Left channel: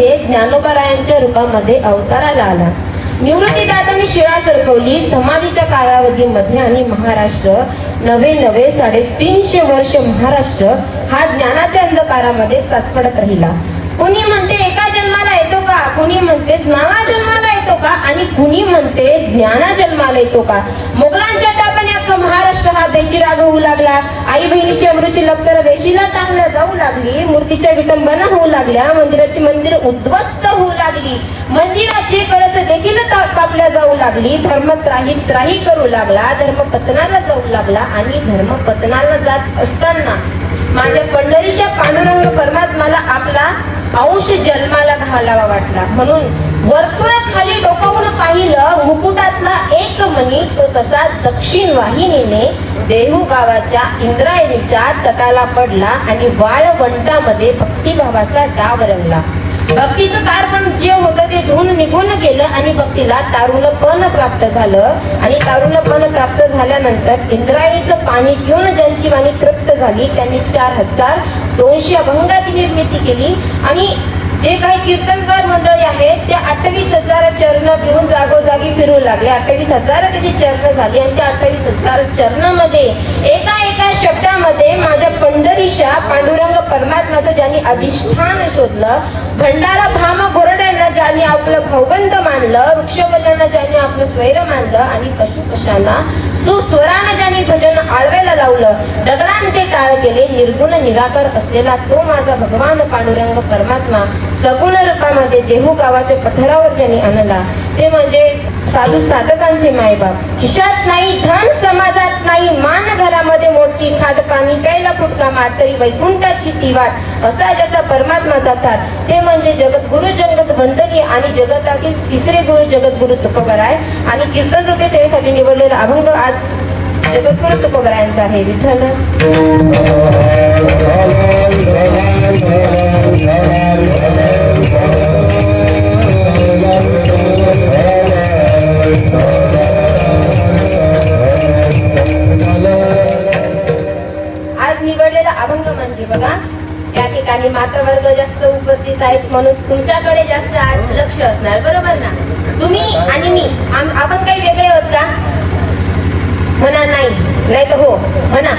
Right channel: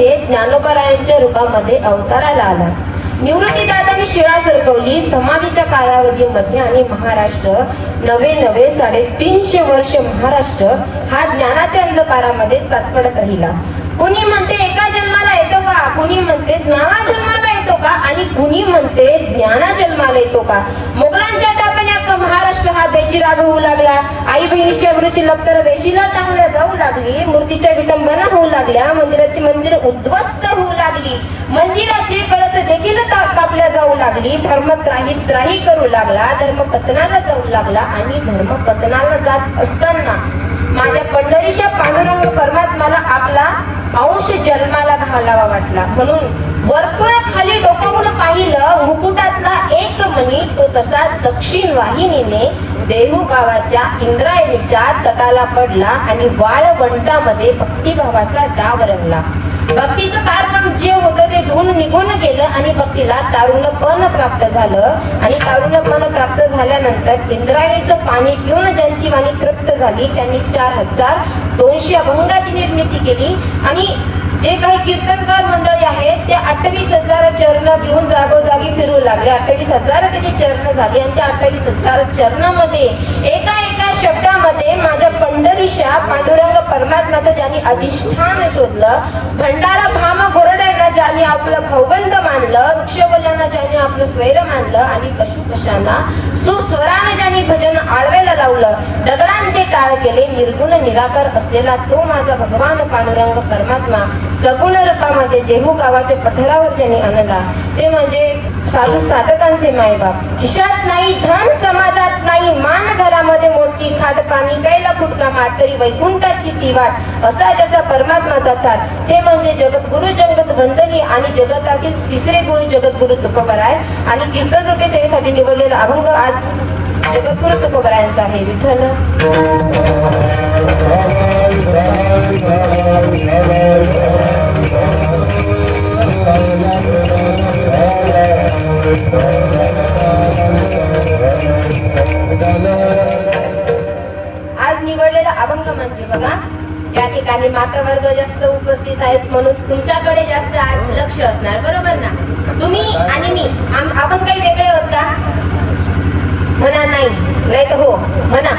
म्हणजे ज्ञानोबारायांच्या रूपामध्ये अवताराला आला. निवृत्तीदादांनी शिळा सरकवली. समाधीच्या कालावधीमध्ये आणि महाराष्ट्र नवे 350 वर्ष महाराष्ट्र हा ज्ञानाच्या अंधकारामध्ये चाचपडत राहिला. कुणी म्हणते एका जन्माला येतो का, कुणी म्हणते नावा जन्माला येतो का, आणि कुणी म्हणते ज्ञाना जन्माला येतो का. मुघलांच्या टापण्यात महाराष्ट्र हा बेचिराग होऊ लागला. आई बहिणीची अमृची लपतर वेशीला टाकल्या जाऊ लागली. मूर्तीच्या विटंबना होऊ लागल्या. मंदिराची मंदिर उद्ध्वस्त होऊ लागली. मंदिराचे कळस देखील कापल्या जाऊ लागली. धर्म त्राही करू लागला. धर्म पतनाला जाऊ लागला. आणि धर्म पतनाला जात असताना माझ्या पंढरीच्या पांडुरंग परमात्माला आपला अंश जन्माला घालावा वाटला. म्हणून वर्तुळ खाली डोकावून पाहिलं. मुकुटातला एक मणी तो तसा दक्षिण वाहिनीने देहू गावाच्या इंद्रायणीच्या तटाला पडला आणि वाळवंटामध्ये भक्तिभावाचा डाव रंगला. भक्तीचं कार्पण जे होतं ते धुवून निघून गेलं आणि भक्तीला तारुण्यपण प्राप्त झालं. आणि तारुण्यपण प्राप्त झाल्यानंतर इंद्रायणीचं पाणी घेऊन ज्यांची वाणी तृप्त झाली त्यांनी 4200 अभंगाची निर्मिती केली. आणि जे काही कीर्तनकार मंडळी आहेत त्या 28,000 चरण घेऊन जागोजागी फिरू लागले. 28,000 त्याची चरण झाली. आणि त्या 28,000 चरणामध्ये एका शब्दामध्ये माझ्या पंढरीच्या पांडुरंग परमात्म्याचं ज्यांनी अधिष्ठान शोधलं, भंडारा भाम गोरड्यांना ज्यांनी आपलं भौबंद मानलं, वृक्षबल्यांना ज्यांनी आपलं स्वैर मानलं, आणि पशुपशांना सुस्वरानं ज्यांनी भजन आळवायला लावलं, दगडांचे टाळ केले, निर्गुण निराकार असलेला तो माझा भगवान पांडुरंग परमात्मा सगुण रूपामध्ये देहू गावाच्या पठारावर ज्यांनी आणला ते म्हणजे साधू साधकांचे मायबाप. खिशात नाही धन, समाजात नाही मान, घरामध्ये मोठी खाट पाणी, प्यायला फुटका मार, तरी वैकुंठाची ती वाट, असा ज्याचा परमात्माचा थाट ते म्हणजे जगद्गुरु जगत वंदनीय आणि जगतातील तिसरे गुरु जगद्गुरु तुकोबराय. आणि कीर्तन रूपी सेवेसाठी निवडलेला अभंग आज जगद्गुरु तुकोबरायांचा आहे. विठ्ठल आज निवडलेला अभंग म्हणजे बघा, या ठिकाणी माता वर्ग जास्त उपस्थित आहेत म्हणून तुमच्याकडे जास्त आज लक्ष असणार, बरोबर ना. तुम्ही आणि मी आपण काही वेगळे आहोत का? म्हणा नाही, नाही तर हो म्हणा.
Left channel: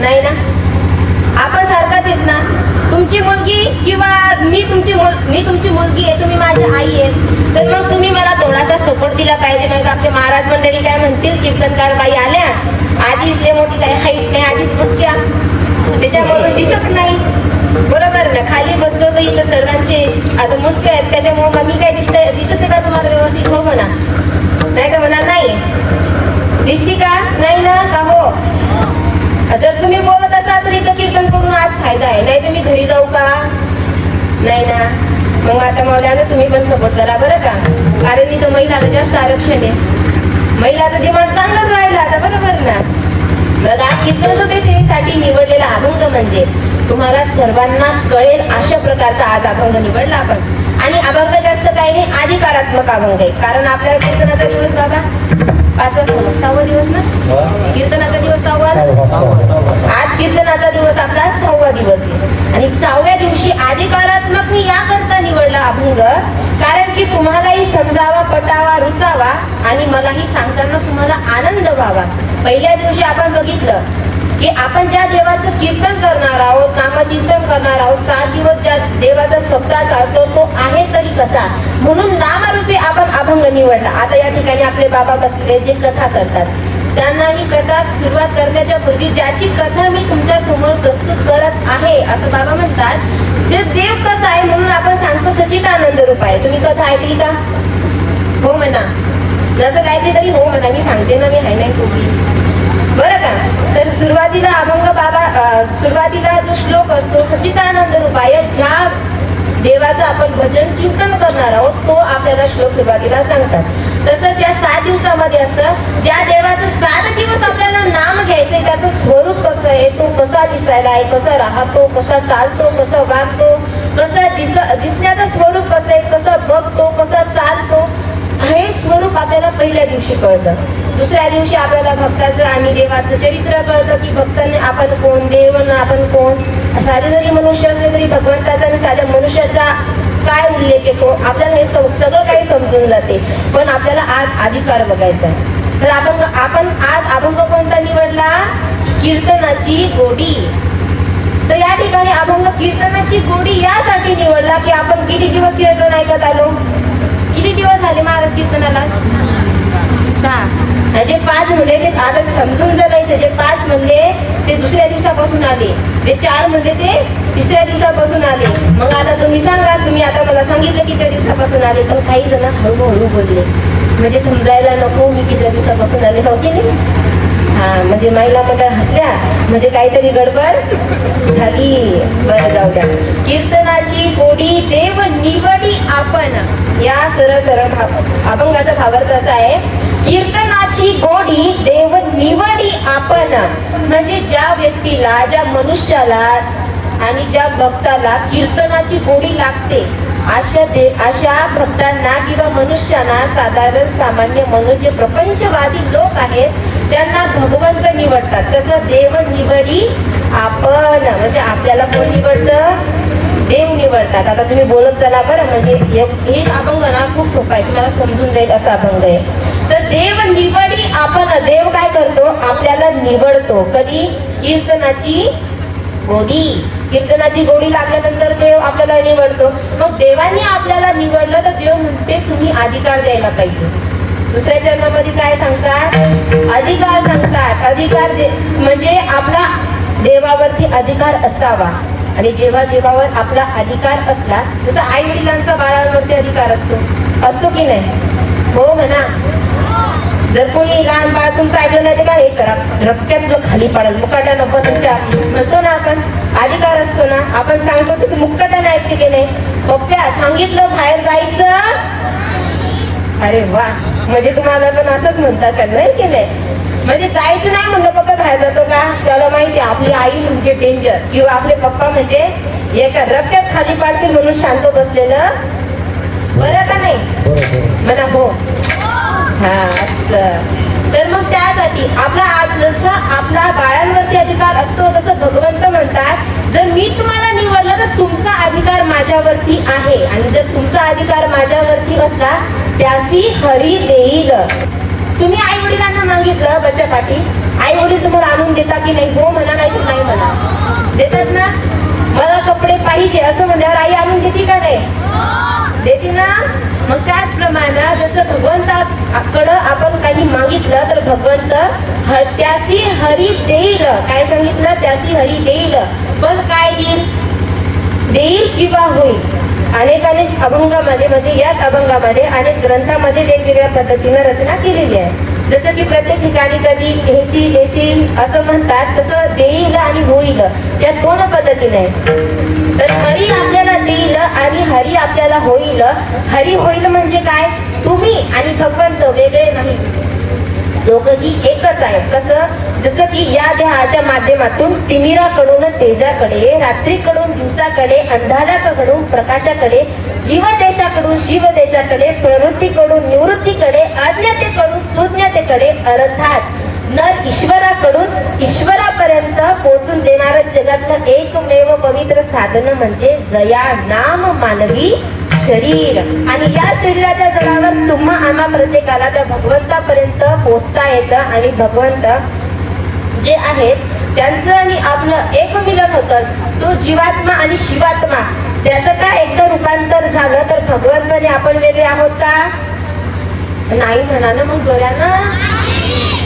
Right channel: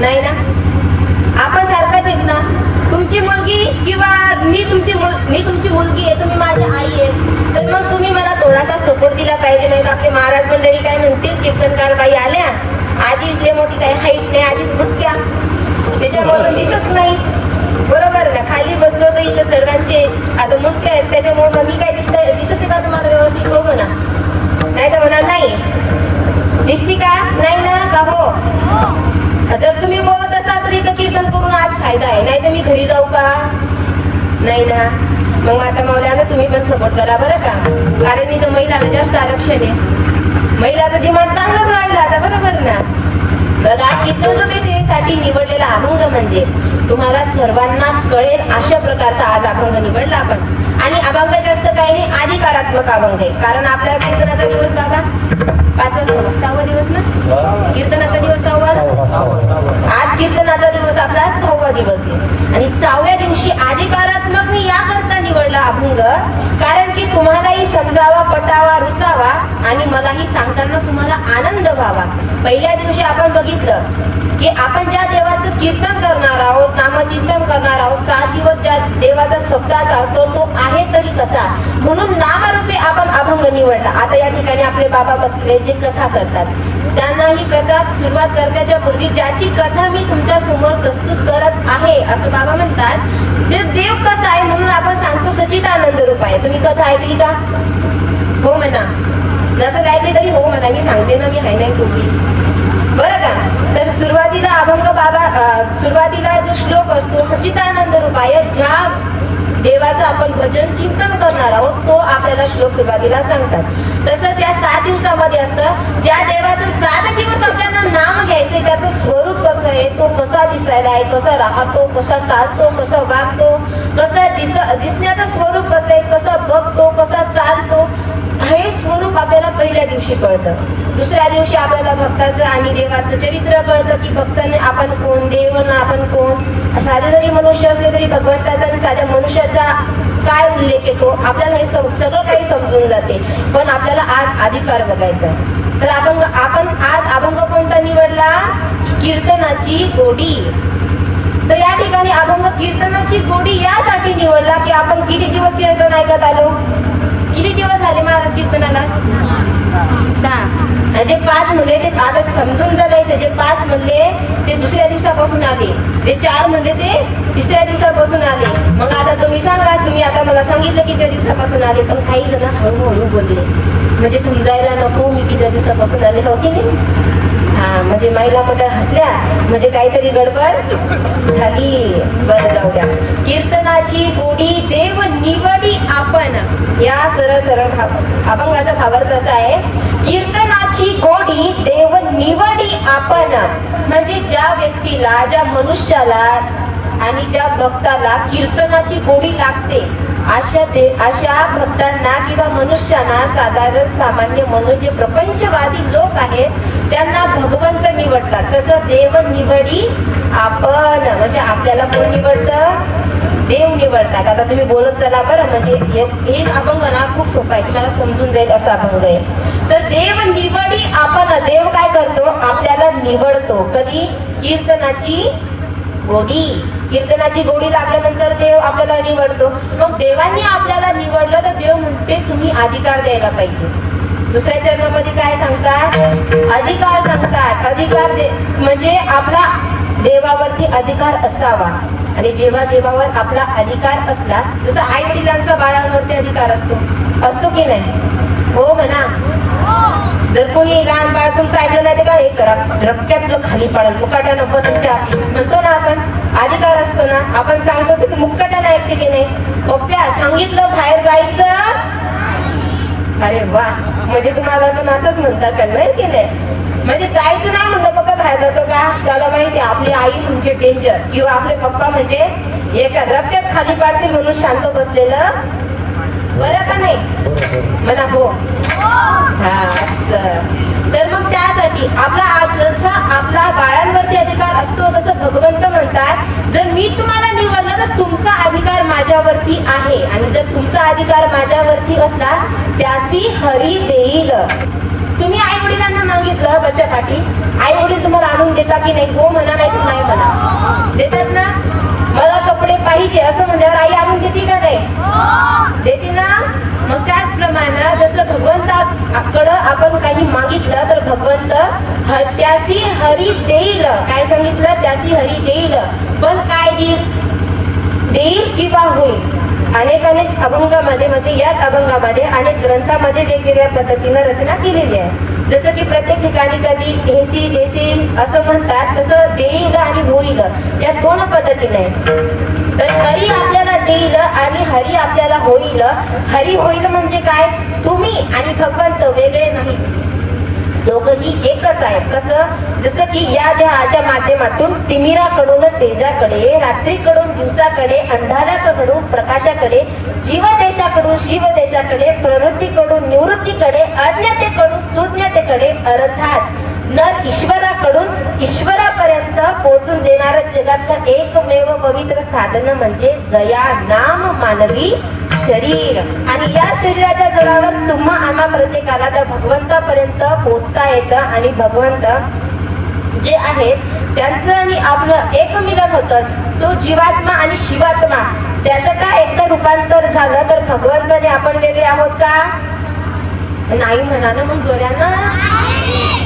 नाही ना, आपण सारखाच आहेत ना. तुमची मुलगी किंवा मी तुमची मुलगी आहे, तुम्ही माझी आई आहे, तर मग तुम्ही मला थोडासा सपोर्ट दिला पाहिजे. नाही तर आपले महाराज मंडळी काय म्हणतील, कीर्तनकार बाई आल्या आधीच लय मोठी काय हाईट नाही, आधीच भटक्या, त्याच्यामुळे दिसत नाही, बरोबर ना. खाली बसलो तर इथं सर्वांचे आता मोठे आहेत त्याच्यामुळे मी काय दिसत का तुम्हाला व्यवस्थित? हो म्हणा. नाही तर म्हणा नाही दिसती का? नाही ना का? हो. जर तुम्ही बोलत असाल तर इथं कीर्तन करून आज फायदा आहे, नाही तर मी घरी जाऊ का? नाही ना. मग माता मावल्यानं तुम्ही पण सपोर्ट करा बरं का, कारण इथं महिलाला जास्त आरक्षण आहे. महिलाचं डिमांड चांगलाच वाढला आता, बरोबर ना. बघा, कीर्तन रूपी सेवेसाठी निवडलेला अभंग म्हणजे तुम्हाला सर्वांना कळेल अशा प्रकारचा आज अभंग निवडला आपण. आणि अभंग जास्त काही नाही, अधिकारात्मक अभंग आहे. कारण आपल्याला कीर्तनाचा दिवस बाबा 6वा दिवस ना, कीर्तनाचा दिवस 6वा ना. आज कीर्तनाचा दिवस आपला 6वा दिवस आहे. आणि 6व्या दिवशी अधिकारात्मक मी याकरता निवडला अभंग कारण की तुम्हालाही समजावा, पटावा, रुचावा आणि मलाही सांगताना तुम्हाला आनंद व्हावा. पहिल्या दिवशी आपण बघितलं की आपण ज्या देवाचं कीर्तन करणार आहोत, नामचिंतन करणार आहोत, 7 दिवस ज्या देवाचा शब्दाचा चालतो तो आहे तरी कसा, म्हणून नामरूपी आपण अभंग निवडला. आता या ठिकाणी आपले बाबा बसलेले जे कथा करतात त्यांना ही कथा सुरुवात करण्याच्या पूर्वी ज्याची कथा मी तुमच्या समोर प्रस्तुत करत आहे असं बाबा म्हणतात ते देव कसा आहे म्हणून आपण सांगतो सच्चिदानंद रूप आहे. तुम्ही कथा ऐकली का? हो म्हणा. नसं ऐकली तरी हो म्हणा, मी सांगते ना, मी हाय नाही तुम्ही, बरं का. तर सुरुवातीला अभंग बाबा सुरुवातीला जो श्लोक असतो सच्चिदानंद रूपाय, ज्या देवाचं आपण भजन चिंतन करणार आहोत तो आपल्याला श्लोक सुरुवातीला सांगतात. तसंच या 7 दिवसामध्ये असतं ज्या देवाचं 7 दिवस आपल्याला नाम घ्यायचंय त्याचं स्वरूप कसं आहे, तो कसा दिसायला आहे, कसा राहतो, कसा चालतो, कसा वागतो, कसा दिसण्याचं स्वरूप कसं आहे, कसा बघतो, कसा चालतो, हे स्वरूप आपल्याला पहिल्या दिवशी कळतं. दुसऱ्या दिवशी आपल्याला भक्ताचं आणि देवाचं चरित्र कळतं की भक्तांनी आपण कोण, देव आपण कोण. साधे जरी मनुष्य असले तरी भगवंताचा आणि साध्या मनुष्याचा काय उल्लेख येतो, आपल्याला हे सगळं काही समजून जाते. पण आपल्याला आज अधिकार बघायचा आहे. तर आपण आज अभंग कोणता निवडला? कीर्तनाची गोडी. तर या ठिकाणी अभंग कीर्तनाची गोडी यासाठी निवडला की आपण किती दिवस कीर्तन ऐकत आलो? किती दिवस झाले महाराज कीर्तनाला? 6. आणि जे 5 म्हणले ते आता समजून जायचं, जे 5 म्हणले ते दुसऱ्या दिवसापासून आले, जे 4 म्हणले ते तिसऱ्या दिवसापासून आले. मग आता तुम्ही सांगा, तुम्ही आता मला सांगितलं किती दिवसापासून आले, पण काही जण हळूहळू बोलले, म्हणजे समजायला नको मी किती दिवसापासून आले, हो की नाही? हा, म्हणजे महिला मंडळ हसल्या म्हणजे काहीतरी गडबड झाली. बरं, जाऊ द्या. कीर्तनाची गोडी देव निवडी आपण, या सरळ अभंगाचा भावार्थ असा आहे, कीर्तनाची गोडी देव निवडी आपण. म्हणजे ज्या व्यक्तीला, ज्या मनुष्याला आणि ज्या भक्ताला कीर्तनाची गोडी लागते अशा भक्तांना किंवा मनुष्यांना, साधारण सामान्य मनुष्य जे प्रपंचवादी लोक आहेत त्यांना भगवंत निवडतात. तसं देव निवडी आपण, म्हणजे आपल्याला कोण निवडतं? देव निवडतात. आता तुम्ही बोलत चला बरं, म्हणजे हे अभंग ना खूप सोपं आहे, तुम्हाला समजून जाईल असा अभंग आहे. तर देव निवडी आपण, देव काय करतो? आपल्याला निवडतो. कधी? कीर्तनाची गोडी. कीर्तनाची गोडी लागल्यानंतर देव आपल्याला निवडतो. मग देवांनी आपल्याला निवडलं तर देव म्हणते तुम्ही अधिकार द्यायला पाहिजे. दुसऱ्या चरणामध्ये काय सांगतात? अधिकार सांगतात. अधिकार म्हणजे आपला देवावरती अधिकार असावा. आणि जेव्हा देवावर आपला अधिकार असला, जसं आई वडिलांचा बाळांवरती अधिकार असतो की नाही? हो म्हणा. जर कोणी लहान बाळ तुमचं ऐकलं नाही ते काय करा, रक्क्यात खाली पडेल, मुकाट्यानं बसायच्या म्हणतो ना आपण, अधिकार असतो ना. आपण सांगतो की मुकाट्यानं ऐकते की नाही? पप्प्या सांगितलं बाहेर जायचं, अरे वा, म्हणजे तुम्हाला पण असंच म्हणतात का? नाही की नाही? म्हणजे जायचं नाही म्हणलं पप्पा बाहेर जातो का? त्याला माहिती आपली आई म्हणजे डेंजर, किंवा आपले पप्पा म्हणजे एका रक्क्यात खाली पाडतील म्हणून शांत बसलेलं बरं का नाही? मला हो. तर मग त्यासाठी आपला आज जसा आपला बाळांवरती अधिकार असतो तसं भगवंत म्हणतात, जर मी तुम्हाला निवडलं तर तुमचा अधिकार माझ्यावरती आहे. आणि जर तुमचा अधिकार माझ्यावरती असला त्यासी हरी देईल. तुम्ही आई वडिलांना मागितलं बच्चासाठी, आई वडील तुम्हाला आणून देतात की नाही? हो म्हणा, नाही तर नाही म्हणा. देतात ना? मला कपडे पाहिजे असं म्हणल्यावर आई आणून देते का नाही? देते ना? मग त्याचप्रमाणे जसं भगवंताकडं आपण काही मागितलं तर भगवंत त्यासी हरी देईल. काय सांगितलं? त्यासी हरी देईल. पण काय देईल किंवा होईल. अनेक अभंगामध्ये, म्हणजे याच अभंगामध्ये अनेक ग्रंथामध्ये वेगवेगळ्या पद्धतीने रचना केलेली आहे. जसं की प्रत्येक ठिकाणी कधी देसी असं म्हणतात, तसं देईल आणि होईल या 2 पद्धतीने. तर हरी आपल्याला देईल आणि हरी आपल्याला होईल. हरी होईल म्हणजे काय? तुम्ही आणि भगवंत वेगळे नाही, दोघंही एकच आहे. कसं? जसं की या देहाच्या माध्यमातून तिमिराकडून तेजाकडे, रात्रीकडून दिवसाकडे, अंधाराकडून प्रकाशाकडे, जीवदेशाकडून शिवदेशाकडे, प्रवृत्तीकडून निवृत्तीकडे, अज्ञतेकडून सुज्ञतेकडे, अर्थात नर ईश्वराकडून ईश्वरापर्यंत पोहोचून देणारं जगातलं एकमेव पवित्र साधन म्हणजे जया नाम मानवी शरीर. आणि या शरीराच्या जगावर तुम्हा आम्हा प्रत्येकाला त्या भगवंतापर्यंत पोहोचता येतं. आणि भगवंत जे आहेत त्यांचं आणि आपलं एक मिलन होतं. तो जीवात्मा आणि शिवात्मा, त्याचं काय एकदा रूपांतर झालं तर भगवंत आणि आपण वेगळे आहोत का? नाही म्हणा ना मग जोऱ्यानं.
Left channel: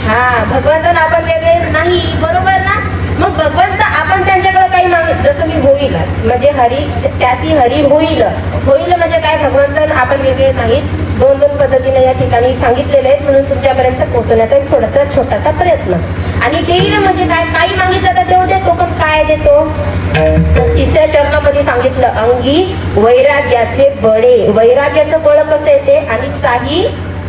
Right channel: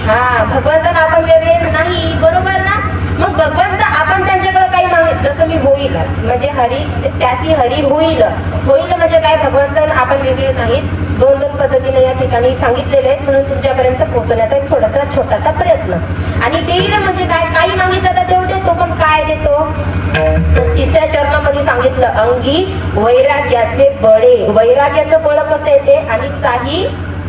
हा, भगवंत आपण वेगळे नाही, बरोबर ना? मग भगवंत आपण त्यांच्याकडे काही मागितलं, जसं मी होईल म्हणजे हरी, त्यासी हरी होईल. होईल म्हणजे काय? भगवंत आपण वेगळे नाहीत. 2 पद्धतीने या ठिकाणी सांगितलेले आहेत, म्हणून तुमच्यापर्यंत पोहोचण्याचा एक थोडासा छोटासा प्रयत्न. आणि देईल म्हणजे काय? काही मागितलं तर देव देतो, पण काय देतो? 3ऱ्या चरणामध्ये सांगितलं, अंगी वैराग्याचे बळे. वैराग्याचं बळ कसं येते? आणि साई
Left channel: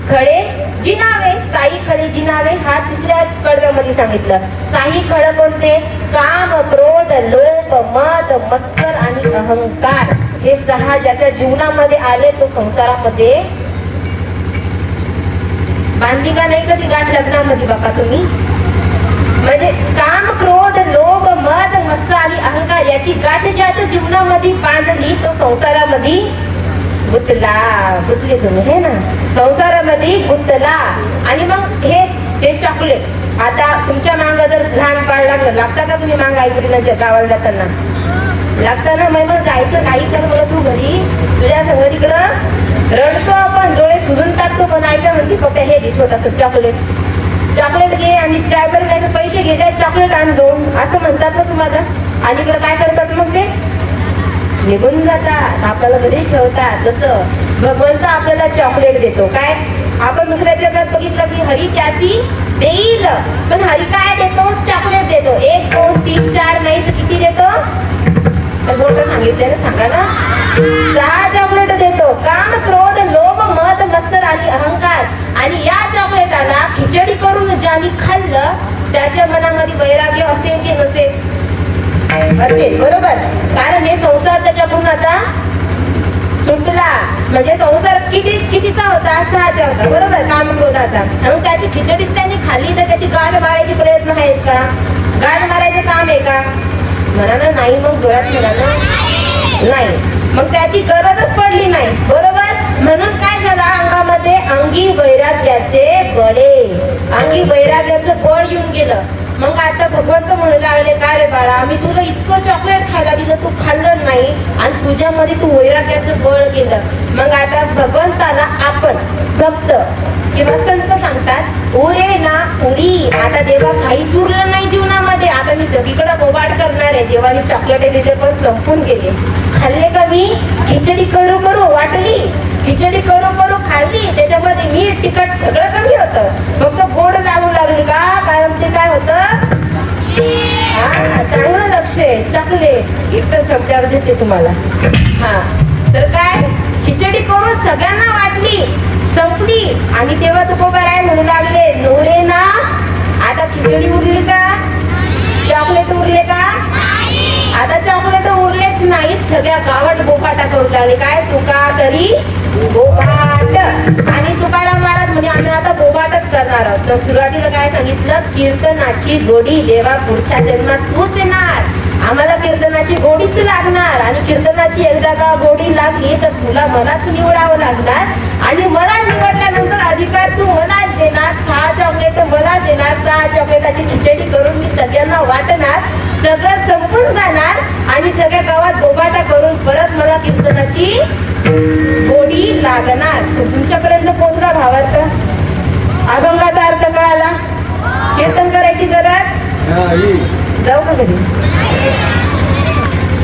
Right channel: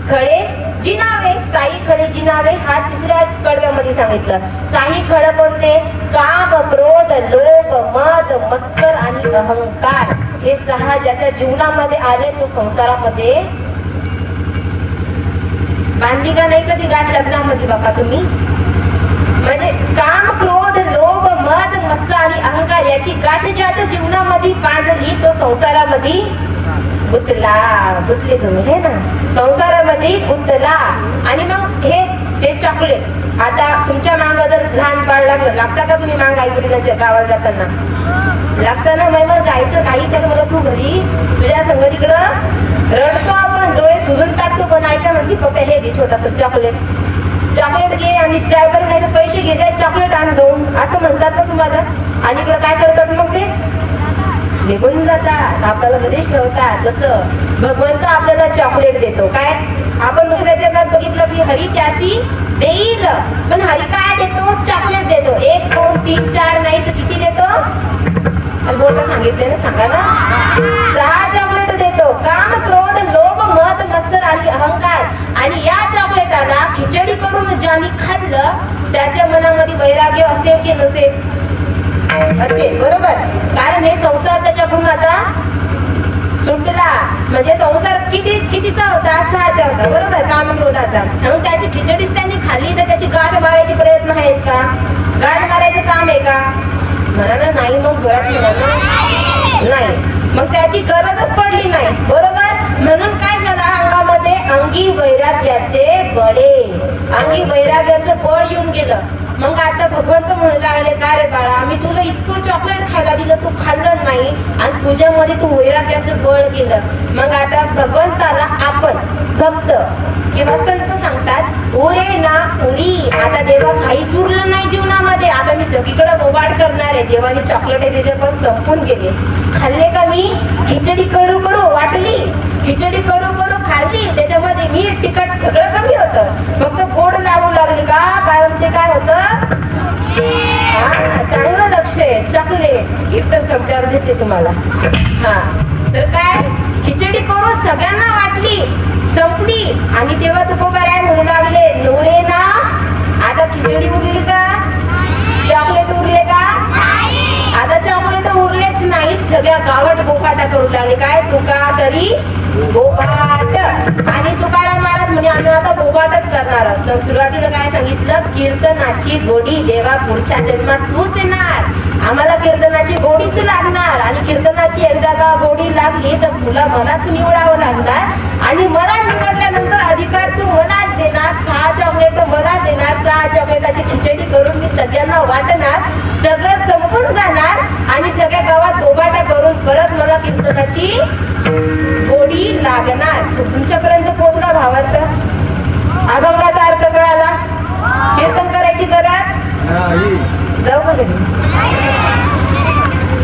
खडे जिनावे. साई खडे जिनावे हा 3ऱ्या कडव्यामध्ये सांगितलं. साई खड कोणते? काम, क्रोध, लोभ, मद, मत्सर आणि अहंकार. हे 6 ज्याच्या जीवनामध्ये आले तो संसारामध्ये बांधली का नाही कधी गाठ लग्नामध्ये बापा तुम्ही? म्हणजे काम, क्रोध, लोभ, मद, मत्सर आणि अहंकार याची गाठ ज्याच्या जीवनामध्ये बांधली तो संसारामध्ये गुतले तुम्ही हे ना संसारामध्ये गुंतला. आणि मग हे जे चॉकलेट आता तुमच्या मांग जर लहान बाळ लागलं, लागता का तुम्ही मांग आईवडिलांच्या गावाला जाताना? लागतं ना. मग जायचं काही कर मला तू घरी तुझ्या संग तिकडं रडतो आपण, डोळे सुजून टाकतो, पण ऐका म्हणते पप्पा हे घे छोटस चॉकलेट घे आणि ड्रायव्हर काय पैसे घे जाय चॉकलेट आण जाऊन असं म्हणतात ना तुम्हाला. आणि इकडं काय करतात मग ते निघून जातात, आपल्याला घरीच ठेवतात. तसं भगवंत आपल्याला चॉकलेट देतो. काय आपण दुसऱ्याच्या घरात बघितलं की हरी त्यासी देईल, पण हरी काय देतो? चॉकलेट देतो. 1 2 3 4 नाही तर किती देतो? बोलतो सांगितले ना, सांगा ना. 6 चॉकलेट देतो. काम क्रोध लोभ मद मत्सर आणि अहंकार. आणि या चॉकलेटाला खिचडी करून ज्यांनी खाल्लं त्याच्या मनामध्ये वैराग्य असेल की नसेल? असेल, बरोबर. कारण हे संसार त्याच्याकडून आता सुटला. म्हणजे संसार कितीचा होता? 6चा होता, बरोबर, काम क्रोधाचा. मग त्याची खिचडीच त्यांनी खाल्ली तर त्याची गाठ मारायची प्रयत्न आहेत का? गाठ मारायचं काम आहे का? म्हणा ना नाही. मग जोरात म्हणा ना नाही. मग त्याची गरजच पडली नाही, बरोबर. म्हणून काय झालं? अंगामध्ये अंगी वैराग्याचे बळे, अंगी वैराग्याचं बळ येऊन गेलं. मग आता भगवंत म्हणू लागले काय रे बाळा, मी तुला इतकं चॉकलेट खायला दिलं, तू खाल्लं नाही आणि तुझ्यामध्ये तू वैराग्याचं बळ केलं. मग आता भगवंताला आपण भक्त किंवा संत सांगतात उरे ना उरी. आता देवा काहीच उरलं नाही जीवनामध्ये, आता मी सगळीकडे बोबाट करणार आहे. देवाने चॉकलेट दिले पण संपून गेले. खाल्ले का मी? खिचडी करू करू वाटली, खिचडी करू करू खाल्ली, त्याच्यामध्ये मीठ तिखट सगळं कमी होतं, फक्त गोड लागू लागली का? कारण ते काय होतं? चांगलं लक्ष आहे. चॉकलेट कीर्तन शब्दावर देते तुम्हाला. हा तर काय खिचडी करून सगळ्यांना वाटली, संपली. आणि तेव्हा तुकोबाराय म्हणू लागले नोरे ना. आता खिचडी उरली का? चॉकलेट उरले का? आता चॉकलेट उरलेच नाही. सगळ्या गावात बोफाटा करू लागले. काय तुका तरी बोबाट. आणि तुकाराम महाराज म्हणे आम्ही आता बोबाटच करणार आहोत. तर सुरुवातीला काय सांगितलं? कीर्तनाची गोडी देवा पुढच्या जन्मात तूच येणार, आम्हाला कीर्तनाची गोडीच लागणार. आणि कीर्तनाची एकदा का गोडी लागली तर तुला मलाच निवडावं लागणार. आणि मला निवडल्यानंतर अधिकार तू मलाच देणार. 6 चॉकलेट मलाच देणार. 6 चॉकलेटाची खिचडी करून मी सगळ्यांना वाटणार. सगळं संपून जाणार आणि सगळ्या गावात बोबाटा करून परत मला कीर्तनाची गोडी लागणार. तुमच्यापर्यंत पोहोचला भावार्थ? अभंगाचा अर्थ कळाला? कीर्तन करायची गरज? जाऊ का घरी?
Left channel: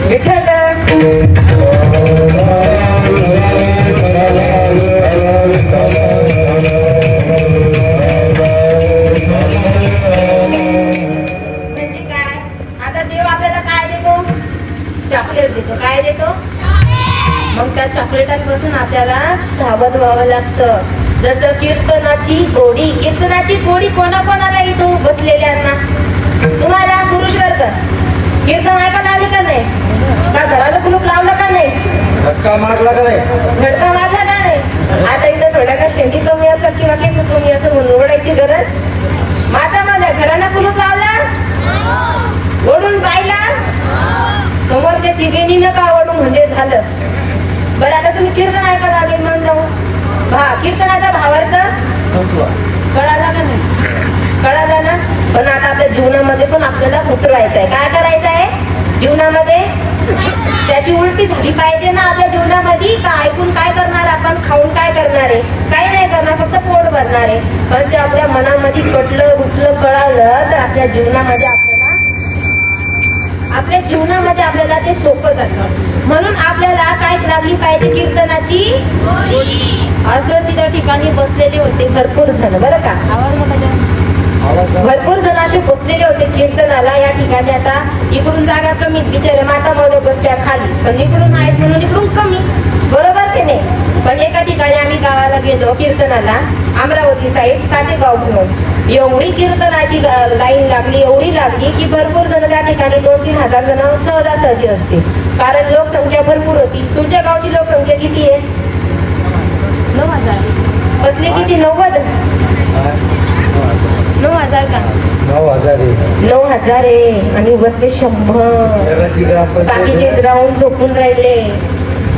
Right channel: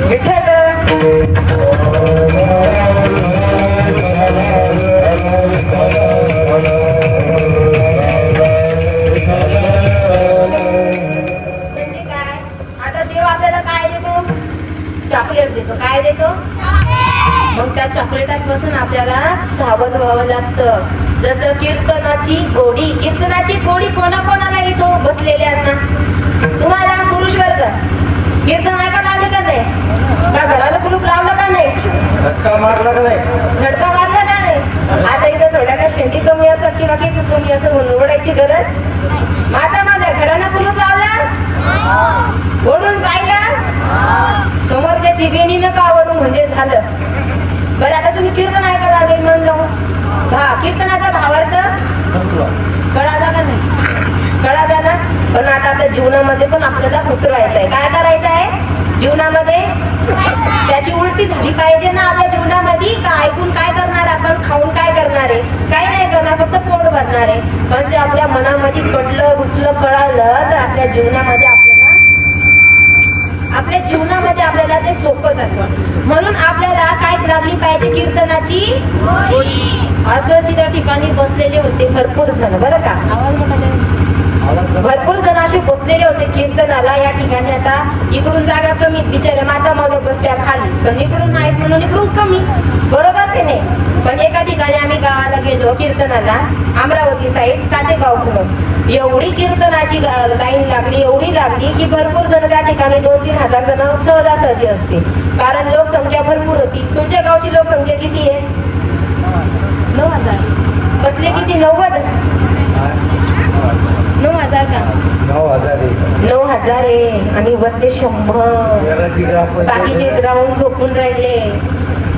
विठ्ठल म्हणजे काय? आता देव आपल्याला काय देतो? चॉकलेट देतो. काय देतो? मग त्या चॉकलेटांपासून आपल्याला सावध व्हावं लागतं. जसं कीर्तनाची गोडी. कीर्तनाची गोडी कोणाकोणाला येतो? बसलेल्यांना. तुम्हाला पुरुष वर्ग कीर्तन ऐकत आले का नाही? का घराला कुलूप लावलं का नाही? धडका मारला का नाही? आता इथं थोड्या का शेंडी कमी असं किंवा केस कमी असं म्हणून ओढायची गरज? माता माझ्या घराला कुलूप लावला? ओढून पाहिला? समोरच्या चिवेनी नका ओढून म्हणजे झालं. बरं आता तुम्ही कीर्तन ऐकत आले म्हणून जाऊ कीर्तनाचा भावार्थ कळाला का नाही? कळाला ना. पण आता आपल्या जीवनामध्ये पण आपल्याला उतरवायचं आहे. काय करायचं आहे जीवनामध्ये? त्याची उलटी झाली पाहिजे ना आपल्या जीवनामध्ये. का ऐकून काय करणार आपण? खाऊन काय करणार आहे? काही नाही करणार, फक्त पोट भरणार आहे. पण ते आपल्या मनामध्ये पडलं, घुसलं, कळालं तर आपल्या जीवनामध्ये आपल्याला ते सोपं जातं. म्हणून आपल्याला काय लागली पाहिजे? कीर्तनाची गोडी. असं त्या ठिकाणी बसलेले होते भरपूर जण, बरं का? आवाज मोठा द्या. भरपूर जण असे बसलेले होते कीर्तनाला. या ठिकाणी आता इकडून जागा कमी, बिचारे माता मावळे बसत्या खाली, पण इकडून आहेत म्हणून इकडून कमी, बरोबर की नाही? पण एका ठिकाणी आम्ही गावाला गेलो कीर्तनाला, अमरावती साईड, सातेगाव म्हणून. एवढी कीर्तनाची लाईन लागली, एवढी लागली की भरपूर जण त्या ठिकाणी 2-3 हजार जण सहजासहजी असते. कारण लोकसंख्या भरपूर होती. तुमच्या गावची लोकसंख्या किती आहे? 9,000. बसले किती? 90,000 का? 9,000 आहे. आणि बसले 100. बाकीचे राहून झोपून राहिले.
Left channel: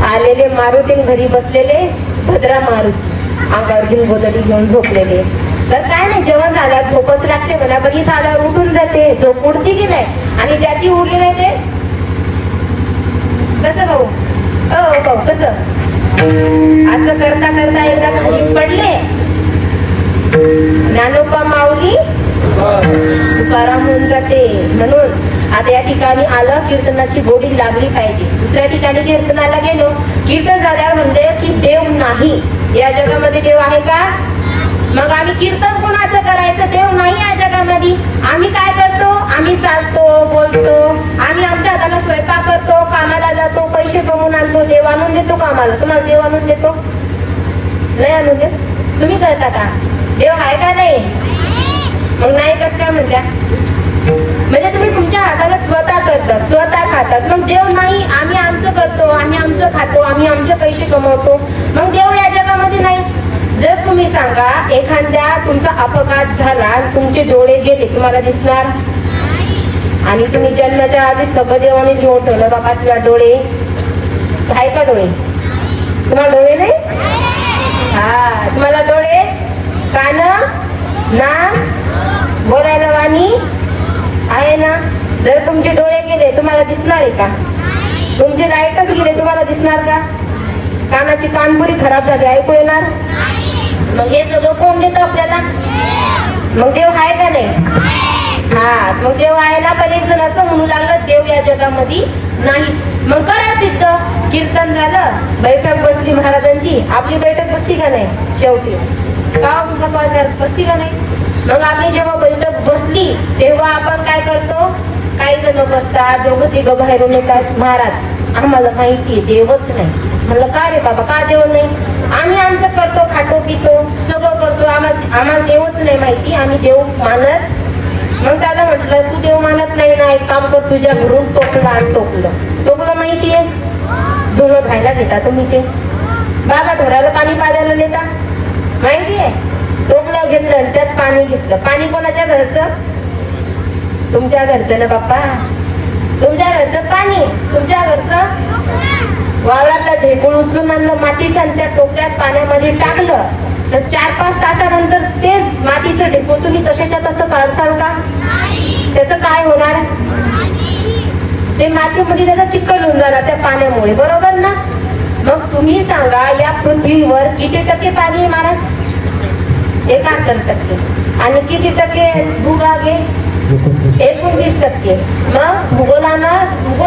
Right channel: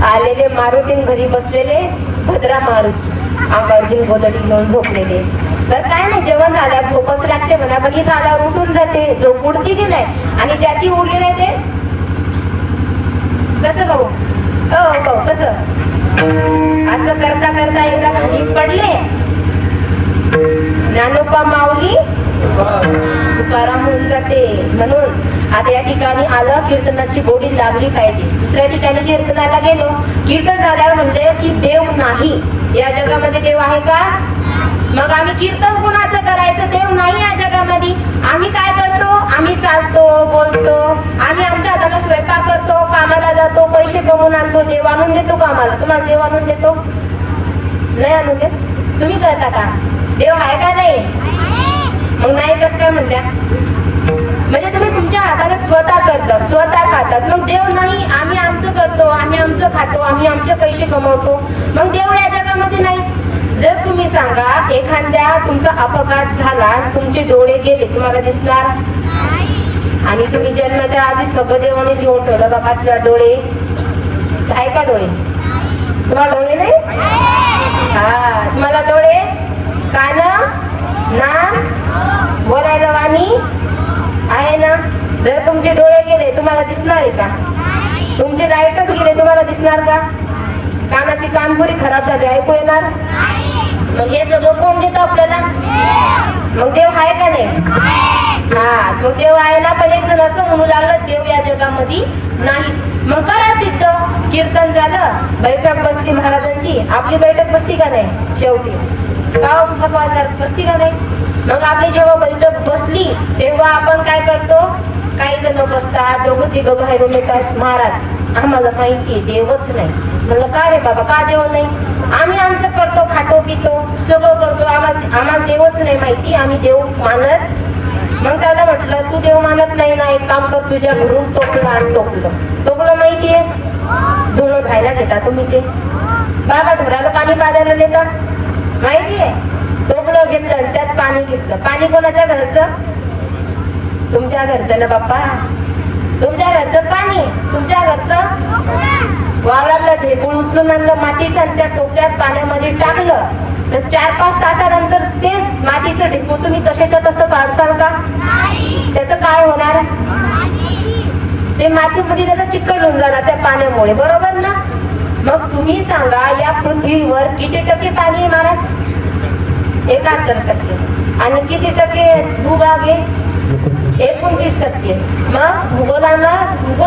आलेले मारुती घरी बसलेले भद्रा मारुती अंगावरती गोदडी घेऊन झोपलेले. बरं काय नाही, जेवण झालं झोपच लागते म्हणा, पण इथं आल्यावर उठून जाते, झोप उडती की नाही. आणि ज्याची उरली नाही ते कसं भाऊ, हो कसं असं करता करता एकदा खाली पडले. ज्ञानोबा माऊली तुकाराम होऊन जाते. म्हणून आता या ठिकाणी आलं, कीर्तनाची गोडी लागली पाहिजे. दुसऱ्या ठिकाणी कीर्तनाला गेलो, कीर्तन झाल्यावर म्हणले की देव नाही या जगामध्ये. देव आहे का? मग आम्ही कीर्तन कुणाचं करायचं? देव नाही या जगामध्ये. आम्ही काय करतो? आम्ही चालतो, बोलतो, आम्ही आमच्या हाताला स्वयंपाक करतो, कामाला जातो, पैसे कमवून आणतो. देव आणून देतो का आम्हाला? तुम्हाला देव आणून देतो? नाही आणून देत. तुम्ही करता का? देव आहे का? नाही. मग नाही कसं काय म्हणल्या? म्हणजे तुम्ही तुमच्या हाताला स्वतः करता, स्वतः खातात. मग देव नाही, आम्ही आमचं करतो, आम्ही आमचं खातो, आम्ही आमचे पैसे कमवतो. मग देव या जगामध्ये नाही. जर तुम्ही सांगा एखाद्या तुमचा अपघात झाला, तुमचे डोळे गेले, तुम्हाला दिसणार? आणि तुम्ही जन्माच्या आधी सगळं देवाने लिहून ठेवलं, बाबा तुला डोळे आहे का? डोळे तुम्हाला डोळे नाही? हा, तुम्हाला डोळे, कान, नाक, बोलायला गाणी आहे ना? जर तुमचे डोळे गेले तुम्हाला दिसणार आहे का? तुमचे नाईटच गेले तुम्हाला दिसणार का? कानाची कानपुरी खराब झाली, ऐकू येणार? मग हे सगळं कोण देतं आपल्याला? मग देव आहे का नाही? हा, मग देव आहे ना. पण एक जण असं म्हणू लागलं देव या जगामध्ये नाही. मग करा सिद्ध. कीर्तन झालं, बैठक बसली महाराजांची. आपली बैठक बसली का नाही? शेवटी बसती का नाही? मग आपली जेव्हा बैठक बसली तेव्हा आपण काय करतो? काही जण बसतात, दोघं तिघं बाहेरून येतात. महाराज आम्हाला माहितीये देवच नाही. म्हणलं का रे बाबा, का देव नाही? आम्ही आमचं करतो, खातो पितो, सगळं करतो, आम्हाला देवच नाही माहिती, आम्ही देव मानत. मग त्याला म्हटलं तू देव मानत नाही ना, एक काम कर, तुझ्या घरून टोपलं आण. टोपलं माहितीये? धुणं खायला घेता तुम्ही ते. बाबा ढोराला पाणी पाजायला देता माहितीये? टोपलं घेतलं आणि त्यात पाणी घेतलं. पाणी कोणाच्या घरचं? तुमच्या घरचं ना बाप्पा. तुमच्या घरचं पाणी, तुमच्या घरचं. वावरातलं ढेकूळ उचलून आणलं मातीचं आणि त्या टोपल्यात पाण्यामध्ये टाकलं तर 4-5 तासानंतर तेच मातीचं ढेकूळ तुम्ही कशाच्या तसं काढसाल का? त्याचं काय होणार? ते मातीमध्ये त्याचा चिखल होऊन जाणार त्या पाण्यामुळे, बरोबर ना? मग तुम्ही सांगा या पृथ्वीवर किती टक्के पाणी महाराज? 71%. आणि किती टक्के भूभाग आहे? 29%. मग भूगोल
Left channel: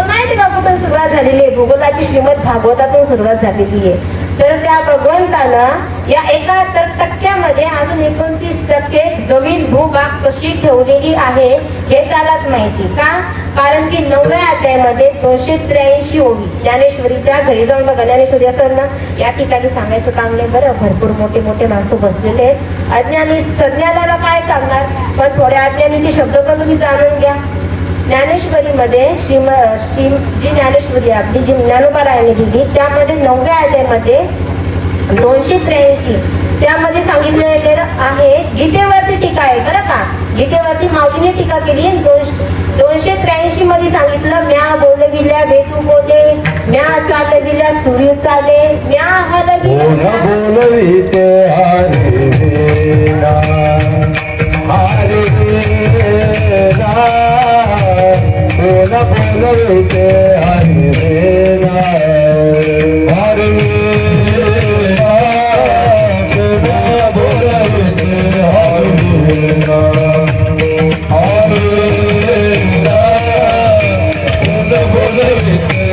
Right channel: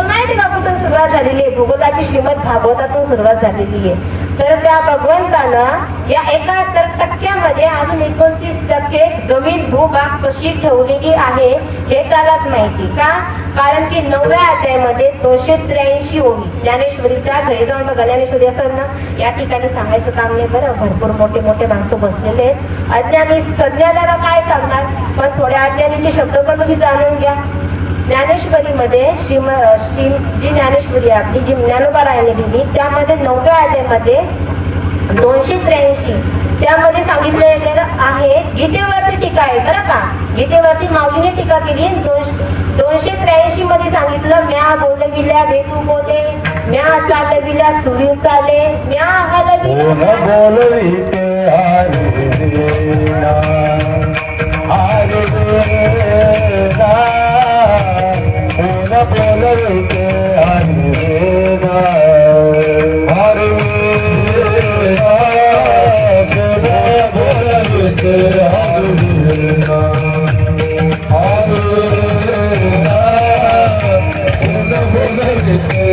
नाही का कुठून सुरुवात झालेली आहे? भूगोलाची श्रीमद भागवतातून सुरुवात झालेली आहे. तर त्या भगवंतानं या 71%मध्ये अजून 29% जमीन भूभाग कशी ठेवलेली आहे हे त्यालाच माहिती. का? कारण की 9व्या अध्यायामध्ये 283 ओवी ज्ञानेश्वरीच्या घरी जाऊन बघा. ज्ञानेश्वरी असं ना या ठिकाणी सांगायचं काम नाही बरं, भरपूर मोठे मोठे माणसं बसलेले आहेत. अज्ञानी सज्ञानाला काय सांगणार, पण थोड्या अज्ञानीचे शब्द पण तुम्ही जाणून घ्या. ज्ञानेश्वरीमध्ये जी ज्ञानेश्वरी आपली जी ज्ञानोबा रायने दिली त्यामध्ये 9व्या अध्यायामध्ये 283 त्यामध्ये सांगितलं गेलेलं आहे. गीतेवरती टीका आहे बरं का. गीतेवरती माऊलीने टीका केली. 283 मध्ये सांगितलं म्या बोलविल्या भेटू बोले, म्या चालविल्या सूर्य चाले, म्या हलविल्या बोलविते बोलविते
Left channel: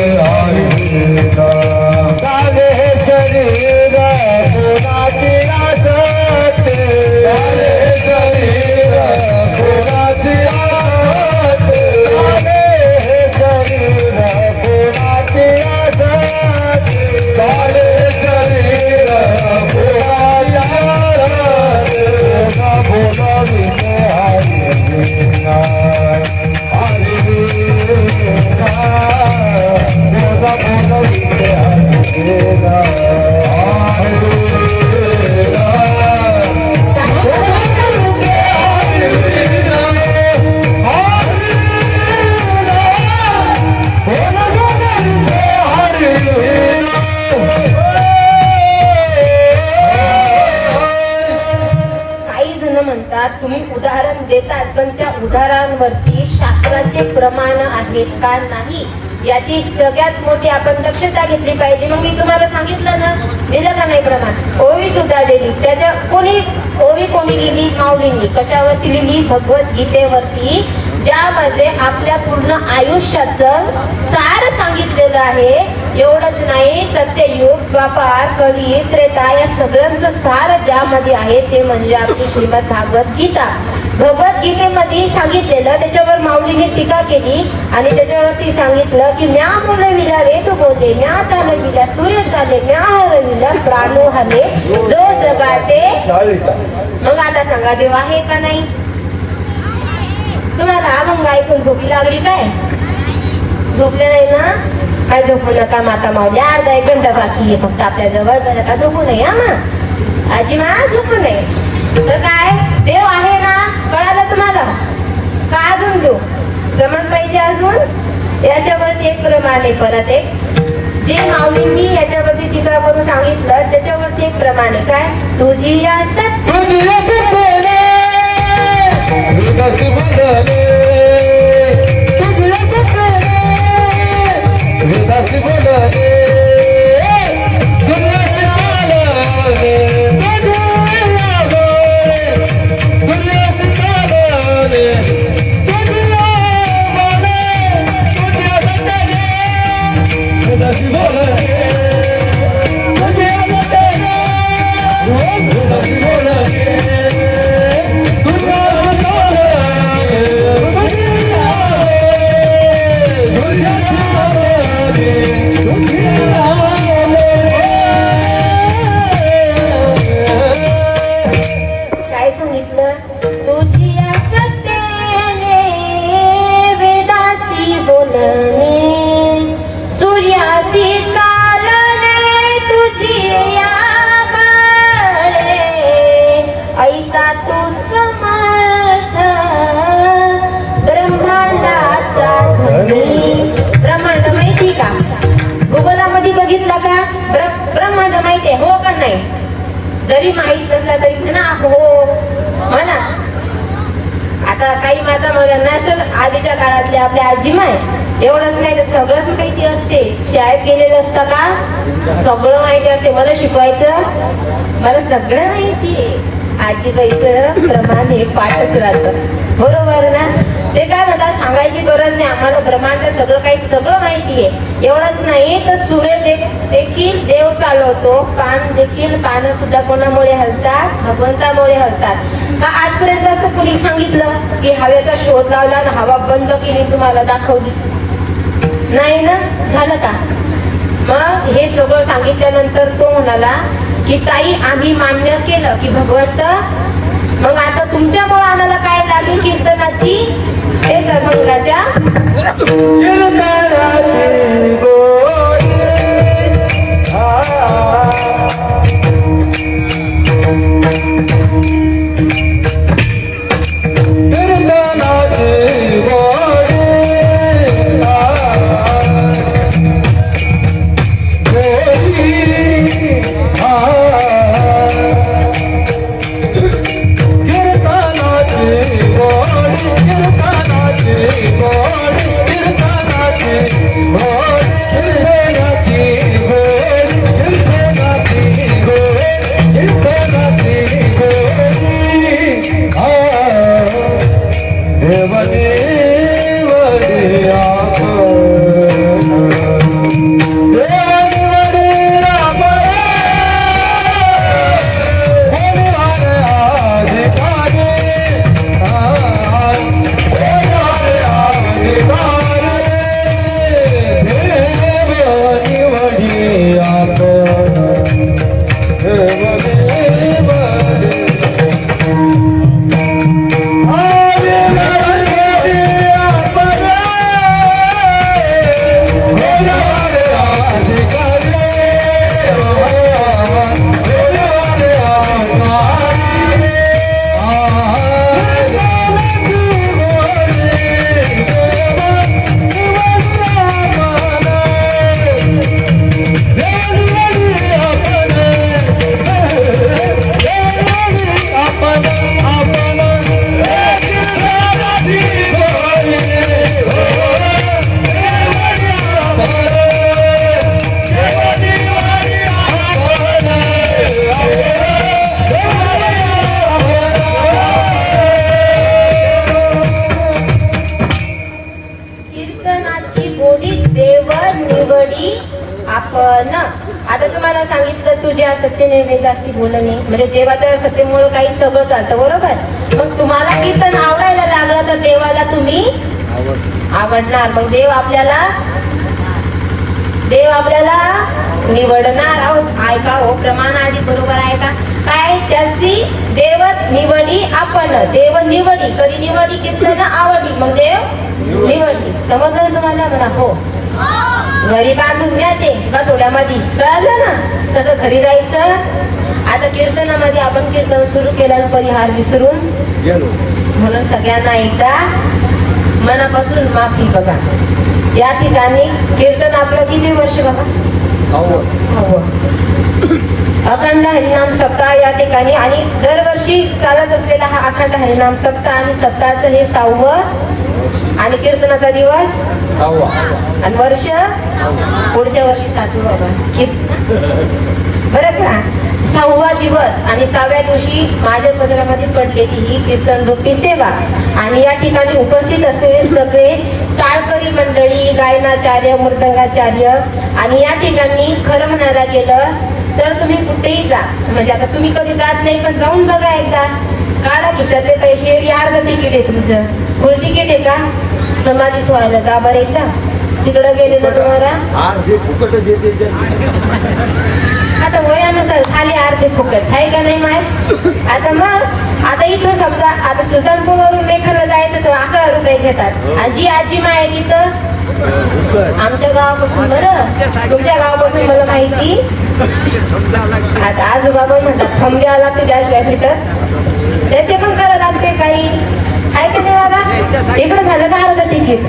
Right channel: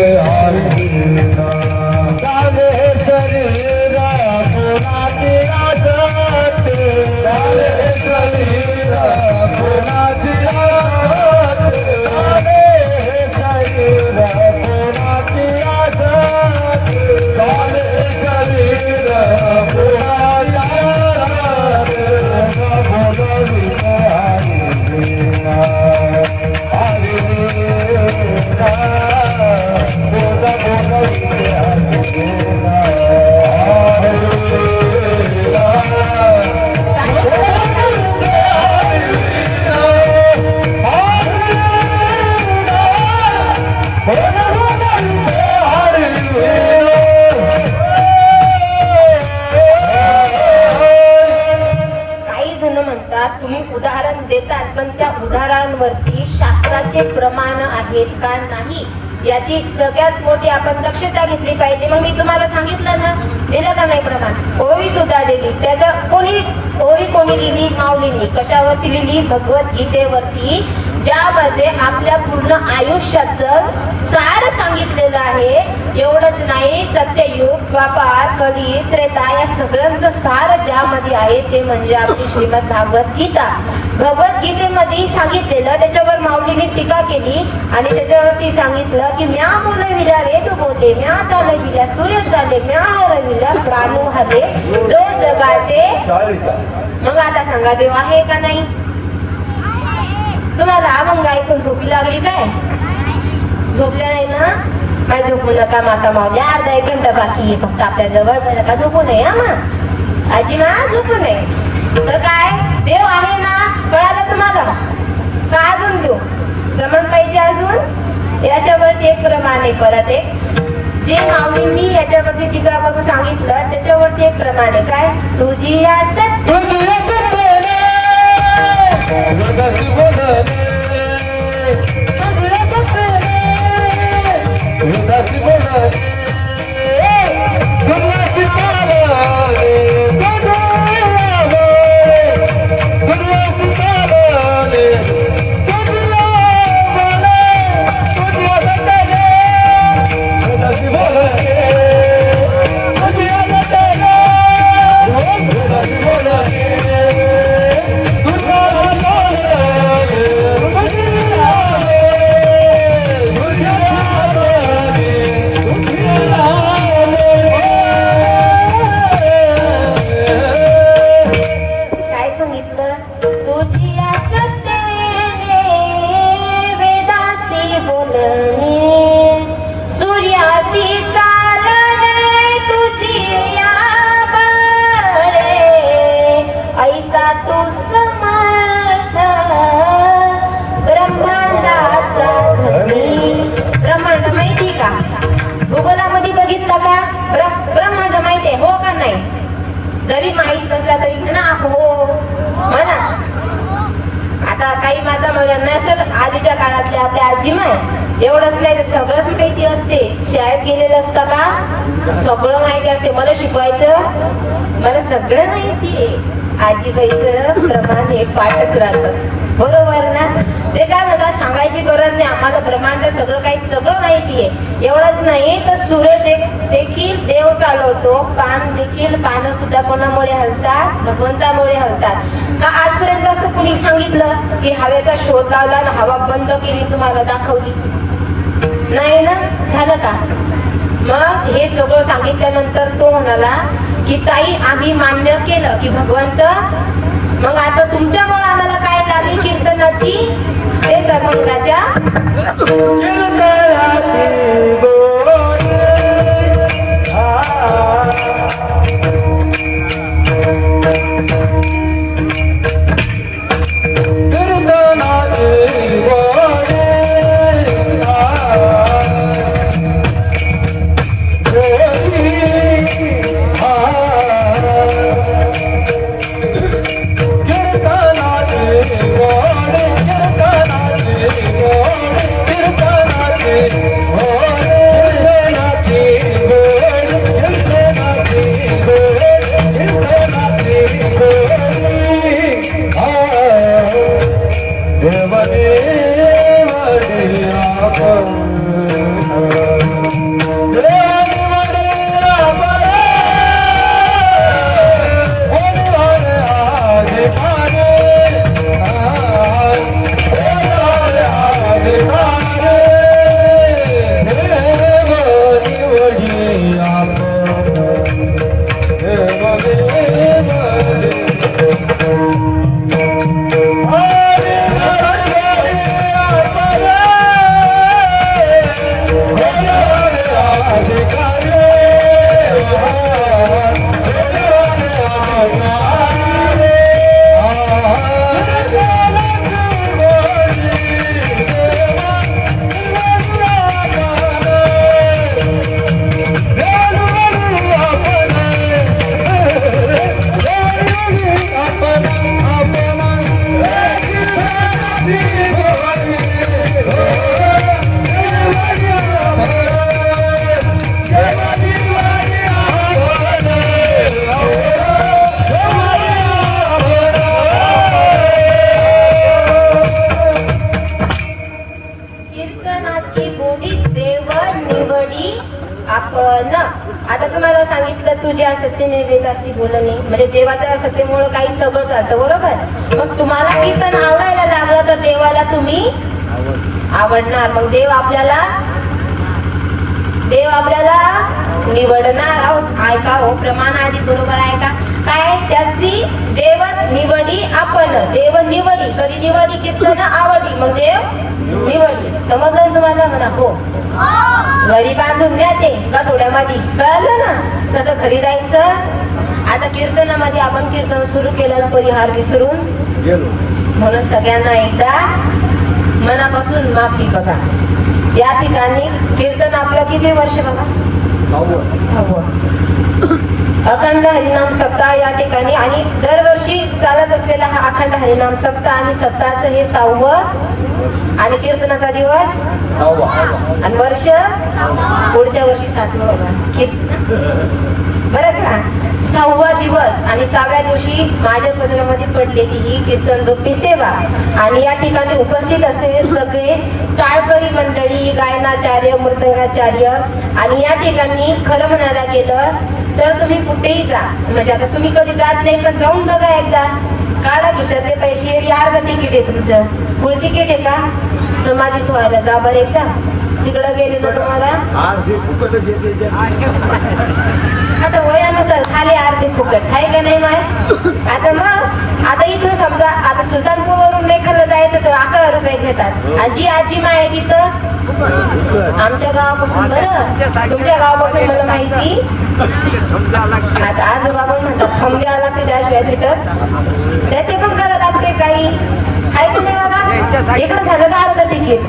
आहेत का नाही याची सगळ्यात मोठी आपण दक्षता घेतली पाहिजे. मग मी तुम्हाला सांगितलं ना, दिलं का नाही प्रमाण? ओवी सुद्धा दिली. त्याच्या ओवी कोणी लिहिली? माऊलींनी. कशावरती लिहिली? भगवद्गीतेवरती, ज्यामध्ये आपल्या पूर्ण आयुष्याचं सार सांगितलेलं आहे. एवढंच नाही, सत्ययुग, द्वापार, कली, त्रेता या सगळ्यांचं सार ज्यामध्ये आहे ते म्हणजे आपली श्रीमद भागवत गीता. भगवद्गीतेमध्ये सांगितलेलं, त्याच्यावर माऊलीने टीका केली आणि त्याच्यावरती सांगितलं की म्या बोलविल्या वेद बोले, म्या चालविल्या सूर्य चाले, म्या हरविल्या प्राणू हले, जो जगाचे. मग आता सांगा, देव आहे का नाही? तुम्हाला अभंग ऐकून झोपी लागली काय? झोपले नाही ना? काय झोपू नका माता माऊली, अर्धा एक घंटा बाकी आहे फक्त आपल्या जवळ. का झोपू नये? हा आजी मा, झोपू नये. तर काय, देव आहे ना? कळालं तुम्हाला? का अजून देऊ प्रमाण पाहिजे? अजून याच्यावरती एक प्रमाण आहे. परत एक जे माऊलींनी याच्यावरती टीका करून सांगितलं त्याच्यावरती एक प्रमाण आहे. काय? तुझी या जरी माहित नसला तरी म्हणा हो म्हणा. आता काही माता म्हणा नाही सर, आधीच्या काळातल्या आपल्या आजीमाय एवढंच नाही तर सगळंच माहिती असते. शाळेत गेलेलं असतं का? सगळं माहिती असते. मला शिकवायचं, मला सगळं माहितीये. आजीबाईचं प्रमाण हे पाठच राहतं, बरोबर ना? ते काय म्हणतात, सांगायची गरज नाही आम्हाला, ब्रह्मांड सगळं काही सगळं माहिती आहे. एवढंच नाही तर सूर्य देखील देव चालवतो, पानं सुद्धा कोणामुळे हलतात? भगवंतामुळे हलतात. का आजपर्यंत असं कुणी सांगितलं की हवेचा शोध लावला ना हवा बंद केली तुम्हाला दाखवली? नाही ना? झालं का? मग हे सगळं सांगितल्यानंतर तो म्हणाला की ताई आम्ही मान्य केलं की भगवंत, मग आता तुमच्यामुळे आम्हाला काय लागेल? कीर्तनाची, तेच अभंगाच्या कीर्तनाची आता तुम्हाला सांगितलं तुझ्या सत्यने वेदासी बोलणे, म्हणजे देवाच्या सत्यमुळे काही सगळं चालतं, बरोबर. मग तुम्हाला कीर्तन आवडायला लागलं तर देवाला तुम्ही आवडणार. मग देव आपल्याला निवडणार आहोत. ऐका हो, प्रमाण आधी बरोबर ऐका. काय त्याची देव निवडी आपण, देव निवडी, कधी निवडी कीर्तन आवडी, मग देव निवडी. समजलं तुम्हाला? म्हणा हो. घरी बांधून द्या ते गठोड्यामध्ये, कळलं ना? तसं घरी जायचं. आता कीर्तनामध्ये आपण कीर्तन सुरू केलं, परिहार विसरून गेलो. म्हणून सगळ्यांना एकदा मनापासून माफी बघा. या ठिकाणी कीर्तन आपलं किती वर्ष बघा? 6वं. अखंड हरिनाम सप्ताह या ठिकाणी, आणि दरवर्षी चालत असलेला हा अखंड हरिनाम सप्ताह, आणि सप्ताहाचं हे 6वं, आणि कीर्तनाचा दिवस 6वा, आणि वर्ष पुढच्या वर्षी 7वं बघा. कीर्तन बरं का? 6वा दिवस, आणि 6व्या दिवशी माझ्या पदरामध्ये पडलेली ही कीर्तन रूपी सेवा. आणि या ठिकाणी उपस्थित असलेले सगळे टाळकरी मंडळी, गायनाचार्य, मृदंगाचार्य, आणि या ठिकाणी खरं म्हणायला गेलं तर तुम्ही कुठेही जा, म्हणजे आता तुम्ही कधी जात नाही पण जाऊन बघा एकदा. काढा खिशातले पैसे, यार तिकीट आहे तुमचं, फुल तिकीट आहे का? समाधी सोहायला जा बरं एकदा. तिकडं गेले तर तुम्हाला आता वयानुसार खाली आरती फुकट आहे का नाही माहित? आता मग आता इथं समजा आता सुलतानपूर वरून मेघाला जायचं तर 11 रुपये घेतात, आणि जी आजी माय आहे तिथं आमच्या गावापासून, बरं तुमच्या गावापासून मला माहिती. आता आजोबा पण म्हणतात थांबल्या लागते त्याशिवाय भेटत, त्याचे पण करावं लागते काही, आहे का नाही बाबा? इकडे झालं का अर्ध तिकीट?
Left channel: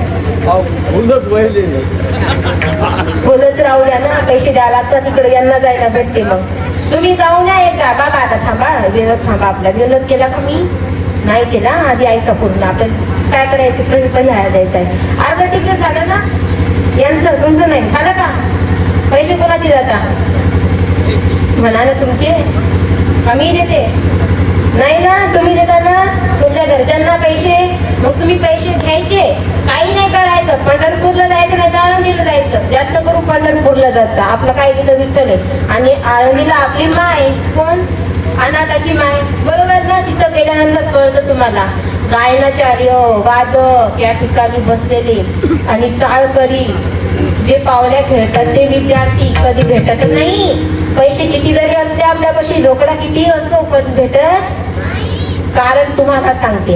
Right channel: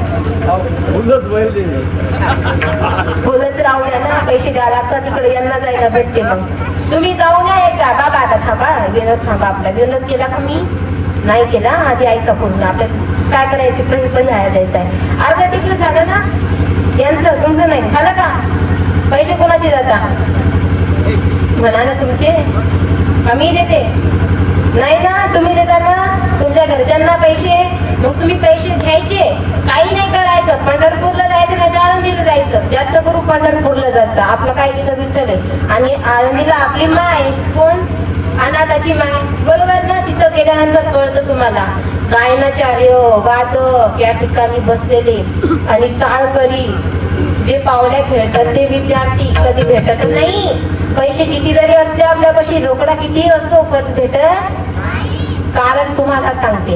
फुलच राहू द्या ना, पैसे द्यावे लागतात तिकडे, यांना जायला भेटते. मग तुम्ही जाऊन या एकदा. बाबा आता थांबा, विनोद थांबा. आपला विनोद केला का मी नाही केला? आधी ऐका पूर्ण. आपल्याला काय करायचं परिहार द्यायचा आहे. अर्ध तिकीट झालं ना यांचं, तुमचं नाही झालं का? पैसे कोणाचे जाता? म्हणा ना तुमचे, आम्ही देते नाही ना, तुम्ही देता ना तुमच्या घरच्यांना पैसे. मग तुम्ही पैसे घ्यायचे, काही नाही करायचं. पंढरपूरला जायचं नाही तर आळंदीला जायचं. जास्त करून पंढरपूरला जायचं. आपलं काय इथं विठ्ठल आहे, आणि आळंदीला आपली माय कोण? अनाथाची माय, बरोबर ना? तिथं गेल्यानंतर कळतं तुम्हाला. गायनाचार्य, वादक या ठिकाणी बसलेले, आणि टाळकरी जे पावल्या खेळतात ते विद्यार्थी कधी भेटत नाही. पैसे किती जरी असले आपल्यापाशी, रोकडा किती असतो पण भेटत. कारण तुम्हाला सांगते,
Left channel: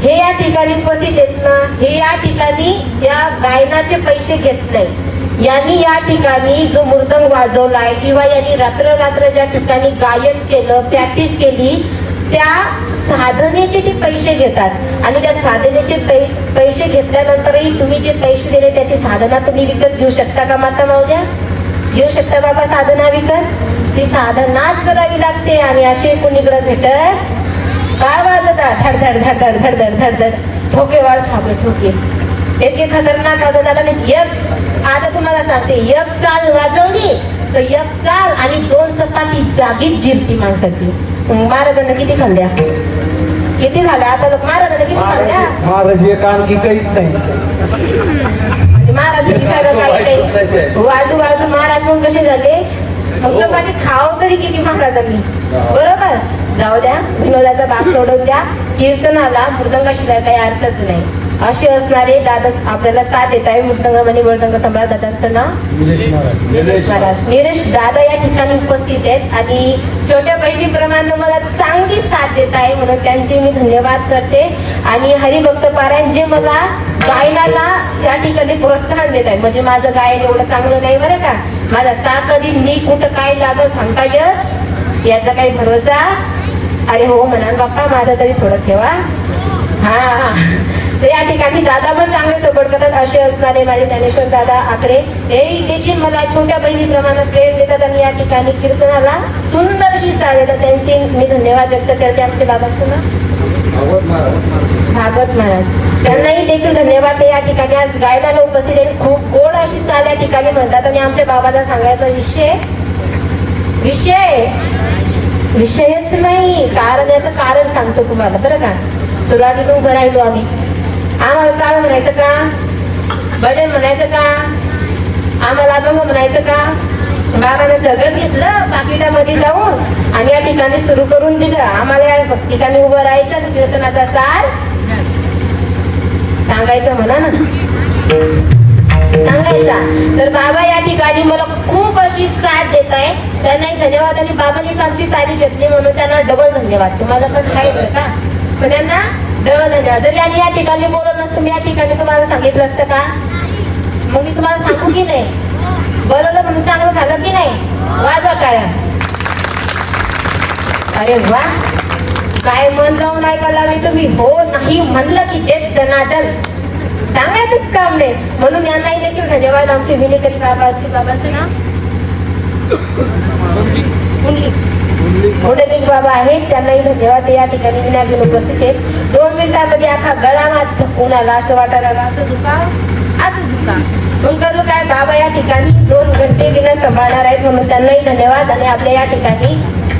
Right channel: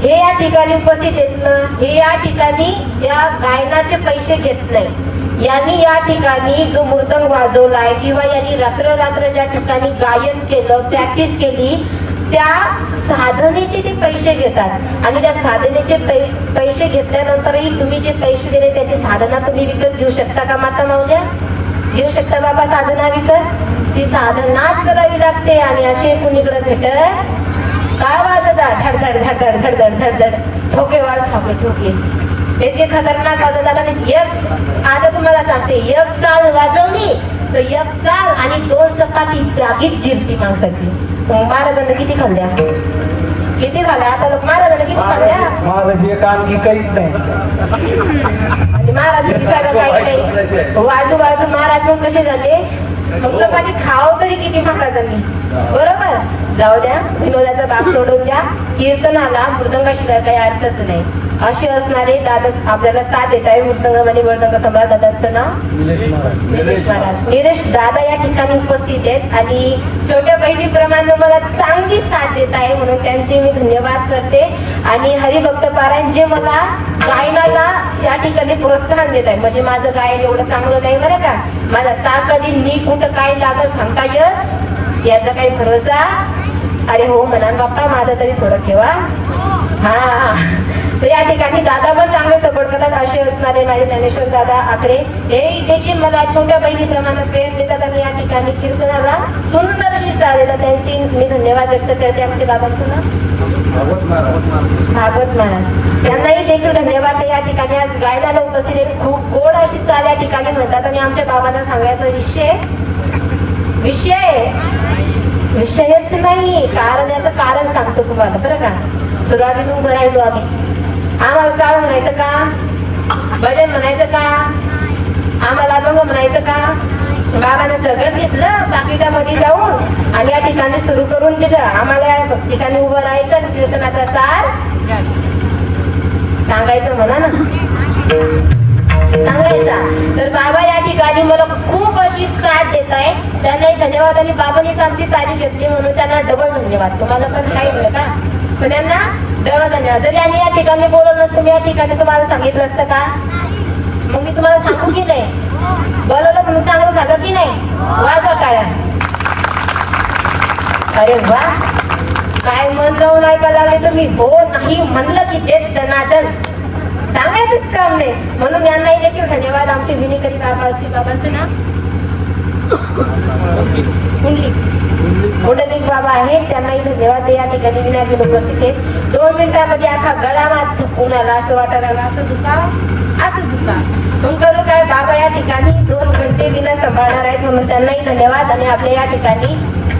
हे या ठिकाणी उपस्थित आहेत ना, हे या ठिकाणी या गायनाचे पैसे घेत नाही. यांनी या ठिकाणी जो मृदंग वाजवलाय, किंवा यांनी रात्र ज्या ठिकाणी गायन केलं, प्रॅक्टिस केली, त्या साधनेचे ते पैसे घेतात. आणि त्या साधनेचे पैसे घेतल्यानंतरही तुम्ही जे पैसे दिले त्याची साधना तुम्ही विकत घेऊ शकता का माता मावल्या? घेऊ शकता बाबा साधना विकत? ती साधनाच करावी लागते. आणि असे कुणीकडे भेटत काय वाजतात? धडधड धडधड धडधड धडधड ठोके वाज ठोके. याची खतरनाक वाजत आला नाही. एक आता तुम्हाला सांगते, एक चाल वाजवली तर एक चाल आणि 2 चपाती जागीच जिरती माणसाची. महाराजांना किती खाल्ल्या? किती झाल्या? आता लोक महाराजांना किती खाल्ल्या? महाराज एक आणखी काहीच नाही. महाराज विचारलं काही नाही. वाजू महाराज पण कसे झाले? मग चपाती खावं तरी किती महाराजांनी, बरोबर? जाऊ द्या, विनोदाचा भाग सोडून द्या. कीर्तनाला मृदंगाशिवाय काही अर्थच नाही. असे असणारे दादा आपल्याला साथ देत आहे. मृदंग आणि मृदंग सम्राट दादांचं नाव निलेश महाराज. निलेश दादा या ठिकाणी उपस्थित आहेत, आणि छोट्या बहिणीप्रमाणे मला चांगली साथ देत आहे, म्हणून त्यांचे मी धन्यवाद करते. आणि हरिभक्त पारायण जे मला गायनाला या ठिकाणी प्रोत्साहन देत आहे. म्हणजे माझं गायन एवढं चांगलं नाही बरं का. माझा सा कधी नी कुठं काय लागलं सांगता येत याचा काही भरोसा. अरे हो म्हणा बाप्पा, माझा तरी थोडं ठेवा. हा, तर या ठिकाणी दादा पण चांगले सपोर्ट करतात. असे असणारे माझे ज्ञानेश्वर दादा आकडे हे देखील मला छोट्या बहिणीप्रमाणे प्रेम देतात, आणि या ठिकाणी कीर्तनाला सुंदरशी साथ देतात. त्यांचे मी धन्यवाद व्यक्त करते. आमचे बाबांचं भागवत महाराज, त्यांनाही देखील धन्यवाद. या ठिकाणी आज गायनाला उपस्थित आहे. खूप गोड अशी चाल या ठिकाणी म्हणतात. आणि आमच्या बाबांना सांगायचा विषयच नाही, कारण याचं कारण सांगतो तुम्हाला बरं का. सुरुवातीला उभं राहिलो आम्ही. आम्हाला चाल म्हणायचं का? भजन म्हणायचं का? आम्हाला अभंग म्हणायचं का? बाबाने सगळंच घेतलं पाकिटामध्ये जाऊन आणि या ठिकाणी सुरू करून दिलं. आम्हाला या ठिकाणी उभं राहायचं आणि कीर्तनाचा सार सांगायचं म्हणा ना, सांगायचा. तर बाबा या ठिकाणी मला खूप अशी साथ देत आहे, त्यांनाही धन्यवाद. आणि बाबांनीच आमची तारीख घेतली म्हणून त्यांना डबल धन्यवाद. तुम्हाला पण काय बरं का, पण त्यांना डबल धन्यवाद. जरी आणि या ठिकाणी बोलवलं नसतं, मी या ठिकाणी तुम्हाला सांगितलं असतं का? मग मी तुम्हाला सांगू की नाही, बोलवलं म्हणून चांगलं झालं की नाही? वाजा टाळ्या. अरे वा, काय मन लावून ऐकायला आले तुम्ही. हो नाही म्हणलं की ते दनादन सांगायचंच काम नाही. म्हणून यांनाही देखील धन्यवाद. आमचे विनेकरी बाबा असतील, बाबांचं नाव पुंडलिक बाबा आहेत, त्यांनाही धन्यवाद. या ठिकाणी विनायक उपस्थित आहेत. 2 मिनिटांमध्ये अख्खा गळावात थकून आला, असं वाटायला आला, असं झुका. मग करू काय, बाबा या ठिकाणी 2 घंटे विना सांभाळणार आहेत, म्हणून त्यांनाही धन्यवाद. आणि आपल्या या ठिकाणी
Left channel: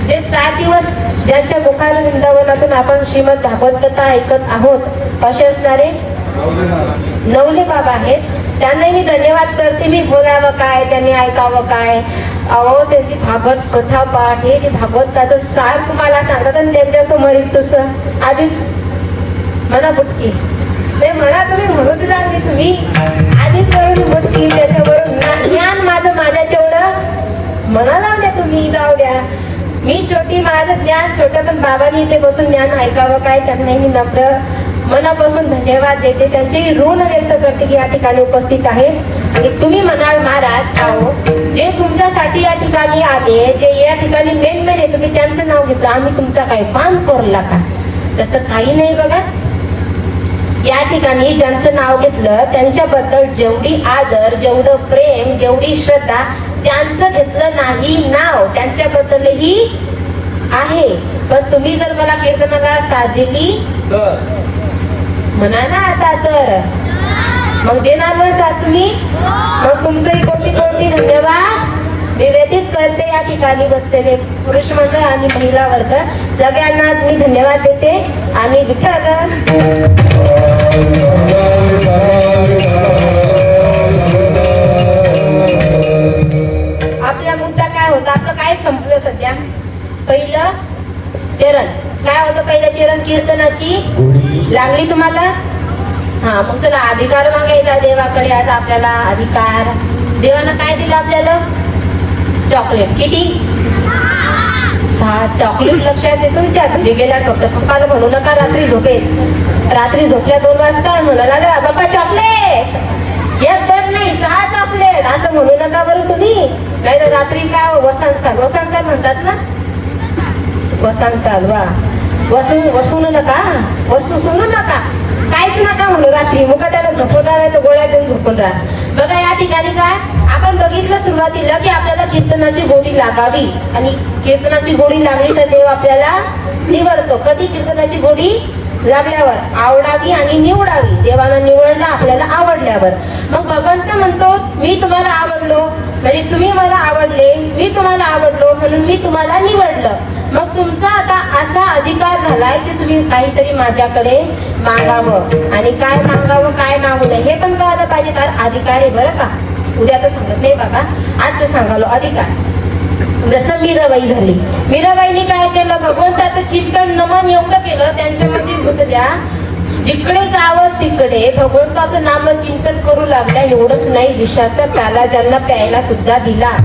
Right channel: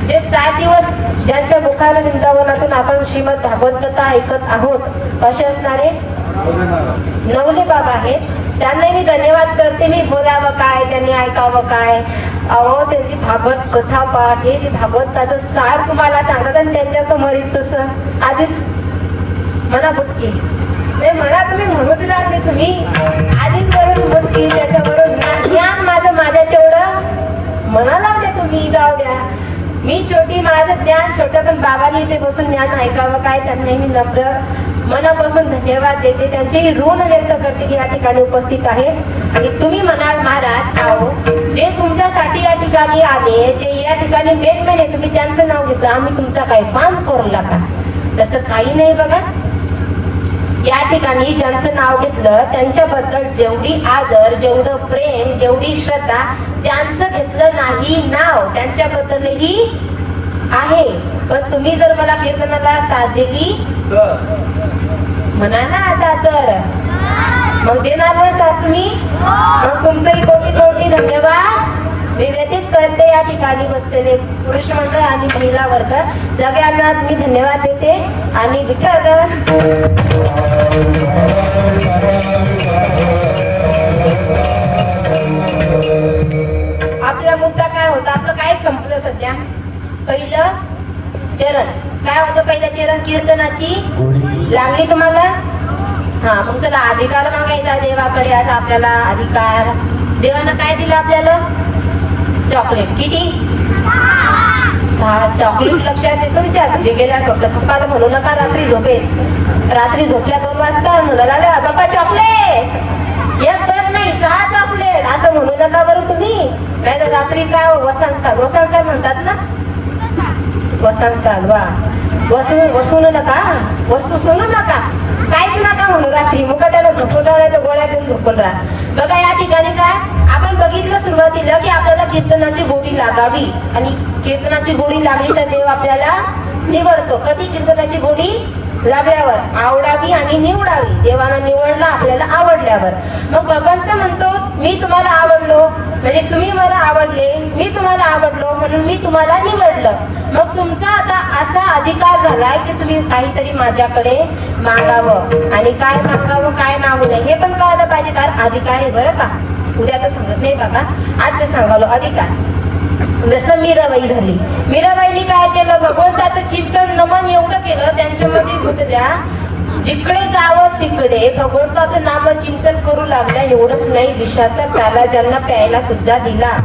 जे 7 दिवस ज्यांच्या मुखार वृंदावनातून आपण श्रीमद भागवत कथा ऐकत आहोत, असे असणारे नवली बाबा आहेत, त्यांनाही मी धन्यवाद करते. मी बोलावं काय, त्यांनी ऐकावं काय. अहो, त्यांची भागवत कथा पाठ, हे भागवताचं सार तुम्हाला सांगत आणि त्यांच्या समोर तसं आधीच मना बुटकी म्हणजे मला तुम्ही म्हणूच लागले. तुम्ही आधीच म्हणून बुटकी, त्याच्याबरोबर ज्ञान माझ्याच्या एवढं मना लावले तुम्ही. जाऊ द्या, मी छोटी, माझं ज्ञान छोटं, पण बाबांनी इथे बसून ज्ञान ऐकावं काय, त्यांनाही मी नम्र मनापासून धन्यवाद देते. त्यांचे ऋण व्यक्त करते की या ठिकाणी उपस्थित आहे. आणि तुम्ही म्हणाल महाराज, आओ जे तुमच्यासाठी या ठिकाणी आले, जे या ठिकाणी मेन आहे, तुम्ही त्यांचं नाव घेतलं, आम्ही तुमचा काय पान कोरला का? तसं काही नाही बघा. या ठिकाणी ज्यांचं नाव घेतलं त्यांच्याबद्दल जेवढी आदर, जेवढं प्रेम, जेवढी श्रद्धा, ज्यांचं घेतलं नाही नाव त्यांच्याबद्दलही आहे. पण तुम्ही जर मला कीर्तनाला साथ दिली म्हणा ना आता, तर मग देणार ना साथ तुम्ही. मग तुमचंही कोटी कोटी धन्यवाद निवेदित करते. या ठिकाणी बसलेले पुरुष मंडळ आणि महिला वर्ग सगळ्यांना मी धन्यवाद देते. आणि विठ्ठल आपला मुद्दा काय होता, आपलं काय संपलं सध्या? पहिलं चरण काय होतं? पहिलं चरण कीर्तनाची लागली तुम्हाला. हा, मग चला अधिकार मागायचा देवाकडे. आता आपल्याला अधिकार, देवानं काय दिलं आपल्याला? चॉकलेट. किती? 6 चॉकलेट. लक्षात येतो तुमच्या? म्हणजे गेल्या पप्पाला म्हणू नका रात्री रात्री झोपल्या 2 वाजता म्हणाला बाप्पा चॉकलेट, एक पण नाही 6 चॉकलेट असं म्हणू नका बरं तुम्ही. नाही तर रात्री काय वसांसाल म्हणतात ना, वसांसाल. वा, वसून नका, वस्तू सोनू नका, काहीच नका म्हणून रात्री मुकाट्याला झोपून राहा, गोळ्या देऊन झोपून राहा. बघा या ठिकाणी काय आपण बघितलं सुरुवातीला की आपल्याला कीर्तनाची गोडी लागावी. आणि कीर्तनाची गोडी लागली तर देव आपल्याला निवडतो. कधी? कीर्तनाची गोडी लागल्यावर. आवडावी आणि निवडावी. देवानं निवडला आपल्याला आवडल्यावर. मग भगवंत म्हणतो मी तुम्हाला आवडलो, म्हणजे तुम्ही मला आवडले, मी तुम्हाला आवडलो म्हणून मी तुम्हाला निवडलं. मग तुमचा आता असा अधिकार झालाय की तुम्ही काहीतरी माझ्याकडे मागावं. आणि काय मागावं, काय मागू नये हे पण कळलं पाहिजे. कारण अधिकार आहे बरं का, उद्याचं सांगत नाही बाबा, आजचं सांगालो अधिकार. जसं मीराबाई झाली, मीराबाईंनी काय केलं? भगवंताचं चिंतन नमन एवढं केलं त्यांच्यामध्ये गुंतल्या, जिकडे जावं तिकडे भगवंताचं नाम चिंतन करू लागल्या. एवढंच नाही, विषाचा प्याला ज्यांना प्यायला सुद्धा दिला.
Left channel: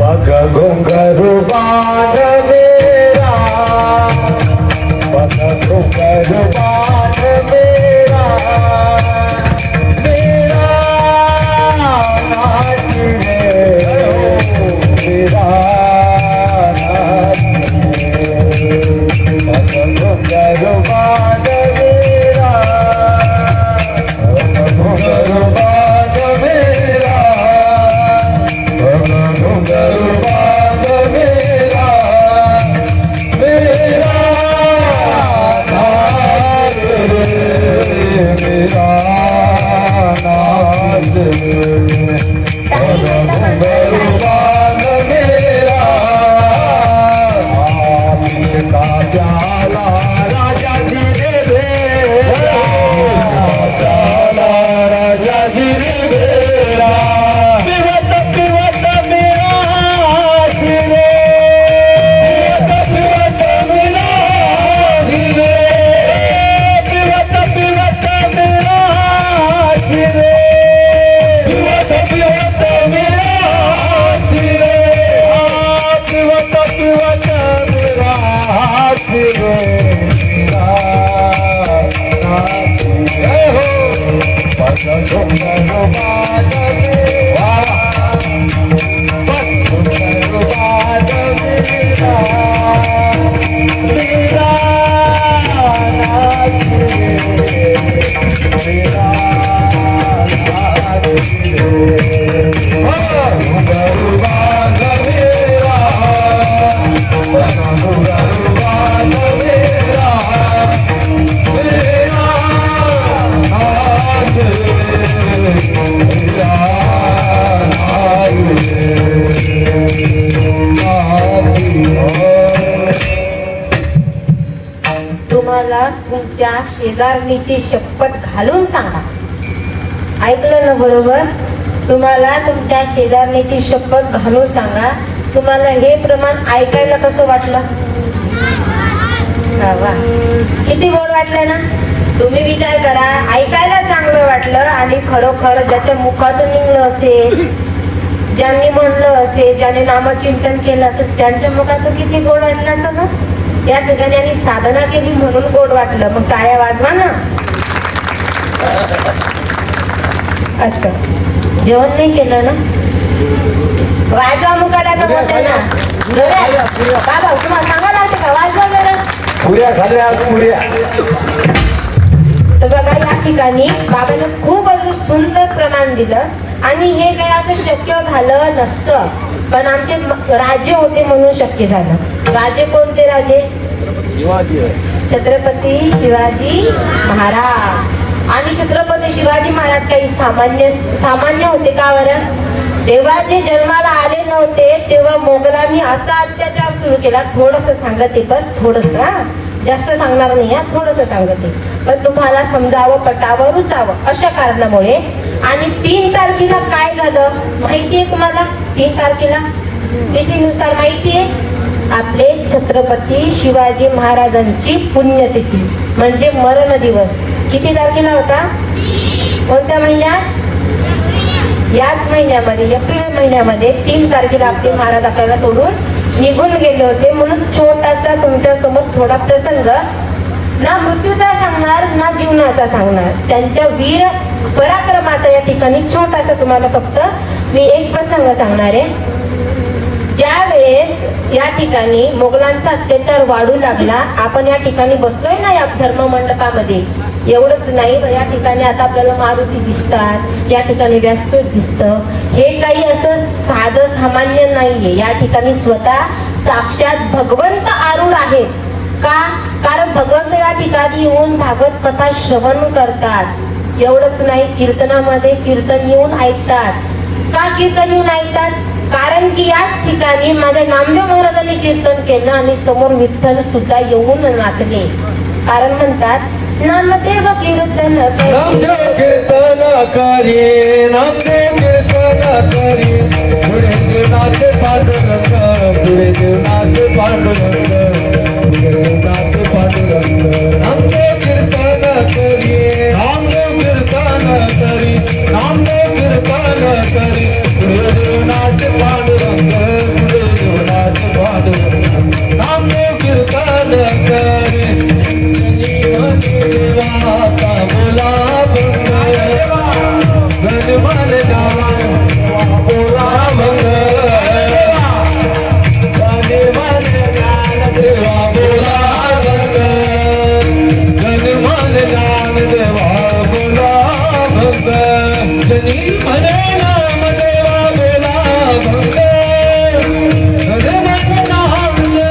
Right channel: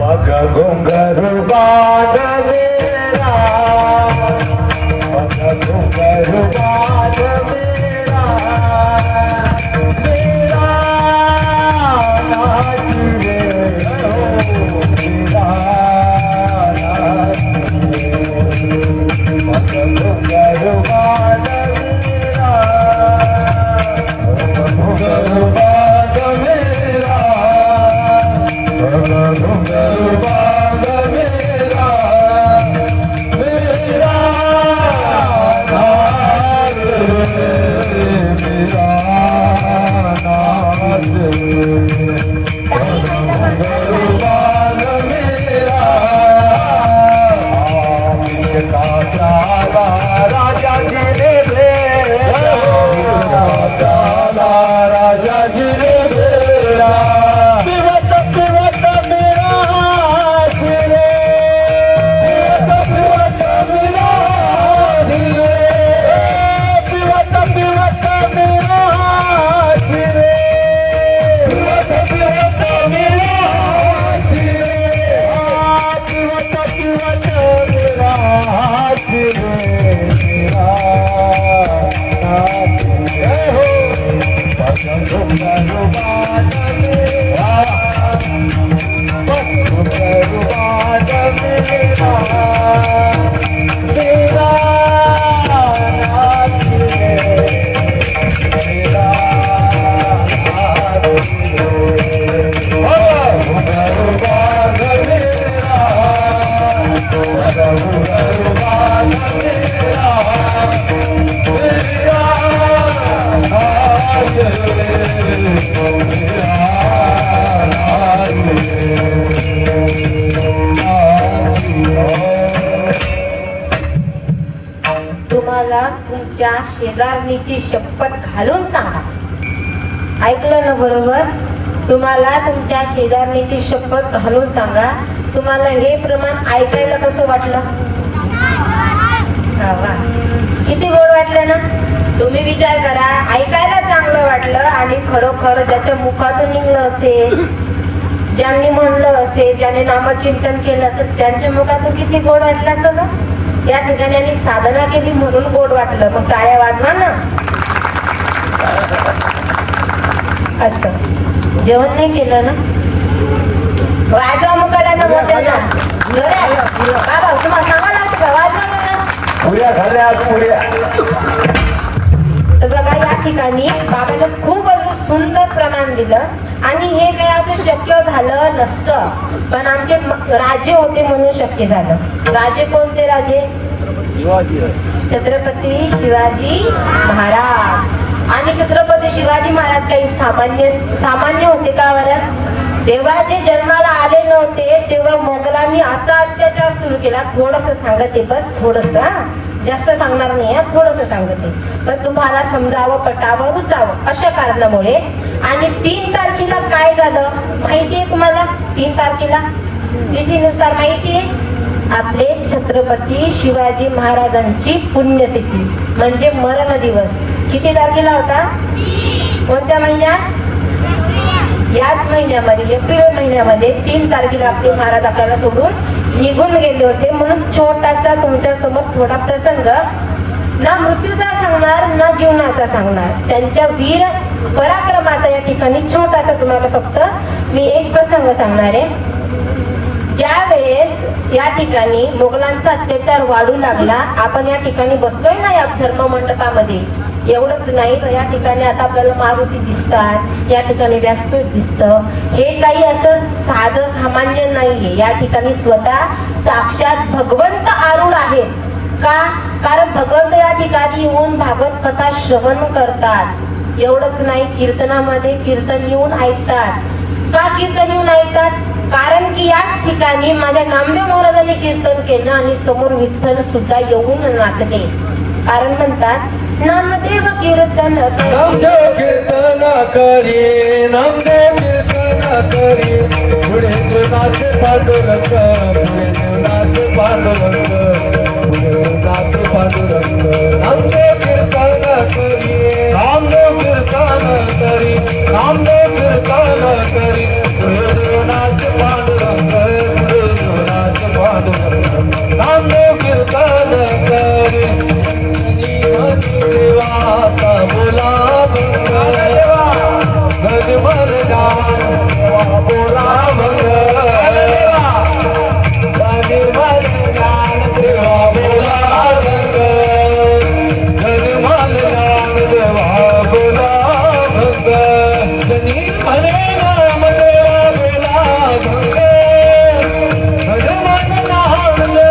शिवत मेरा शिव मेरा नाथ हे हो पद सुंदर बाद पद सुंदर बाद मेरा नाथ तुम्हाला तुमच्या शेजारणीची शपथ घालून सांगा. ऐकलं ना बरोबर? तुम्हाला तुमच्या शेजारणीची शपथ घालून सांगा. तुम्हाला हे प्रमाण ऐकायला कसं वाटलं? वा, किती गोड वाटलं ना? तुम्ही विचार करा, ऐकायला चांगलं वाटलं आणि खरोखर ज्याच्या मुखातून निघलं असेल, ज्यांनी म्हणलं असेल, ज्याने नामचिंतन केलं असेल, त्यांच्या मुखातून किती गोड वाटलं असं ना? या ठिकाणी आणि साधना केली म्हणून गोड वाटलं. मग टाळ्या वाजवा ना. असं जेवण नाही केलं ना? वाजवा मुकाट्यानं बोलते ना. बाबा तुम्हाला सांगायला लागतं का? वाजवा जरा. पुऱ्या खाल्ल्या पुऱ्या. तर बघा या ठिकाणी बाबाने खूप सुंदर प्रमाण दिलं आणि हे काही असं शक्य झालं नसतं, पण आमचे राजे होते म्हणून शक्य झालं. राजे कोणते राजे? छत्रपती शिवाजी महाराज. आणि छत्रपती शिवाजी महाराज काही सामान्य होते का बरं? तेव्हा जे जन्माला आले नव्हते तेव्हा मोगलांनी असा अत्याचार सुरू केला. थोडस सांगते, बस थोडस, जास्त सांगणार नाही, थोडस सांगते, पण तुम्हाला समजावं, पटावं, रुचावं अशा कारणामुळे. आणि 3 तारखेला काय झालं माहितीये तुम्हाला? 3 तारखेला तिथीनुसार माहितीये, आपले छत्रपती शिवाजी महाराजांची पुण्यतिथी म्हणजे मरण दिवस. किती तारखेला होता? कोणत्या महिन्यात? याच महिन्यामध्ये, एप्रिल महिन्यामध्ये 3 तारखेला आपले महाराज आपल्याला सोडून निघून गेले होते. म्हणून छोटासा तुमच्या समोर थोडा प्रसंग, ना मृत्यूचा सांगणार ना जीवनाचा सांगणार, त्यांच्या वीर पराक्रमाचा या ठिकाणी छोटासा तुम्हाला फक्त मी एक प्रसंग सांगणार आहे. ज्या वेळेस या ठिकाणी मोगलांचा अत्याचार वाढू लागला, आपण या ठिकाणी बसलोय ना या धर्म मंडपामध्ये, एवढंच नाही तर या ठिकाणी आता आपल्याला मारुती दिसतात, या ठिकाणी व्यासपीठ दिसतं. हे काही असं साधं सामान्य नाहीये. या ठिकाणी स्वतः साक्षात भगवंत आरूढ आहेत. का? कारण भगवंत या ठिकाणी येऊन भागवत कथा श्रवण करतात. एवढंच नाही, कीर्तनामध्ये कीर्तन येऊन ऐकतात. का कीर्तन येऊन ऐकतात? कारण की याच ठिकाणी माझ्या नामदेव महाराजांनी कीर्तन केलं आणि समोर विठ्ठल सुद्धा येऊन नाचले. कारण म्हणतात नामदेव कीर्तन करी, नामदेव कीर्तन करी, नामदेव कीर्तन करी, पुढे जीवनात पांडुरंग, पुढे जीवनात पांडुरंग, पुढे जीवनात पांडुरंग. नामदेव कीर्तन करी, नामदेव कीर्तन करी, नामदेव कीर्तन करी, पुढे जीवनात पांडुरंग, पुढे जीवनात पांडुरंग. नामदेव कीर्तन करी, देवाचा बोला देवा, गजमल जान बोला देवा, गजमल जान देवा बोला गजमल जान देवा बोला जनी म्हणे नाम देवा बोला गजमल जान देवा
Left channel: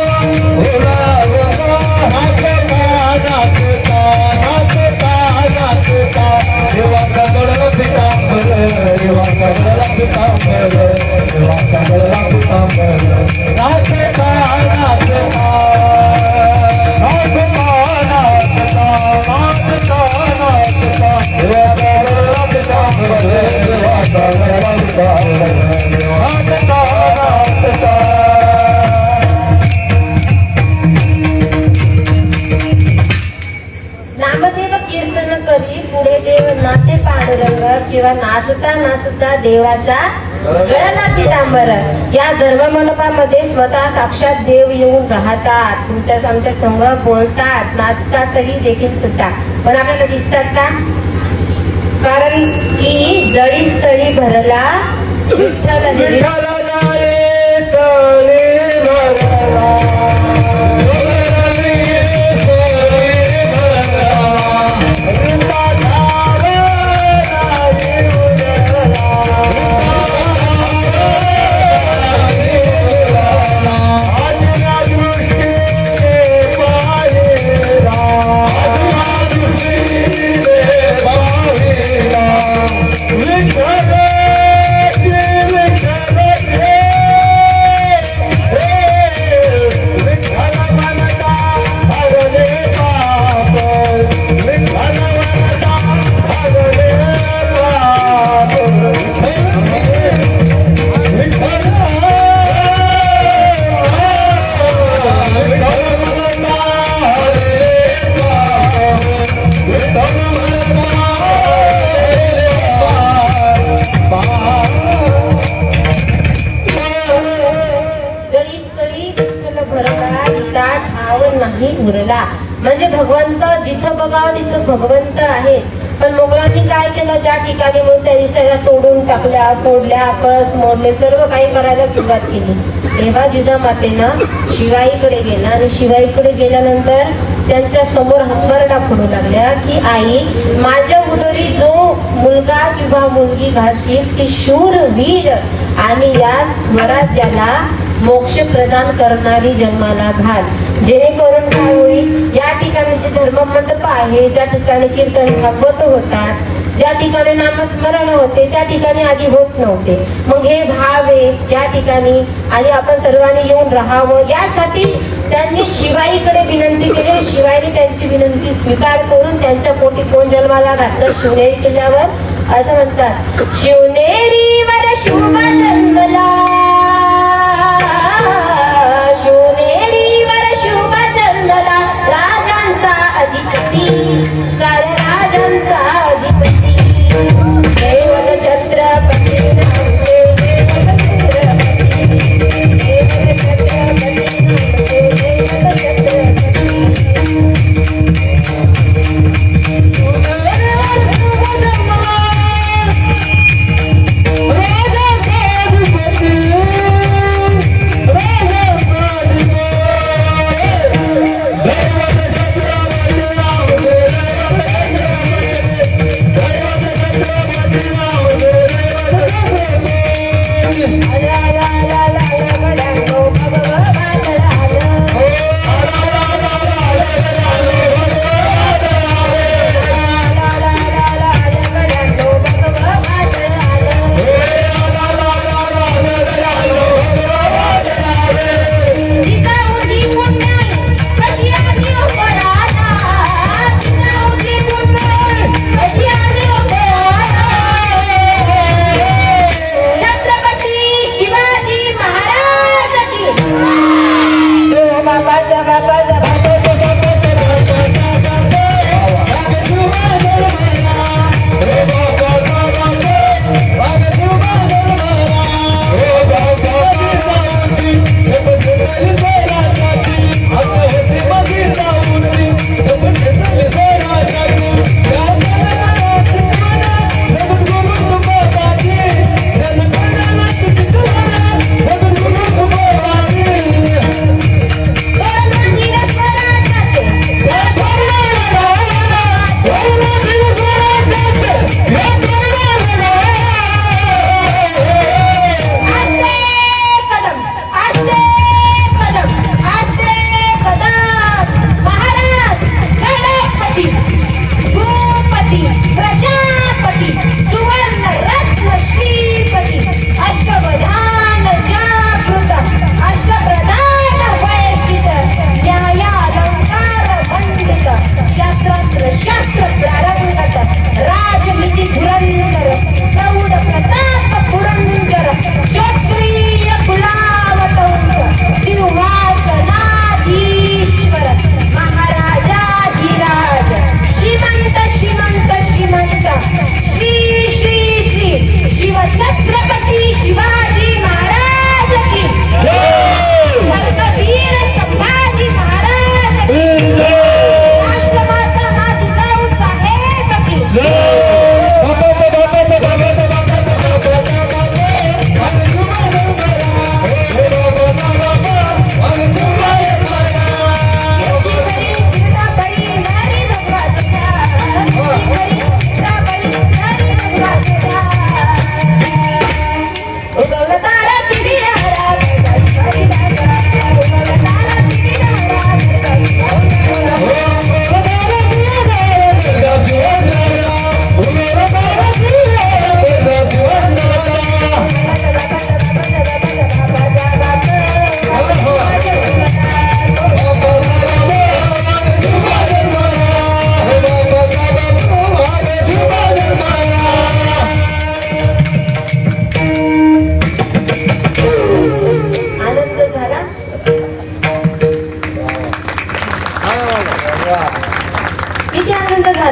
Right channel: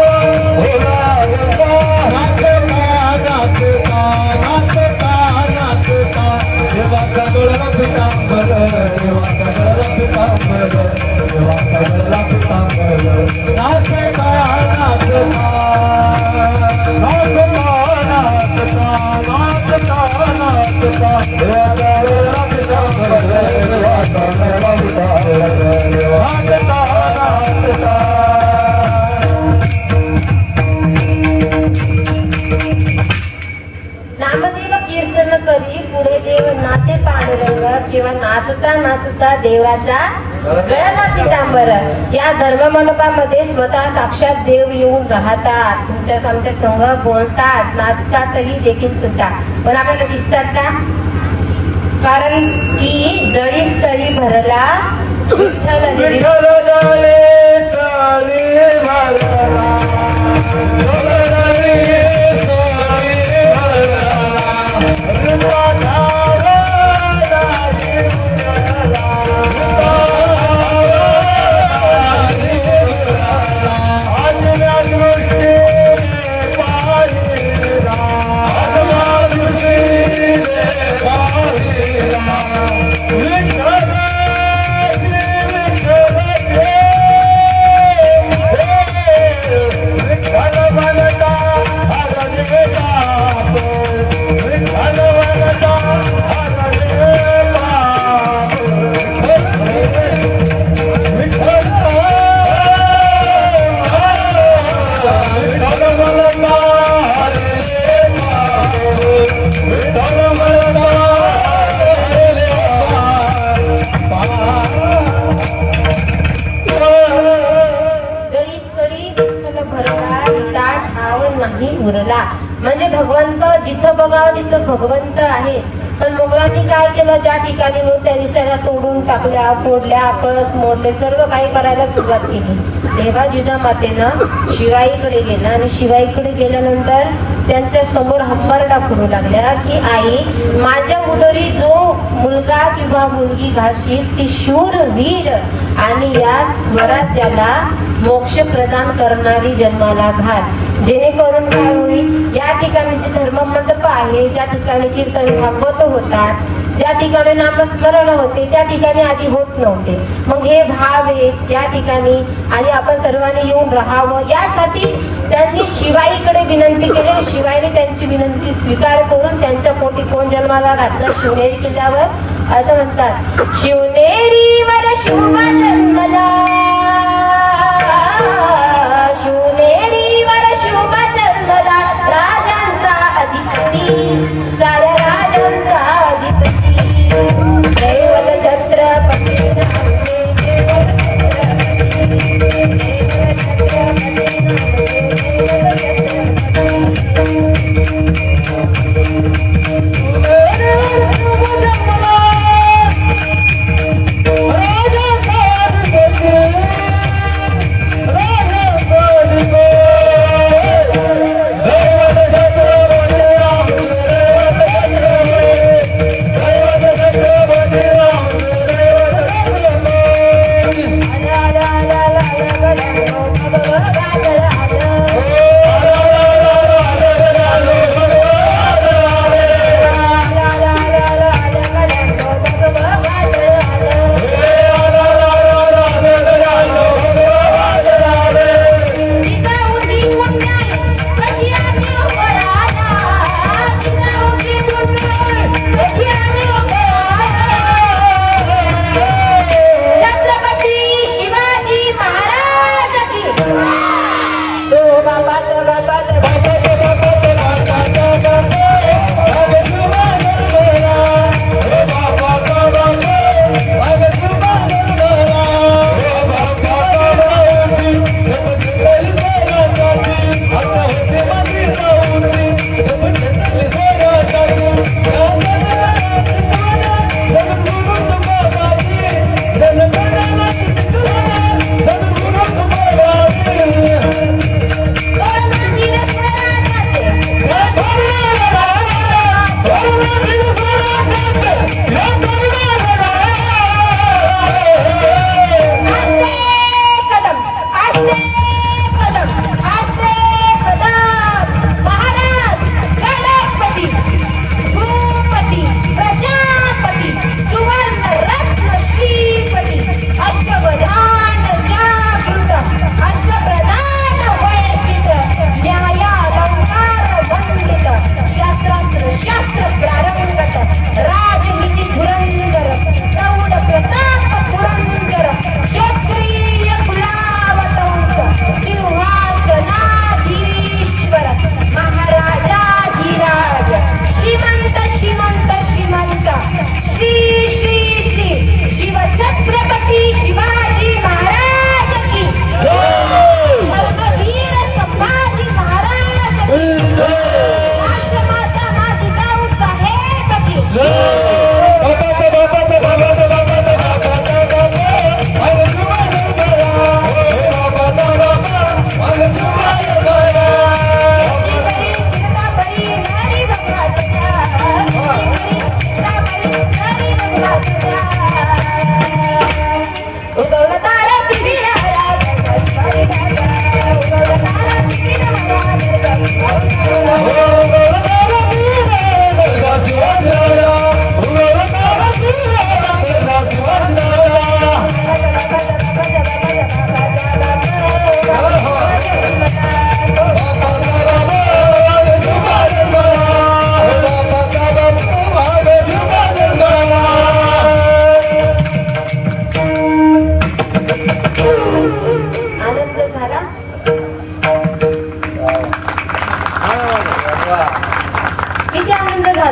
नामदेव कीर्तन करी, पुढे देव नाचे पांडुरंग. किंवा नाचता नाचता देवाचा गळाला पितांबर. या धर्ममंडपामध्ये स्वतः साक्षात देव येऊन राहतात, तुमच्या आमच्या संघ बोलतात, नाचतातही देखील सुद्धा. पण आपल्याला दिसतात का? कारण की जळी स्थळी भरला विठ्ठल हरी. म्हणजे भगवंत जिथं बघावं तिथं भगवंत आहे. पण मोगलांनी काय केलं, ज्या ठिकाणी मूर्त्या दिसायला तोडून टाकल्या, फोडल्या, कळस मोडले, सर्व काही करायला सुरुवात केली. तेव्हा जिजामातेनं शिवाईकडे गेला आणि शिवाईकडे गेल्यानंतर त्यांच्या समोर हंबरडा फोडू लागल्या की आई, माझ्या उदरी जो मुलगा किंवा मुलगी घालशील ती शूरवीर आणि या स्वराज्याला मोक्ष प्रदान करणारी जन्माला घाल. जेणेकरून काय होईल, या ठिकाणी जे धर्ममंडप आहे, ज्या ठिकाणी कीर्तन भागवत होतात, ज्या ठिकाणी नामस्मरण होते, त्या ठिकाणी आधी होत नव्हते. मग हे भाव आहे या ठिकाणी आणि आपण सर्वांनी येऊन राहावं, यासाठी त्यांनी शिवाईकडे विनंती केली. शिवाईने त्यांची विनंती स्वीकार करून त्यांच्या पोटी कोण जन्माला घातलं, शिवनेरी किल्ल्यावर. असं म्हणतात, शिवनेरीवर शुभ जन्मला, शिवनेरीवर शुभ जन्मला, राजांचा अधिपती, साऱ्या राजांचा अधिपती, दैवत छत्रपती, दैवत छत्रपती, राजा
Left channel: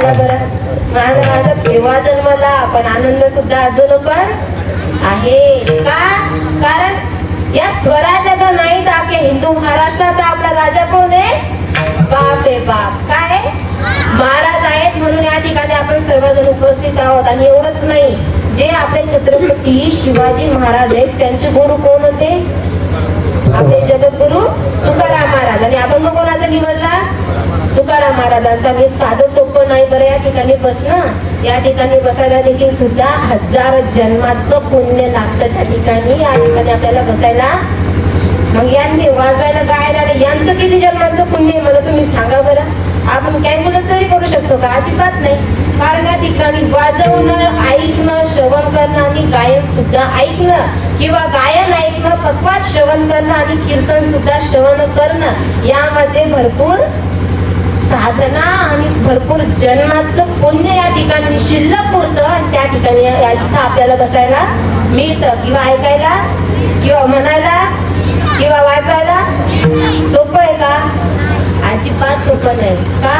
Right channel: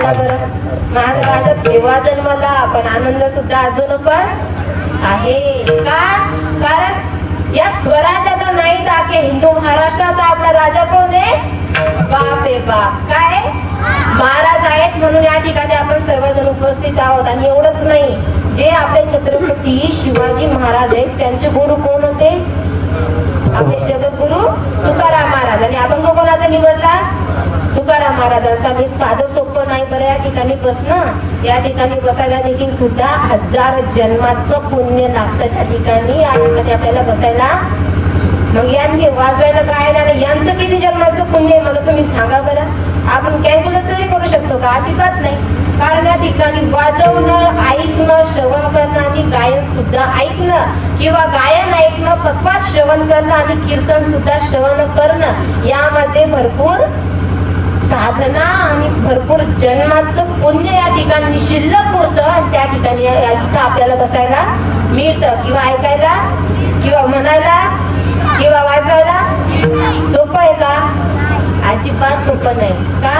झाला बरं? माझा राजा तेव्हा जन्मला, पण आनंद सुद्धा अजून पण आहे. का? कारण या स्वराज्याचा नाही टाके हिंदू महाराष्ट्राचा आपला राजा कोण आहे? बाप रे बाप. काय महाराज आहेत म्हणून या ठिकाणी आपण सर्वजण उपस्थित आहोत. आणि एवढंच नाही, जे आपले छत्रपती शिवाजी महाराज आहेत त्यांचे गुरु कोण होते? आपले जगद्गुरु तुकाराम महाराज. आणि आपण कोणाचा निवडला? तुकाराम महाराजांचा. हे साधं सोपं नाही बरं या ठिकाणी बसणं. या ठिकाणी बसायला देखील सुद्धा 1000 जन्माचं पुण्य लागतं त्या ठिकाणी. या ठिकाणी आपल्याला बसायला. मग यांनी वाजवायला गायला यांचं किती जन्माचं पुण्य आहे मला तुम्ही सांगा बरं. आपण कॅल्क्युलेट तरी करू शकतो का? अजिबात नाही. कारण या ठिकाणी वाजवणं, ऐकणं, श्रवण करणं आणि गायन सुद्धा ऐकणं किंवा गायन ऐकणं, पक्वास श्रवण करणं आणि कीर्तन सुद्धा श्रवण करणं, यामध्ये भरपूर साधना आणि भरपूर जन्माचं पुण्य या ठिकाणी शिल्लक होतं. आणि त्या ठिकाणी इथं आपल्याला बसायला मिळतं किंवा ऐकायला किंवा म्हणायला किंवा वाजवायला. सोपं आहे का? अजिबात सोपं नाही. का?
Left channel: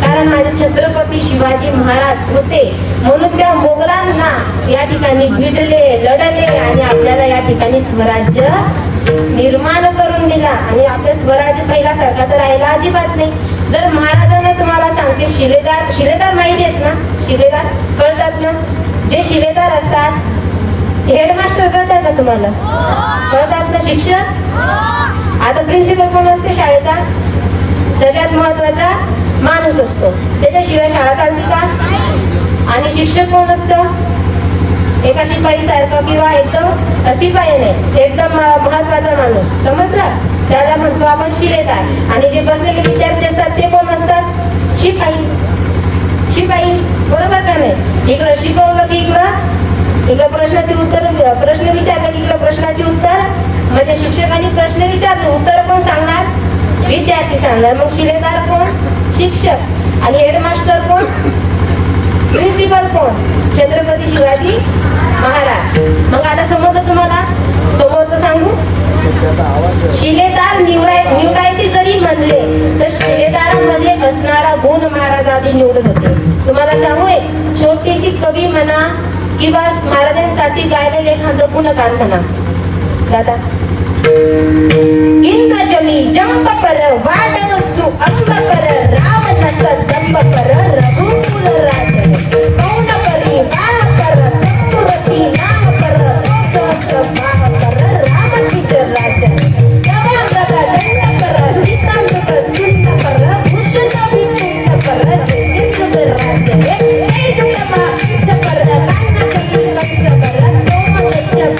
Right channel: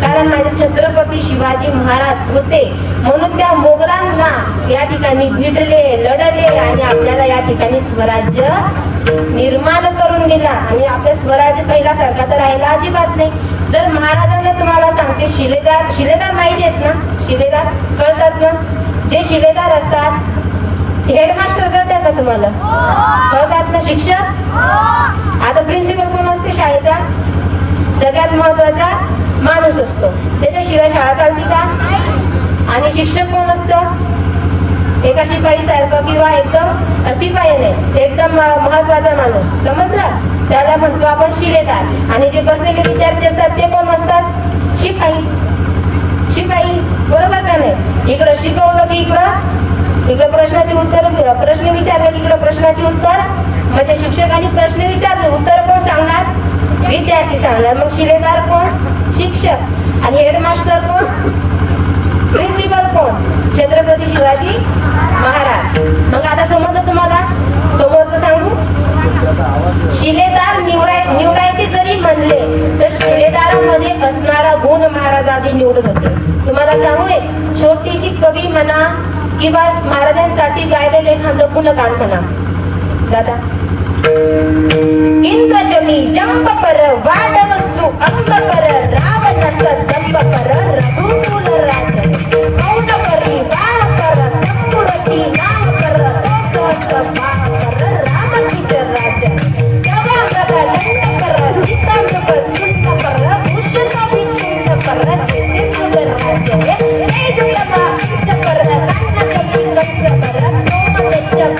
कारण माझे छत्रपती शिवाजी महाराज होते म्हणून त्या मोगलांना या ठिकाणी भिडले, लढले आणि आपल्याला या ठिकाणी स्वराज्य निर्माण करून दिला. आणि आपले स्वराज्य पहिल्यासारखा तर राहिला अजिबात नाही. जर महाराजांना तुम्हाला सांगते, शिलेदार माहिती आहेत ना? शिलेदार कळतात ना? जे शिलेदार असतात, हेडमास्टर कळतात का तुम्हाला? कळतात ना? शिक्षक. आता प्रिन्सिपल कोण असते शाळेचा? सगळ्यात महत्वाचा माणूस असतो, त्याच्याशिवाय शाळा चालते का? आणि शिक्षक कोण असतं? एका शिपाई सारखं किंवा एकदम शिपाई नाही, एकदम महत्वाचा माणूस, समजला? त्याला म्हणतो आपण शिलेदार. आणि जे बसलेले विद्यार्थी असतात ते कोण असतात? शिपाई. शिपाई, बरोबर का नाही? इकडं शिकवलं की इकडं प्रश्नाचे उत्तर, प्रश्न विचारले की इकडं प्रश्नाचे उत्तर. म्हणजे शिक्षकांनी प्रश्न विचारले, उत्तर कोण सांगणार? विद्यार्थी सांगणार. मग शिलेदार कोण? शिक्षक. आणि हेडमास्टर कोण? प्रिन्सिपल कोण? छत्रपती शिवाजी महाराज. मग आता समजलं तुम्हाला? सोबत सांगू. शिलेदार निवडायचे जरी म्हणले तर शिलेदारामध्ये असणारा गुण महाराज आधी निवडत होते. तुम्हाला सांगू, छोटीशी कवी म्हणा किंवा महाराजांसाठी गायलेले एखादं गुणगान म्हणा. दादा, इंद्रजनी जंप पर वाडवसु अंब पर रावणाचं दंब पर रघुकुल राज मौन परी वाह पर सत्पुरती नाम पर तोच भाव पर रामकीचे राज जवा जगा दंड पर सीतांत पर चिंता पर भूषण विचिंत पर चिंतित राज हे दुर्गा पर कान्ना पर पर तोमतच पर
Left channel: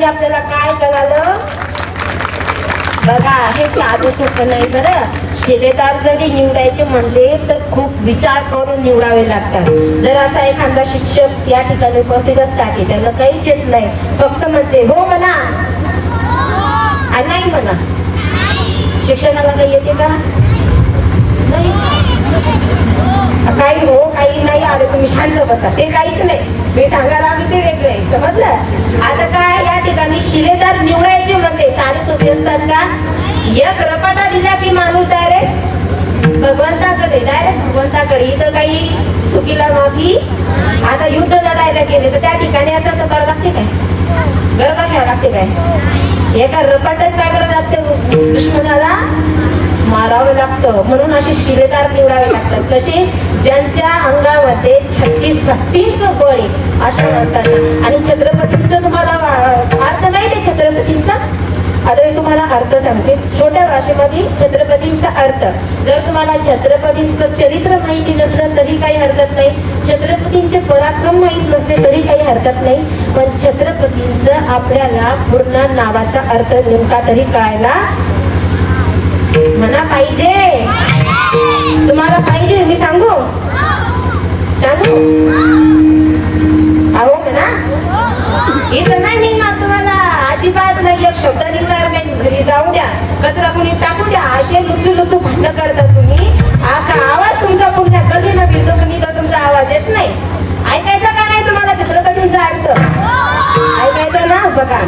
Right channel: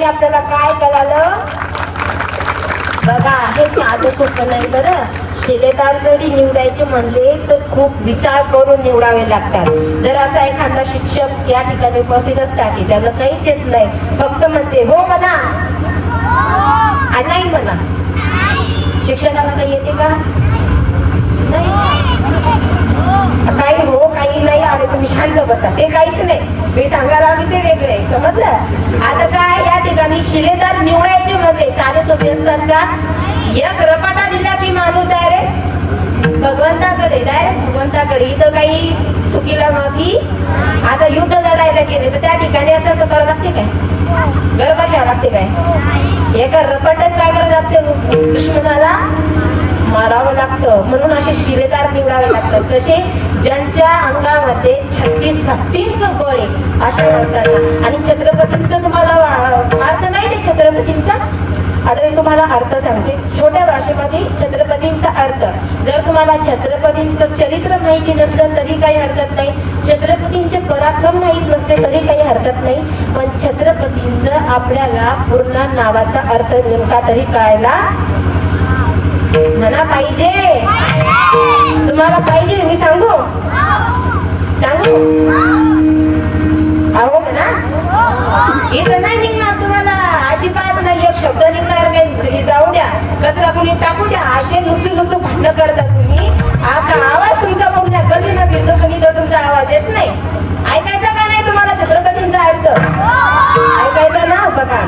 आपल्याला काय कळालं बघा. हे साधं सोपं नाही बरं. शिलेदार जरी निवडायचे म्हणले तर खूप विचार करून निवडावे लागतात. जर असा एखादा शिक्षक या ठिकाणी उपस्थित असता की त्याला काहीच येत नाही, फक्त म्हणते हो म्हणा आणि नाही म्हणा. शिक्षकाला काही येते का? नाही. काही हो काही नाही. अरे तुम्ही शांत बसा, ते काहीच नाही. मी सांगणार आम्ही ते वेगळं आहे, समजलं? आता काय या ठिकाणी शिलेदार निवडायचे म्हणजे साधे सोपे असतात का? एक रपाटा दिला की माणूस डायरेक्ट भगवंताकडे. इथं काही चुकीला माफी. आता युद्ध लढायला गेले तर त्या ठिकाणी असं करावं लागते काय? गरबा घ्यावं लागते काय? एका रपाट्यात काय करावं लागते? दुश्मनाला मारावं लागतं. म्हणून असे शिलेदार निवडावे लागतात. कसे? ज्यांच्या अंगामध्ये 36 शक्तींचं बळ आहे अशा माणसांना. आणि छत्रपतींचं तुम्हाला अर्थ माहिती आहे? छत्रपतींचा आता मी तुम्हाला अर्थ सांगते छोट्या भाषेमध्ये छत्रपतींचा अर्थ. जर तुम्हाला छत्रपतींचं चरित्र माहिती नसलं तरी काही हरकत नाही, छत्रपतींचे पराक्रम माहित नसले तरी काही हरकत नाही, पण छत्रपतींचं आपल्याला पूर्ण नावाचा अर्थ नेमका तरी कळायला म्हणा पाहिजे. तुम्हाला पाहिजे मी सांगू सांगू अहो म्हणा. इथं नाही निघणार तुम्हाला अजिबात नाही, एक शब्द निघणार नाही. घरी जाऊ द्या, कचरा कुणी टाकू द्या. असे लुचू लुचू भांडण करता तुम्ही. आका आवाज तुमचा पूर्ण गल्लीनं फिरतो पण इथं तुमचा आवाज येत नाही. ऐकायचा का नाही तुम्हाला छत्रपतींचा अर्थ? ऐकायचा ना. बघा,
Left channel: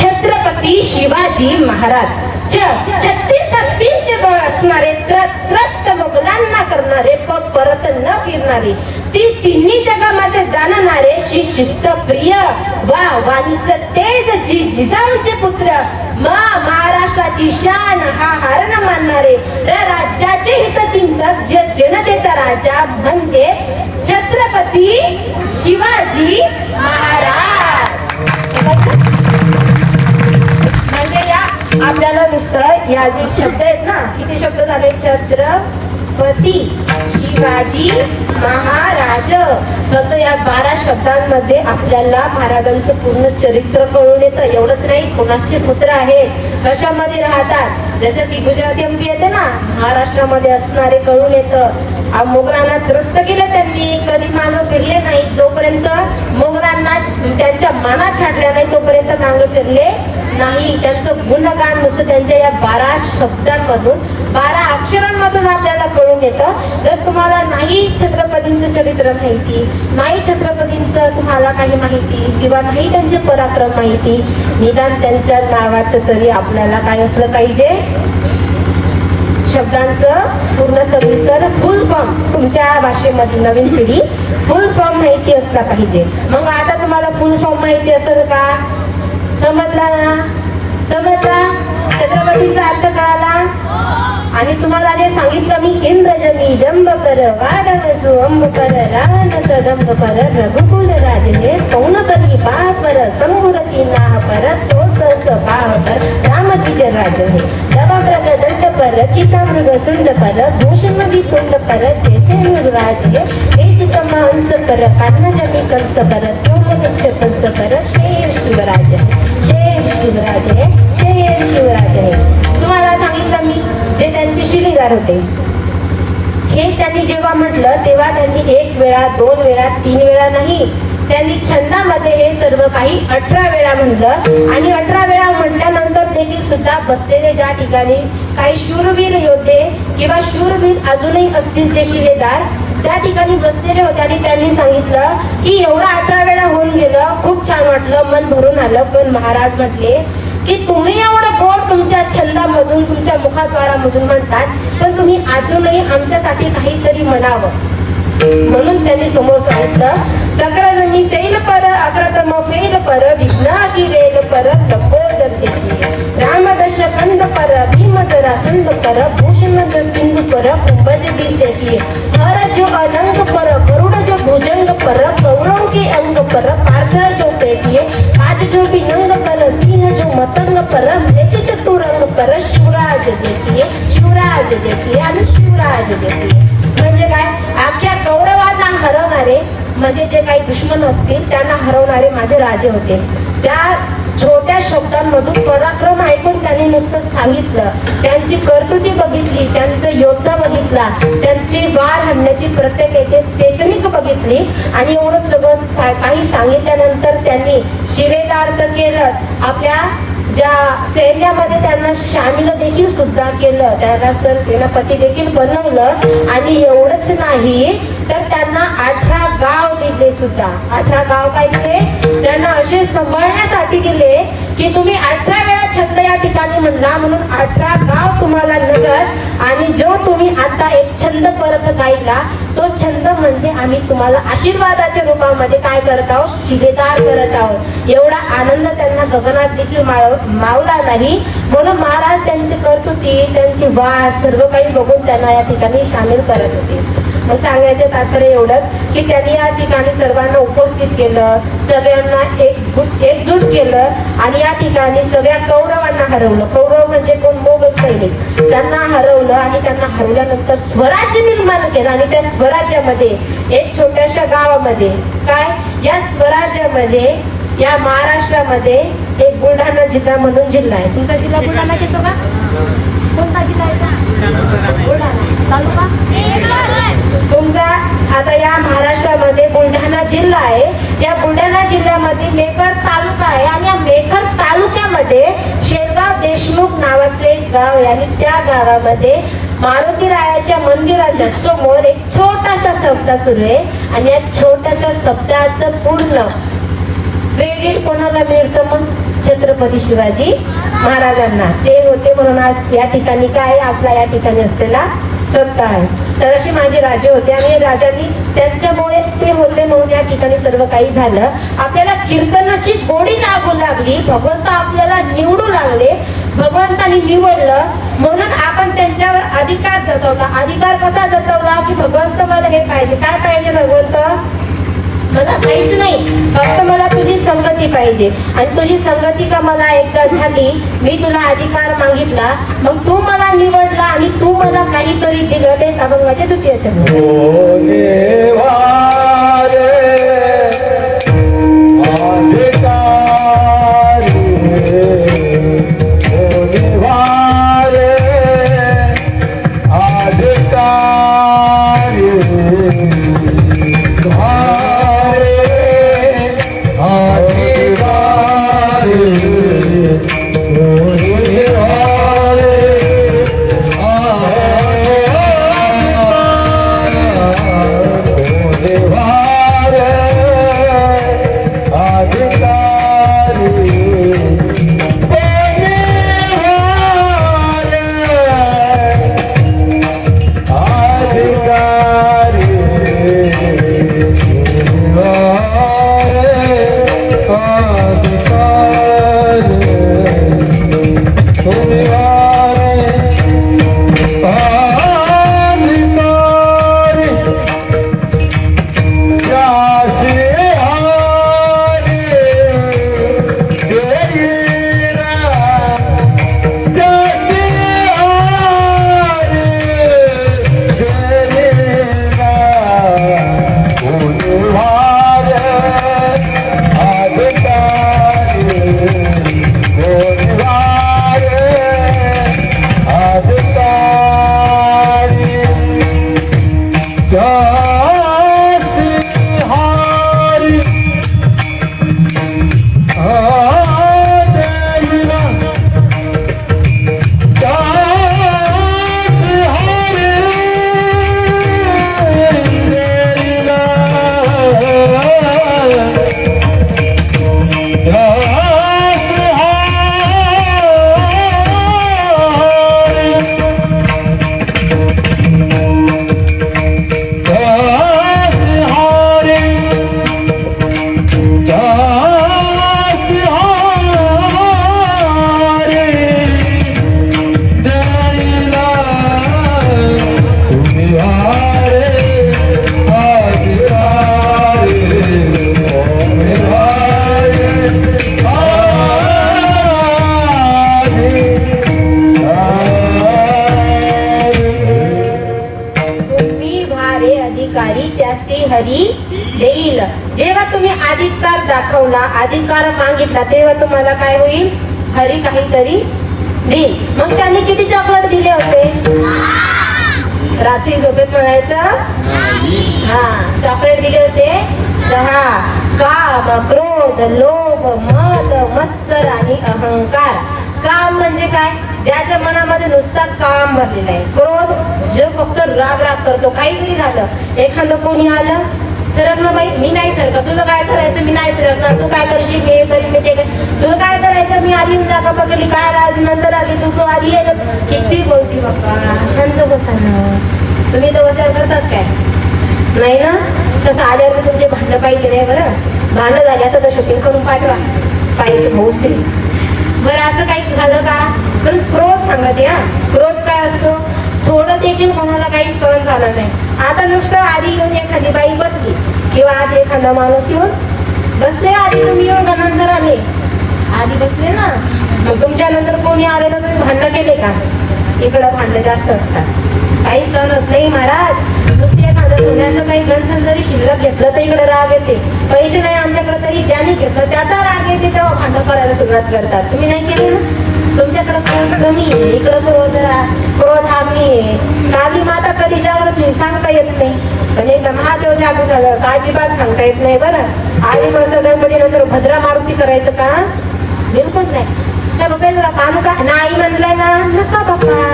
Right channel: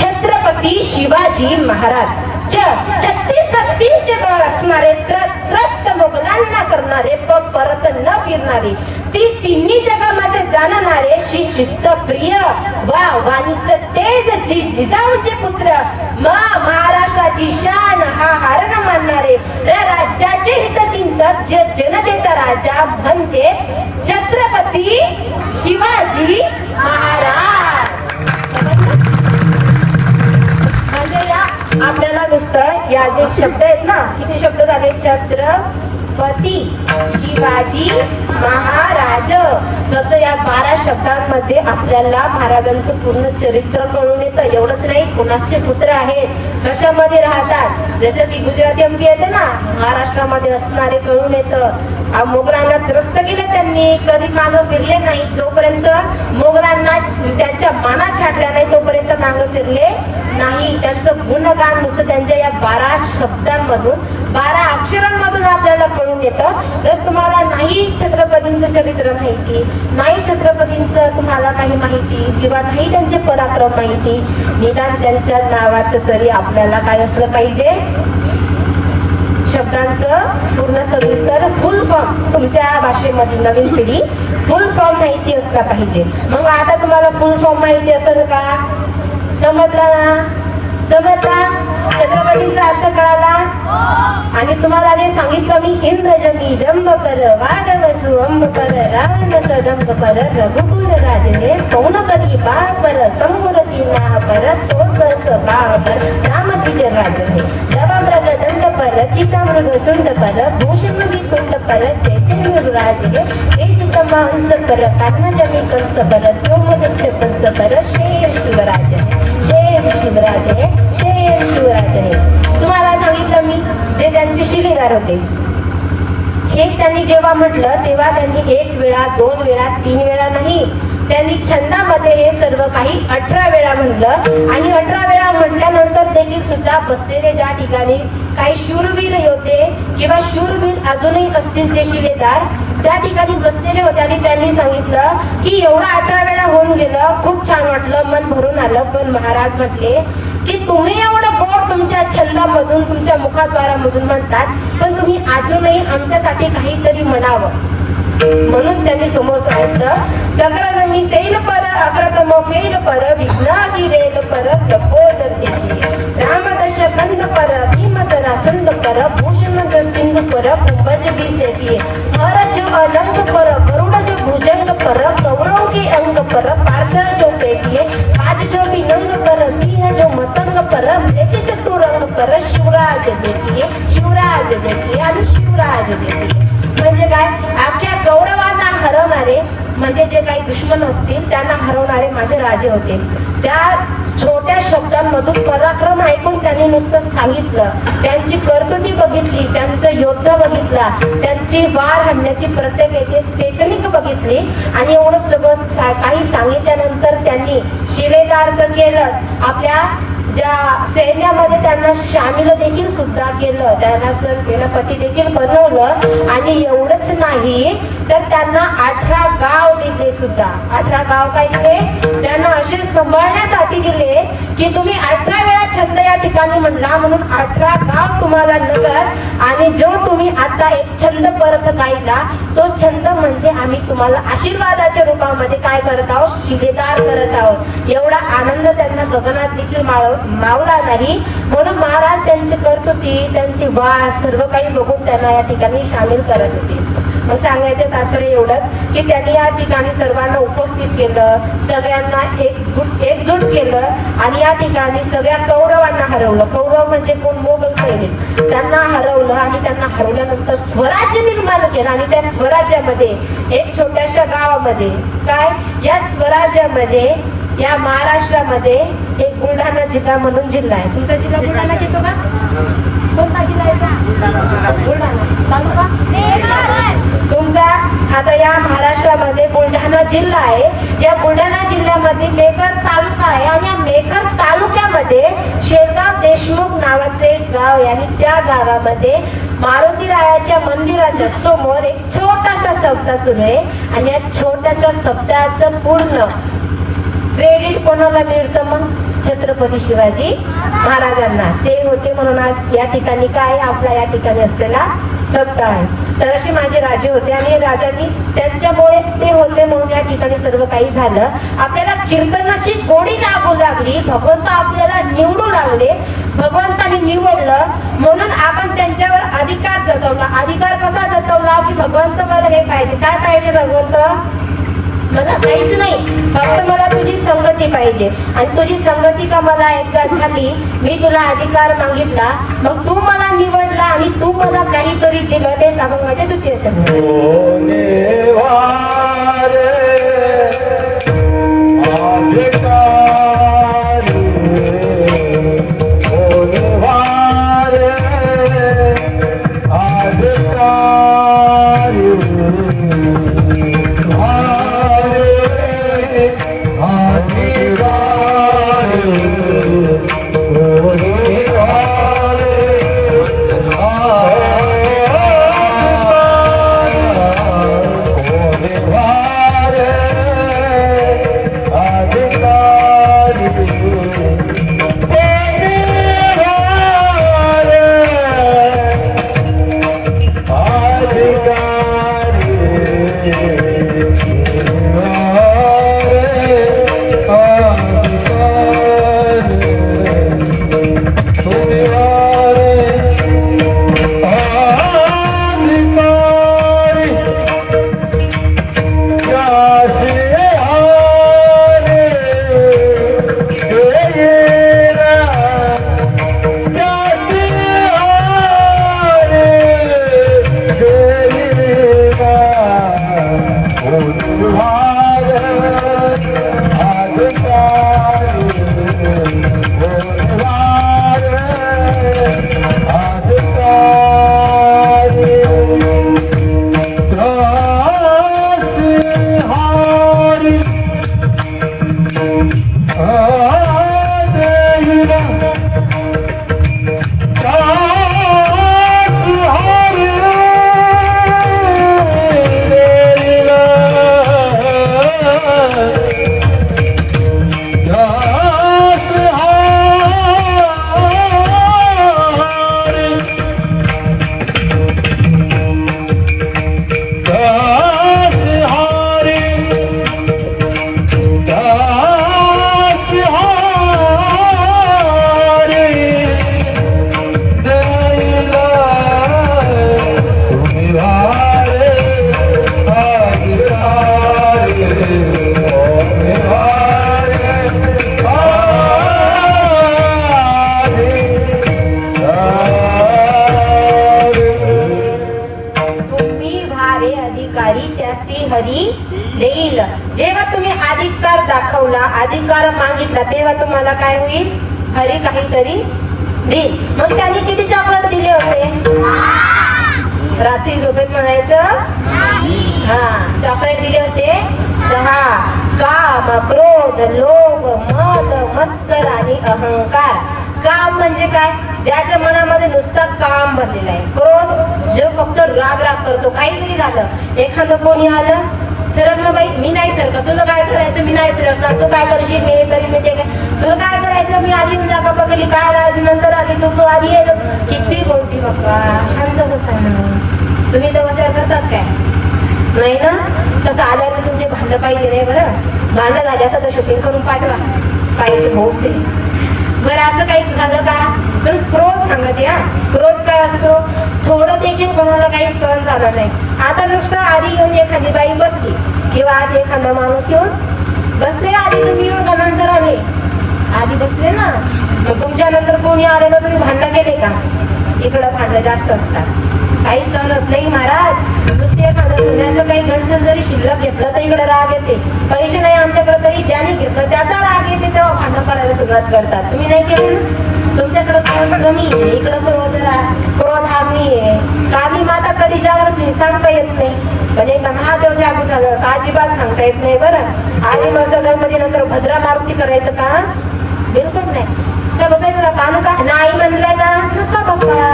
छत्रपती शिवाजी महाराज 36 हत्तींचे बळ असणारे, त्रस्त मुघलांना करणारे, परत न फिरणारे, ती तिन्ही जगामध्ये जाणणारे, शिस्त प्रिय वा वाणीचं तेज, जिजाऊचे पुत्र, महाराष्ट्राची शान हा हारण मानणारे, राज्याचे हितचिंतक, जनतेचा राजा म्हणजे छत्रपती शिवाजी महाराज. आपल्याला नुसतं या जे शब्द आहेत ना, किती शब्द झाले? छत्रपती शिवाजी महाराज. फक्त या 12 शब्दांमध्ये आपल्याला महाराजांचं पूर्ण चरित्र कळून येतं. एवढंच नाही, कुणाचे पुत्र आहेत, कशामध्ये राहतात, जसं की गुजराती अंकी येते ना, महाराष्ट्रामध्ये असणारे कळून येतं. मोगलांना त्रस्त केलं त्यांनी, कधी मानव फिरले नाही. जोपर्यंत मोगलांना त्यांच्या मानात छाटल्या नाही तोपर्यंत मानव फिरले नाही. त्यांचं गुणगान नुसतं त्यांच्या या 12 शब्दांमधून, 12 अक्षरांमधून आपल्याला कळून येतं. जर तुम्हाला नाही छत्रपतींचं चरित्र माहिती, नाही छत्रपतींचं तुम्हाला काही माहिती किंवा नाही त्यांचे पराक्रम माहिती, निदान त्यांच्या नावाचं तरी आपल्याला काय असलं पाहिजे? शब्दांचं पूर्ण सविस्तर फुल फॉर्म, तुमच्या भाषेमध्ये नवीन पिढी फुल फॉर्म माहिती असला पाहिजे. मग आता तुम्हाला फुल फॉर्म माहिती असेल का? समजला ना? समजला? छत्रपतींचा अर्थ कळाला? आणि तुम्हाला जे सांगितलं मी, इंद्रजनी जंब कर, वागवसु अंब कर, रावण सदंब पर, रघुकुल राजने सौनपरी बाळ पर, समूरती नाह पर, तोस बाळ पर, रामतीचे राज हे, दवामृग दंड पर, चितामृग सुंड पर, भूषण तुंड पर, जैसे मृगराज हे चितमांस पर, कामजमी कंस पर, त्योमद छत्रस पर, शेर शिवराज हे, शेर शिवराज हे, शेर शिवराज हे. तुम्हाला सांगितलं मी जे त्यांचे शिलेदार होते, हे त्यांनी जेव्हा म्हटलं तेव्हा त्यांनी 1 वेळा 2 वेळा 3 वेळा नाही, त्यांनी छंदामध्ये हे सर्व काही 18 वेळा म्हणलं. आणि 18 वेळा म्हटल्यानंतर देखील सुद्धा बसलेले ज्या ठिकाणी काही शूरवीर योद्धे किंवा शूरवीर अजूनही असतील जे शिलेदार त्या ठिकाणी बसलेले होते आणि त्यांनी सांगितलं की एवढं 18 वेळा होऊन गेलं, खूप छान वाटलं, मन भरून आलं. पण महाराज म्हटले की तुम्ही एवढं गोड तुमच्या छंदामधून, तुमच्या मुखाद्वारामधून म्हणतात, पण तुम्ही अजूनही आमच्यासाठी काहीतरी म्हणावं. म्हणून त्यांनी समोर सांगितलं, सकल मी सैल पर, अक्रतम फेल पर, विघ्नाही रेल पर, तपोदर तेथे, रामदश कंद पर, भीमदरा संद पर, भूषण सिंधु पर, कुंभज दिसे, हर जो अलंग पर, गरुड़ जो भुजंग पर, गौरव के अंग पर, पार्थ जो पेटिए, आज जो भी नंग पर, सीन जो मतंग पर, बेचित तुरंग पर, शिवराज देखिए, शिवराज देखिए आणि शिवराज देखिए. म्हणजे काय? अख्ख्या गौरवांना हरवणारे, म्हणजे जे काही दुश्मन असतील त्यांना हरवणारे माझे राजे होते. त्या छोट्या शब्दांमधून पराक्रम ऐकून त्यांनी नुसतं सांगितलं, त्यांची कर्तृती बघितली, त्यांचं योद्धा बघितला, त्यांची वार हाणण्याची प्रत्येक टेक्निक बघितली आणि एवढं सगळं काही सांगितल्यानंतर त्यांनी शिलेदार तर केलं, आपल्या ज्या सैन्यामध्ये त्यांना शामिल देखील सुद्धा केलं, त्यांना सेनापती देखील बनवलं. आणि एवढंच नाही तर त्यांना 18 गाव दिले सुद्धा. 18 गाव काय दिले? त्यांना असे सांभाळण्यासाठी दिले की तुम्ही 18 वेळा छंद या ठिकाणी म्हणला म्हणून 18 गाव तुम्हाला नगर. आणि जो तुम्ही आता एक छंद परत गायला तो छंद म्हणजे आम्ही तुम्हाला आशीर्वादाच्या रूपामध्ये काय करत आहोत? शिलेदार करत आहोत. एवढा आनंद त्यांना गगनात देखील मावला नाही. म्हणून महाराज त्यांची कर्तृती, त्यांची वाद सर्व काही बघून त्यांना या ठिकाणी सामील करत होते. मग सांगायचं तात्पर्य एवढंच की त्यांनी या ठिकाणी सर्वांना उपस्थित केलं, सगळ्यांना एकजूट केलं आणि या ठिकाणी सगळ्या कौरवांना हरवलं. कौरव म्हणजे कोण? मोगल सैनिक. त्यांना हरवलं आणि त्यांना हरवल्यानंतर स्वराज्य निर्माण केलं. आणि त्या स्वराज्यामध्ये एक छोट्याशा गावामध्ये काय, या स्वराज्यामध्ये या महाराष्ट्रामध्ये एक बुलढाणा जिल्हा म्हणून जिल्हा आहे. तुमचा जिल्हा बुलढाणाच येतो का? कोणता जिल्हा येतो? बुलढाणा. तालुका तुमचा आता या महाराष्ट्रामध्ये बुलढाणा जिल्हा आहे. या बुलढाणा जिल्ह्यामध्ये मेकर तालुका आहे आणि या मेकर तालुक्यामध्ये शेरगाव देशमुख नावाचे एक गाव आहे. आणि त्या गावामध्ये मारुतीरायाच्या मंदिराच्या समोर एक छोटासा सप्ताह सुरू आहे. आणि या छोट्याशा सप्ताहाचं पूर्ण क्रेडिट कोणाला मिळतं? मग छत्रपती शिवाजी महाराजांना. ते होते म्हणून आज या ठिकाणी काय आपला या ठिकाणी असलेला सप्ताह आहे. तर अशी माझे राजे होते आणि राजांनी त्यांच्यामुळे ते होते म्हणून या ठिकाणी सर्व काही झालं. आपल्याला कीर्तनाची गोडी लागू लागली, भगवंत आपल्याला निवडू लागले, भगवंतानी निवडलं म्हणून आपण त्यांच्यावर अधिकार जतवला. अधिकार कसा जतवला की भगवंत मला हे पाहिजे. काय पाहिजे भगवंत? मला काहीच नाही, फक्त मला तुझी संगती पाहिजे. आणि तुझी संगती का मला एकदा झाली, मी तुला अधिकार मागितला, मग तू मला निवडला आणि तू मला काहीतरी दिलं. तेच अभंगाचे द्वितीय शब्द. जेव्हा तुम्ही अधिकार दाखवला, अधिकार मागितला, तेव्हा तुम्हाला काय होईल? हरी काहीतरी देईल. मग त्यांनी किती चॉकलेट दिले होते? रात्री झोपेत म्हणायचं चॉकलेट दिले होते 6. काम, क्रोध, लोभ, मद, मत्सर आणि अहंकार. काम म्हणजे काय? ज्याच्या मनामध्ये नुसता काम भरलेला आहे. क्रोध जो फक्त राग करतो. काहीतरी झालं, एखादं कोणी आलं, सरकलं बाई, मी नाही सरकत, तुला काय करायचं, मी नाही सरकणार, तू काय करशील, मी हे करीन, मी ते काय, तुला काय करायचं, मी आधी जागा पकडली, काय आधी नंतर आली, तू आधी ये. किती बोलती बाप्पा, शांत बसा ना. तुम्ही तर विचार करतात काय? नाही ना? तसं आल्यावर तर तुमचे भांडं पाहिजे नाही. बरं भांडं झाले असं तर शूटिंग करून पाठवा पाहिजे. भाऊ बरं असं काही झालं का? पण क्रोध सांगते हा. क्रोध काय असतो, थोडं देखील कोणाला काही सहन झालं नाही. आता नुसतं आधी येऊन एखादी बाई बसली किंवा आधी एखादा माणूस येऊन बसले, आधी तुम्ही येऊन नंतर आले, आधी बसले ना, मग तुमच्या नंतर कोणी आले तर तुम्ही भांडण केले का? इकडं भांडण जास्त असतात. काही सहन होत नाही महाराज. नुसते एखादं सोन्याचं काही गंठण जरी शिल्लक घेतलं तर इकडे राग येते. पैसे नाही आमच्याकडे तरी ज्यांनी घेतलं त्याचा राग येते, तेव्हा भांडण करायला सुरुवात करतात. तुम्ही नाही केली ना? तुमच्याकडे क्रोध कमी आहे, इकडं क्रोध हा मी आहे. काली माता कधी जागृत नाही सांगता येत नाही, पण एकदा महादेव जागृत झालं का अजिबात सांगता येत नाही. बरं आधी मस्त गणपती नंतर भद्रा मारुती करायचं का? बिलकुल नाही. त्या बाबांना पाहणं का नाही म्हणलं ना, नका बाबा,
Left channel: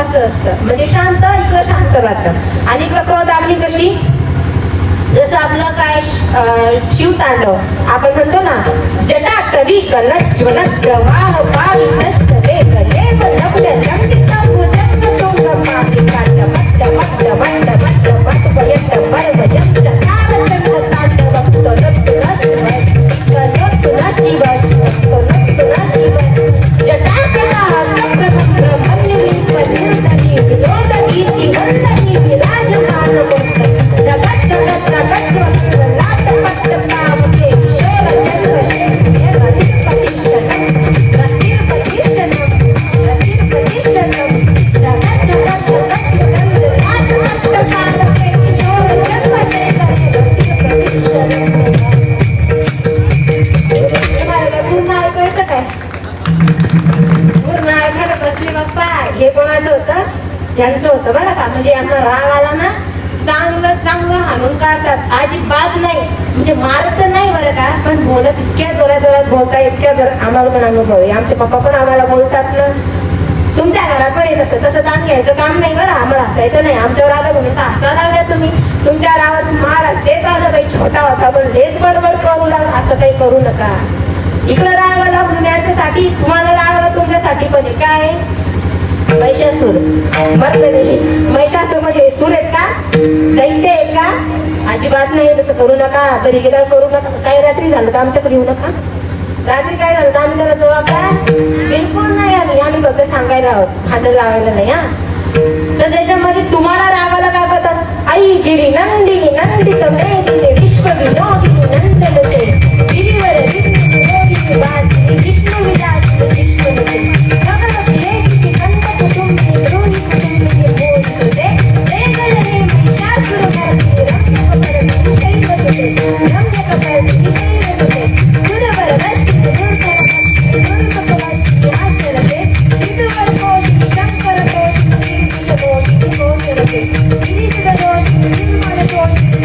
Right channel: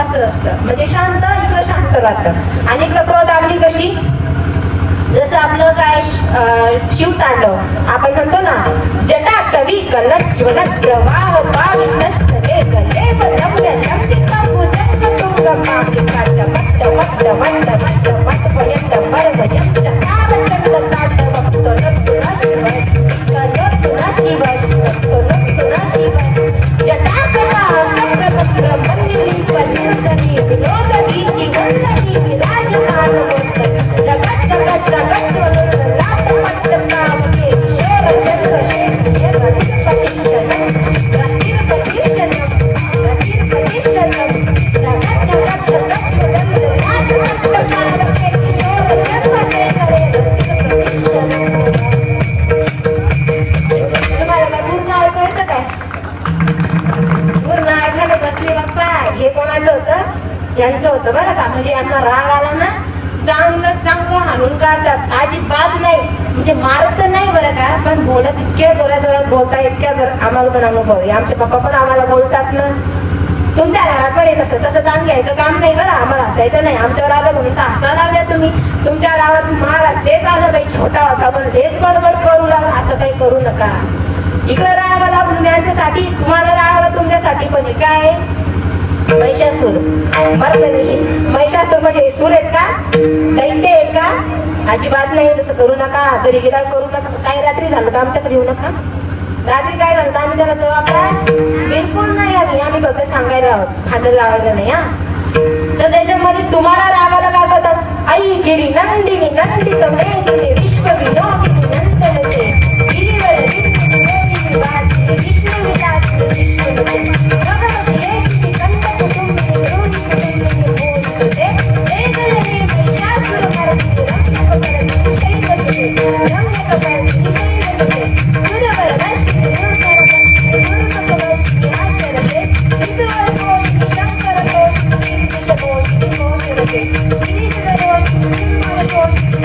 असं असतं. म्हणजे शांत, इकडं शांत राहतं आणि इकडं क्रोध आगली कशी, जसं आपलं काय शिवतांडव आपण म्हणतो ना, जटा कवी कलच ज्वलत प्रवाह पावी नष्ट वेग देव लवल्या लंबिता भुजंग तुंग मागे काढ मट्ट मट्ट मट्ट मट्ट मट्ट पर्यंत पळव यंत्र तावचंद्र तांडव तो नसतो ना शिवाय, तो नसतो ना शिवाय. जटा कवा सुब्रह्मण्य विपरीतनी विनोदनीची वंदनी विराजमान जगत जगत जगत लाट पट्ट पावते शोर जन्म शैल प्रतिष्ठन रातीर प्रतिष्ठन रातीर प्रतिष्ठन जगत जगत जगत लाट पट्ट पावते शोर जन्म शैल प्रतिष्ठन. बसले बाप्पा, हे कोणाचं होतं? यांचं होतं बरं का. म्हणजे यांना राग आला ना, चांगलं चांगलं हाणून काढतात, अजिबात नाही. म्हणजे मारत तर नाही बरं का, पण बोलत इतक्या जोरात जोरात बोलता, इतक्या जोरात. आम्हाला पण अनुभव आहे, आमचे पप्पा पण आम्हाला बोलतात ना. तुमच्या घरात पण येत तसं ताण घ्यायचं काम नाही बरं, आम्हाला हसायचं नाही. आमच्यावर आलं म्हणून तर हसा लागल्या तुम्ही. तुमच्या गावात महाराज तेच आलं बाई, छोटा होता पण लेच बडबड करू लाग, असं काही करू नका. इकडं राग आला त्यांच्यासाठी, तुम्हाला राग आला तुमच्यासाठी पण आहे. काय महिषासूर मर्दनी, महिषासूर म्हणजे सूर आहेत का, दैत्य आहेत का? अजिबात नाही, तसं करू नका. घरी गेला करू नका. काही रात्री झालं तर आमच्याकडे येऊ नका. रात्री काय झालं तर आम्ही त्याला जबाबदार बिलकुल नाही. आम्ही फक्त सांगायला आहोत, भांडण लावायला नाही हा. तर त्याच्यामध्ये तुम्हाला रागाला काय करतात, आई गिरी नंदिनी नंदित मेघिनी विश्व विनोदिनी नंदनते गिरीवर गिरी वासी कृष्ण विलासी कृष्णते भगवती लेखी कंठ कुटुंबे रोही कुटुंबे मोहिते देवलने महिषासुर मर्दिनी रम्य कपलती शैलते गुरुवर दर्शिनी दोसर बंसी गुरुकपलती आचरते विदुवर कोशि शंकर कोशि कीर्तिक कोशि कोशरते गिरीधर कोशि निर्मल कोशि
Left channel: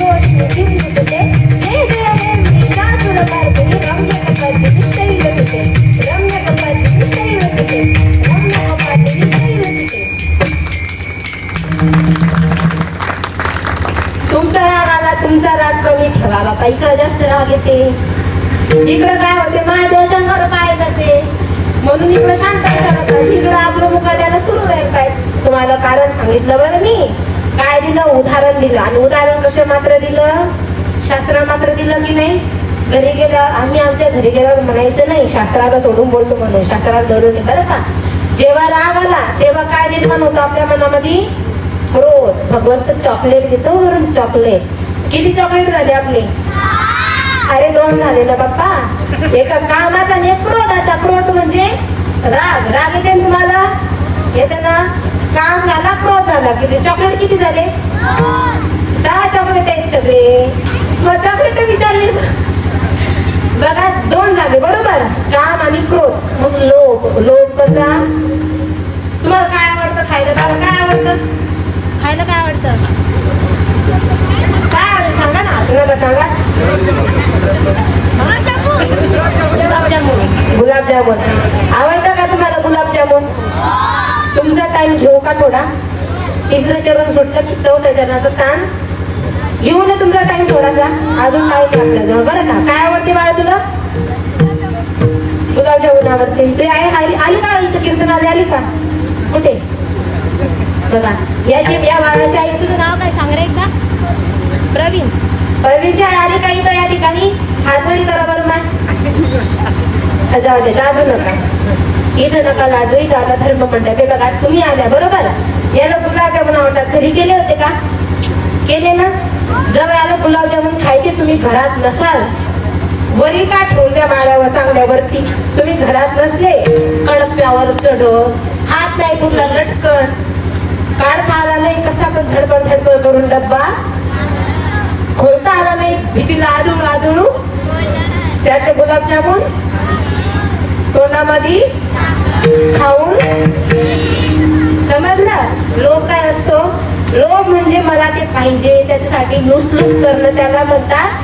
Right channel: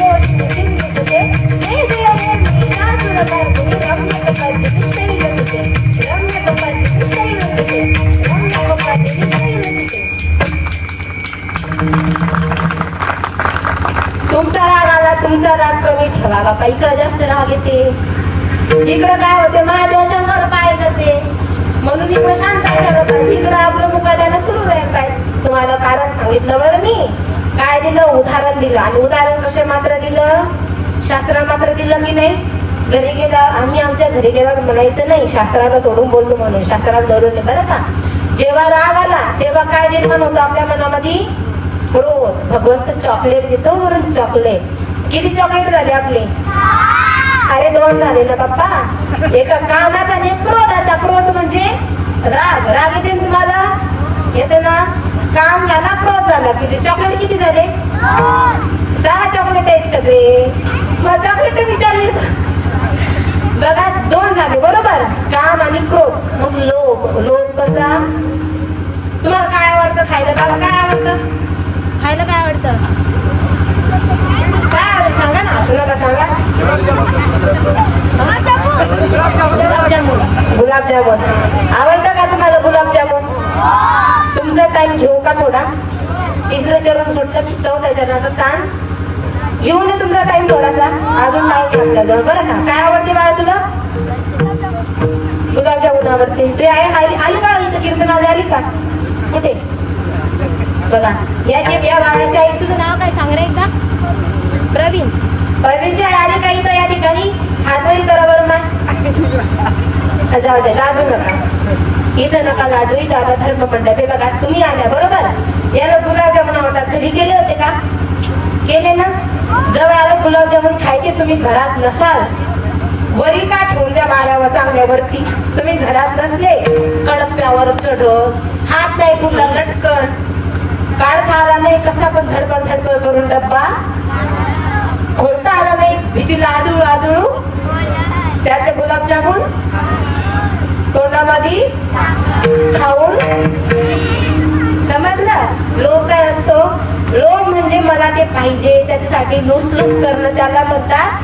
कोशि कीर्तिकते देवी अहे महिषासुर मर्दिनी रम्य कपलती शैलते रम्य कपलती शैलते रम्य कपलती शैलते. तुमचा राग आला, तुमचा राग कमी ठेवा बापा. इकडं जास्त राग येते, इकडं काय होते, महादेवाच्या अंगावर पाय जाते, म्हणून इकडं शांत झालं पाहिजे. इकडं आपलं मुकाट्याला सुरू जायला पाहिजे. तुम्हाला कारण सांगितलं बरं मी, काय दिलं, उदाहरण दिलं. आणि उदाहरण कसं मात्र दिलं, शास्त्र मात्र दिलं की नाही. घरी गेला, आम्ही आमच्या घरी गेल्यावर म्हणायचं नाही शास्त्राला सोडून बोलतो म्हणून, शास्त्रात गैर बरं का. जेव्हा राग आला तेव्हा काय निर्माण होतो आपल्या मनामध्ये, क्रोध. भगवंत चॉकलेट देतो, वरून चॉकलेट. किती चॉकलेट झाले आपले? अरे 2 झाले ना पप्पा. एक कामाचा आणि एक क्रोधाचा. क्रोध म्हणजे राग. राग येते ना तुम्हाला, येते ना. काम झाला, क्रोध झाला. किती चॉकलेट किती झाले? 6 चॉकलेट आहेत सगळे. मग चॉकलेट विचारले बघा, 2 झाले बरोबर, काम आणि क्रोध. मग लोभ. लोभ कसा, तुम्हाला काय आवडतं खायला? बाबा काय आवडतं खायला? काय आवडतं? काय आवडतं सांगा ना, असं नका सांगा. गुलाबजामुन. गुलाबजामुन आवडतं का तुम्हाला? गुलाबजामुन. तुमचा टाइम घेऊ का थोडा? 3रं चरण सुटलं की 4थ्या चरणाचा ताण घेऊ ना तुमचा टाइम थोडासा. अजून टाइम आपल्याजवळ बरं का. काय आवडते बाळा तुला? गुलाबजामुन आवडते. तू आली का इथं कीर्तनाला? आली का? कुठे बघा या बाळाच्या आई. तुझं नाव काय सांग रे एकदा? प्रवीण. प्रवीणची आई आली का इथं या ठिकाणी? हात वरी करा बरं. माय जाऊ दे, लाजू नका. इथं नका लाजू, इथं आता धर्म मंडळ. हे बघा तुम्ही आल्या बरोबर, याला गुलाबजामुन आवडतात. घरी केले होते का? केले ना. जवळ आलं गुलाबजामुन खायचे, तुम्ही घरात नसाल, वरी का ठेवून द्या माळ्यावर चांगल्यावरती. तुम्ही घरात नसले, कडप्यावर चढत, हात नाही कुठला लटकन, काढता आला नाही कसा पण धडपड धडपड करून डब्बा खोलता आला नाही, भीतीला आदळू आदळू त्याचे गुलाबजामुन तोंडामध्ये खाऊन. समजलं? लोभ काय असतो? लोभ म्हणजे मला ते पाहिजे, त्याच्यासाठी लुसलुस करणं, त्याला म्हणतात.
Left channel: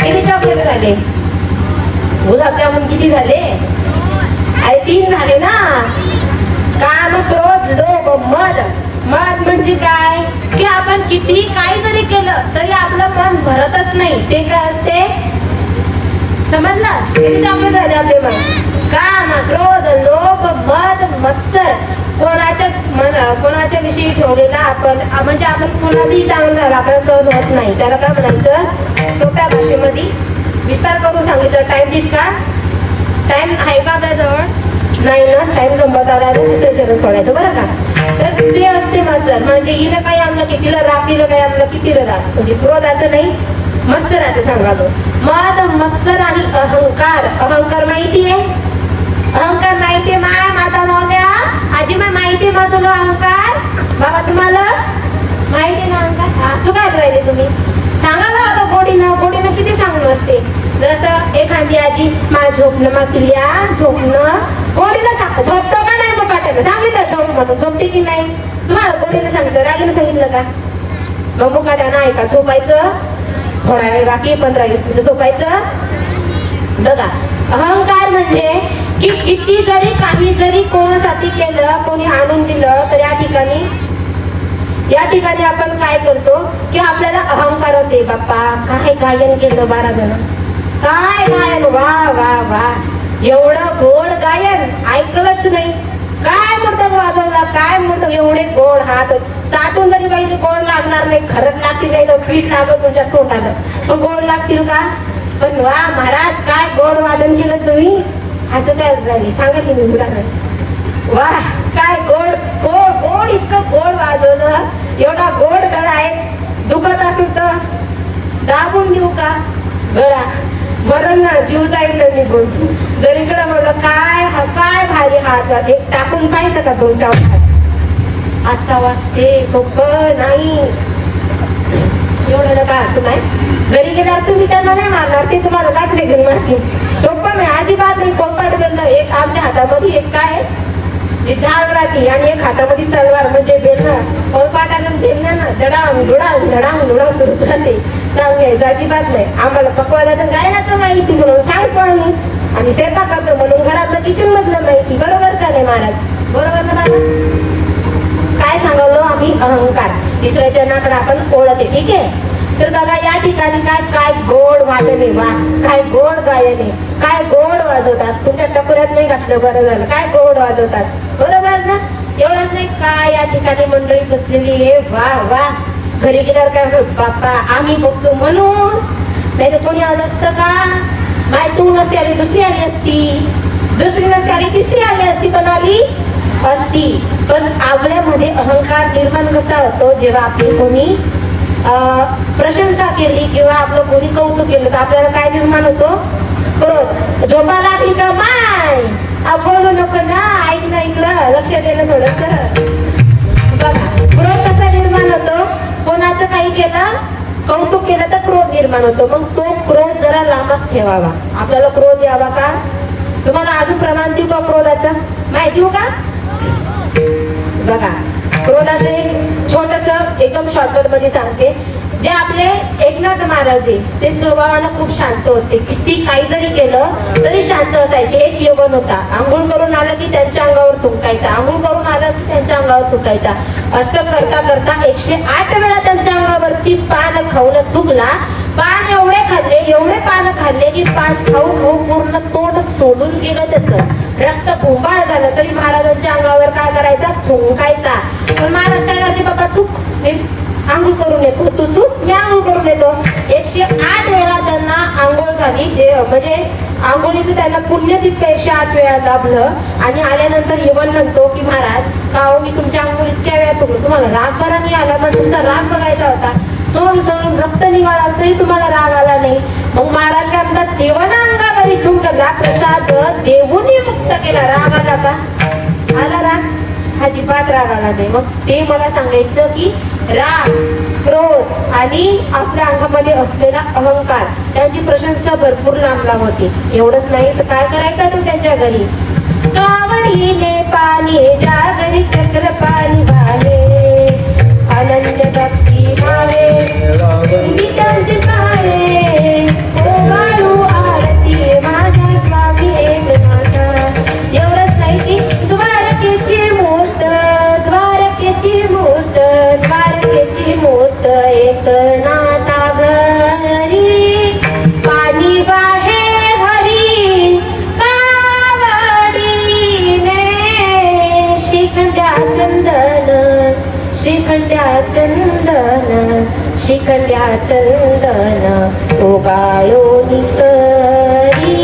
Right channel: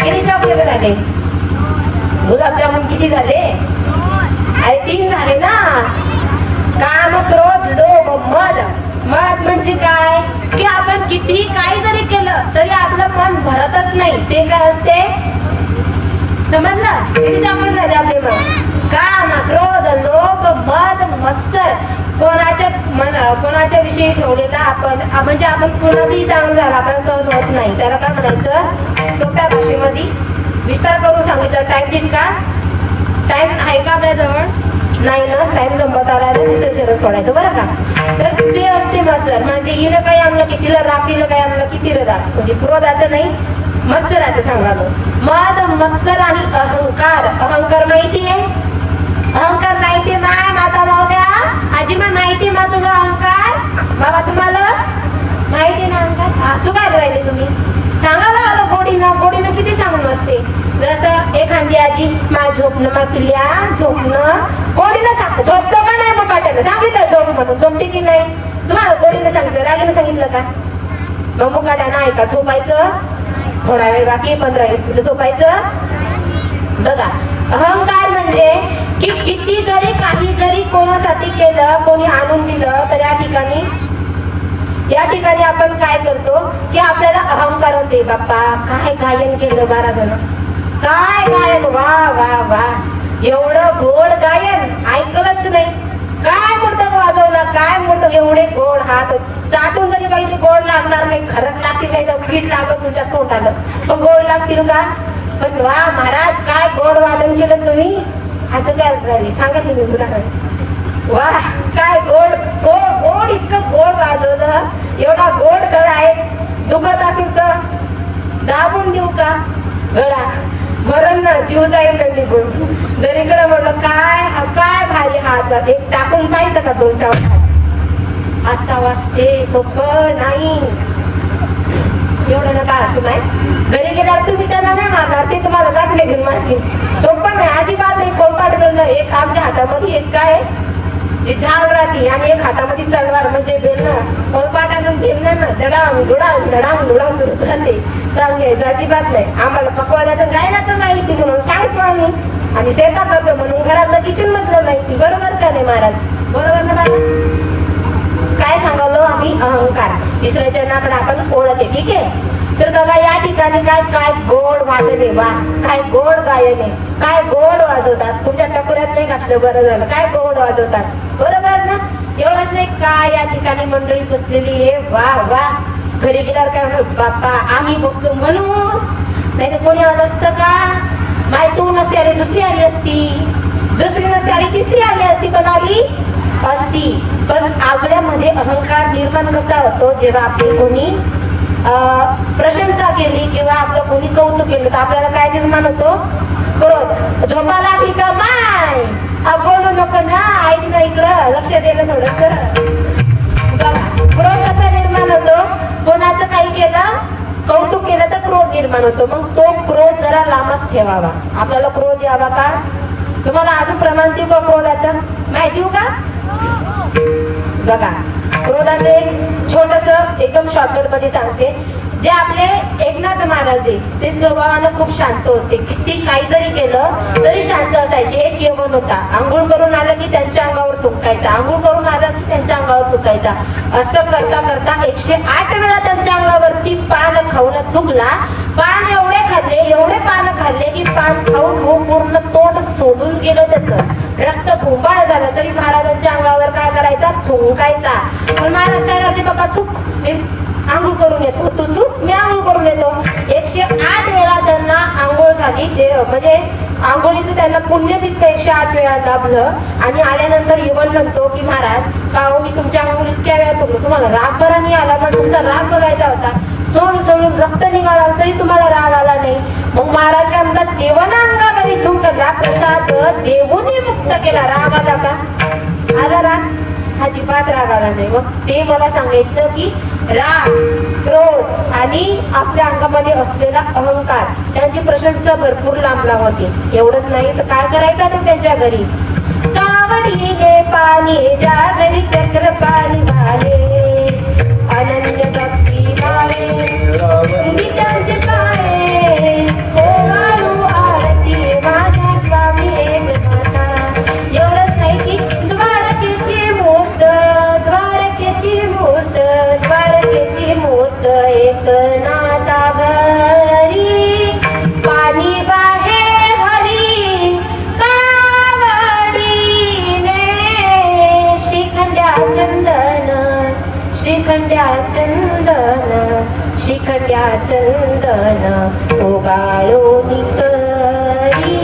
किती चॉकलेट झाले? गुलाबजामुन किती झाले? अरे 3 झाले ना. काम, क्रोध, लोभ, मद. मद म्हणजे काय? की आपण कितीही काही जरी केलं तरी आपलं मन भरतच नाही. ते काय असते? समजलं? किती चॉकलेट झाले आपले मन? काम, क्रोध, लोभ, मद, मत्सर. कोणाच्या विषयी ठेवलेला आपण, म्हणजे आपण कोणाचंही चांगलं झालं आपण सहन होत नाही. त्याला काय म्हणायचं? सोप्या भाषेमध्ये विस्तार करून सांगितलं. टाइम देत का? टाइम आहे का आपल्याजवळ? नाही ना. टाइम जमत आला तर दुसरं चरण सोडायचं बरं का. तर ते असते मत्सर, म्हणजे हिला काही आणलं की तिला राग, तिला काही आणलं की तिला राग. म्हणजे क्रोधाचं नाही, मत्सराचं सांगालो. मद, मत्सर आणि अहंकार. अहंकार माहितीये? अहंकार माहितीये माय माता मावल्या? आजी माय माहितीये मा तुला अहंकार? बाबा तुम्हाला माहितीये ना अहंकार? असं काय राहिले तुम्ही? सांगायला हवं गोडीनं. गोडीनं किती सांगणं असते. जसं एखादी आजी मा झोपणं, मा पिल्या झोपणं, गोडीनं सांग. झोपतं का नाही? मग काय सांगितलं झोप म्हणून, झोपते की नाही? तुम्हाला गोडीनं सांगितलं, रागीनं सांगितलं का? मग मुकाट्यानं ऐका. झोपायचं थोडा वेळ बाकी, 15-20 मिनिटं झोपायचं. बघा, अहंकार म्हणजे की किती जरी काही जरी कोणासाठी केलं, कोणी आणून दिलं, तर या ठिकाणी आपण काय करतो की आपल्याला अहंकार होते. बाप्पा काय गायन केलं महाराजांना, काय गायन, वा वा वा, एवढं गोड गायन ऐकलंच नाही. काय मोठं वाजवलं, काय मोठं, एवढे गोड हात चाटून जरी पाहिजे गोड लागणार नाही. खरंच लागतील नाही तर पीठ लागत तुमच्या तोंडाला, पण गोड लागतील का? पण वा महाराज काय गोड वादन केलं तुम्ही. असं काय झाली सांगा की मी वा काय गोड गोड गोड, इतकं गोड वाजवलं. एवढा गोड गळा आहे. दुखत असेल तर दाबून देऊ का गळा? मरण ना, जीव जाईल ना निघून. जर इकडं म्हणलं काय काय भारी हात, एक टाकून पाहिजे का तुमच्या हात? असा वाजते. सोपं नाही. एवढं नका असं नाही. घरी गेल्यावर तुम्ही त्यांना नाही मारणार, ते तुम्हाला दाखले घेऊन मारतील. सोपं नाही, अजिबात नाही. कोंपाट करणं. एक आमच्या हातामध्ये एक काय झाड राहते आणि एक हातामध्ये तलवार म्हणजे बेलणं. कोलपाटानं बेलणं ना दडाम धुडाम धडाम धुडाम सुरू राहते. सांगायचं अजिबात नाही. आम्हाला पकवायला गायनाचं माहिती म्हणून सांगतो आम्ही, आणि शेतात करतो म्हणून घरातलं किचन मधलं माहिती. बरोबर का नाही महाराज? बरोबर ना बाबा? काय सांगलो आम्ही? अहंकार. तिसऱ्या चरणाकडे आपण ओळखते. ठीक आहे. तर बघा या ठिकाणी काय काय गोड वाजले, वा काय गोड गायले, काय गोड वाजवतात. तुमच्या टकोऱ्यात नाही घातलं, बरं झालं. काय गोड वाजवतात. बरोबर ना? एवढंच नाही काय या ठिकाणी मंडळी बसलेली हे वा वा. घरी गेल्यावर काय म्हणू, बाप्पा आम्ही बसलो म्हणून, नाही तर कोणी आलं असतं का? माय तू नसते आली दुसरी आली असती, दुसरी नसते आली तिसरी आली असती, पण आली असती. पण आपल्यामध्ये अहंकार निर्माण कसा होतो? जेव्हा आपली कोणी प्रशंसा केली किंवा आपलं कोणी कौतुक केलं तर आपल्याला काय निर्माण होतो? क्रोध. झोपा लागली का माय बोलू नको ना, ऐक ना, इकडं लक्ष द्यायला थोडस. बघा क्रोध कसा निर्माण होतो? कोणाचं काही केलं, कौतुक केलं तर क्रोध निर्माण होतो. मग तो क्रोध जरा लांबच ठेवावा. आपल्याला क्रोध यावा का? तुम्हाला अजून प्रमाण देऊ का क्रोधाचं? माहिती देऊ का? बघा क्रोधाचं एक छोटस एकदम शॉर्टकट मध्ये सांगते. जे आपले एकनाथ महाराज ते स्वभावानं खूप शांत होते. किती काही जरी केलं तरी शांत असायचे. एक यमन होता, आंघोळ करून आलं की त्यांच्या अंगावर थुंकायचा, आंघोळ करून आलं की त्यांच्या अंगावर थुंकायचा. असं करता करता 108 वेळा त्यांच्या अंगावरती पान खाऊन थुंकला. पान एवढे पान खाल्ले की पान खाऊ खाऊ पूर्ण तोंड सोडून गेलं. त्याचं रक्त भुंबाळ झालं तरी महाराजांच्या अंगावर काय करायचा? थुंकायचा. पण महाराज काय करायचे? बाबा थुक, मी आंघोळ करून येतो, तू थुक, मी आंघोळ करून येतो. 108 वेळा त्यांना आंघोळ झाली. ते म्हणजे आंघोळीचं त्यांना पुण्य तितकं 108 वेळा लाभलं आणि आल्यानंतर येवण म्हणतो की महाराज का हो मी तुमच्या आंघोळीत इतक्या वेळात उघडलो, तुम्हाला राग बरा नाही आला ना, तुमचा राग बघायचा होता, तोंड सोडून रक्त निघाला तरी तुम्हाला राग आला नाही. मग महाराज काय म्हणतात, देवाना अंगावर तुंकला प्रसाद देवूने मुक्त केला, राग आला का? आला राग? अजिबात राग आला नाही. मग ते मला सांगायचं की राग, क्रोध आणि आपल्या अंगामध्ये असलेला अहंकार त्यांची प्रशंसा भरपूर लांबला होती. एवढंच नाही तर काय करायचा तो त्यांच्या घरी, कावडीने पाणी ज्या घरी चक्र पाणी वाहे, अनन्य भक्ती लावे संगीतांचे पाये, ओवाळू आरती माझ्या स्वामी एकनाथा. एवढंच नाही की द्वारकेची मूर्त, द्वारकेची मूर्त, द्वारकेची मूर्त एकनाथा घरी, पाणी वाहे हरी कावडीने, श्रीखंड्या चंदन, श्रीखंड्या चंदन, श्रीखंड्या चंदन ओगाळून करी.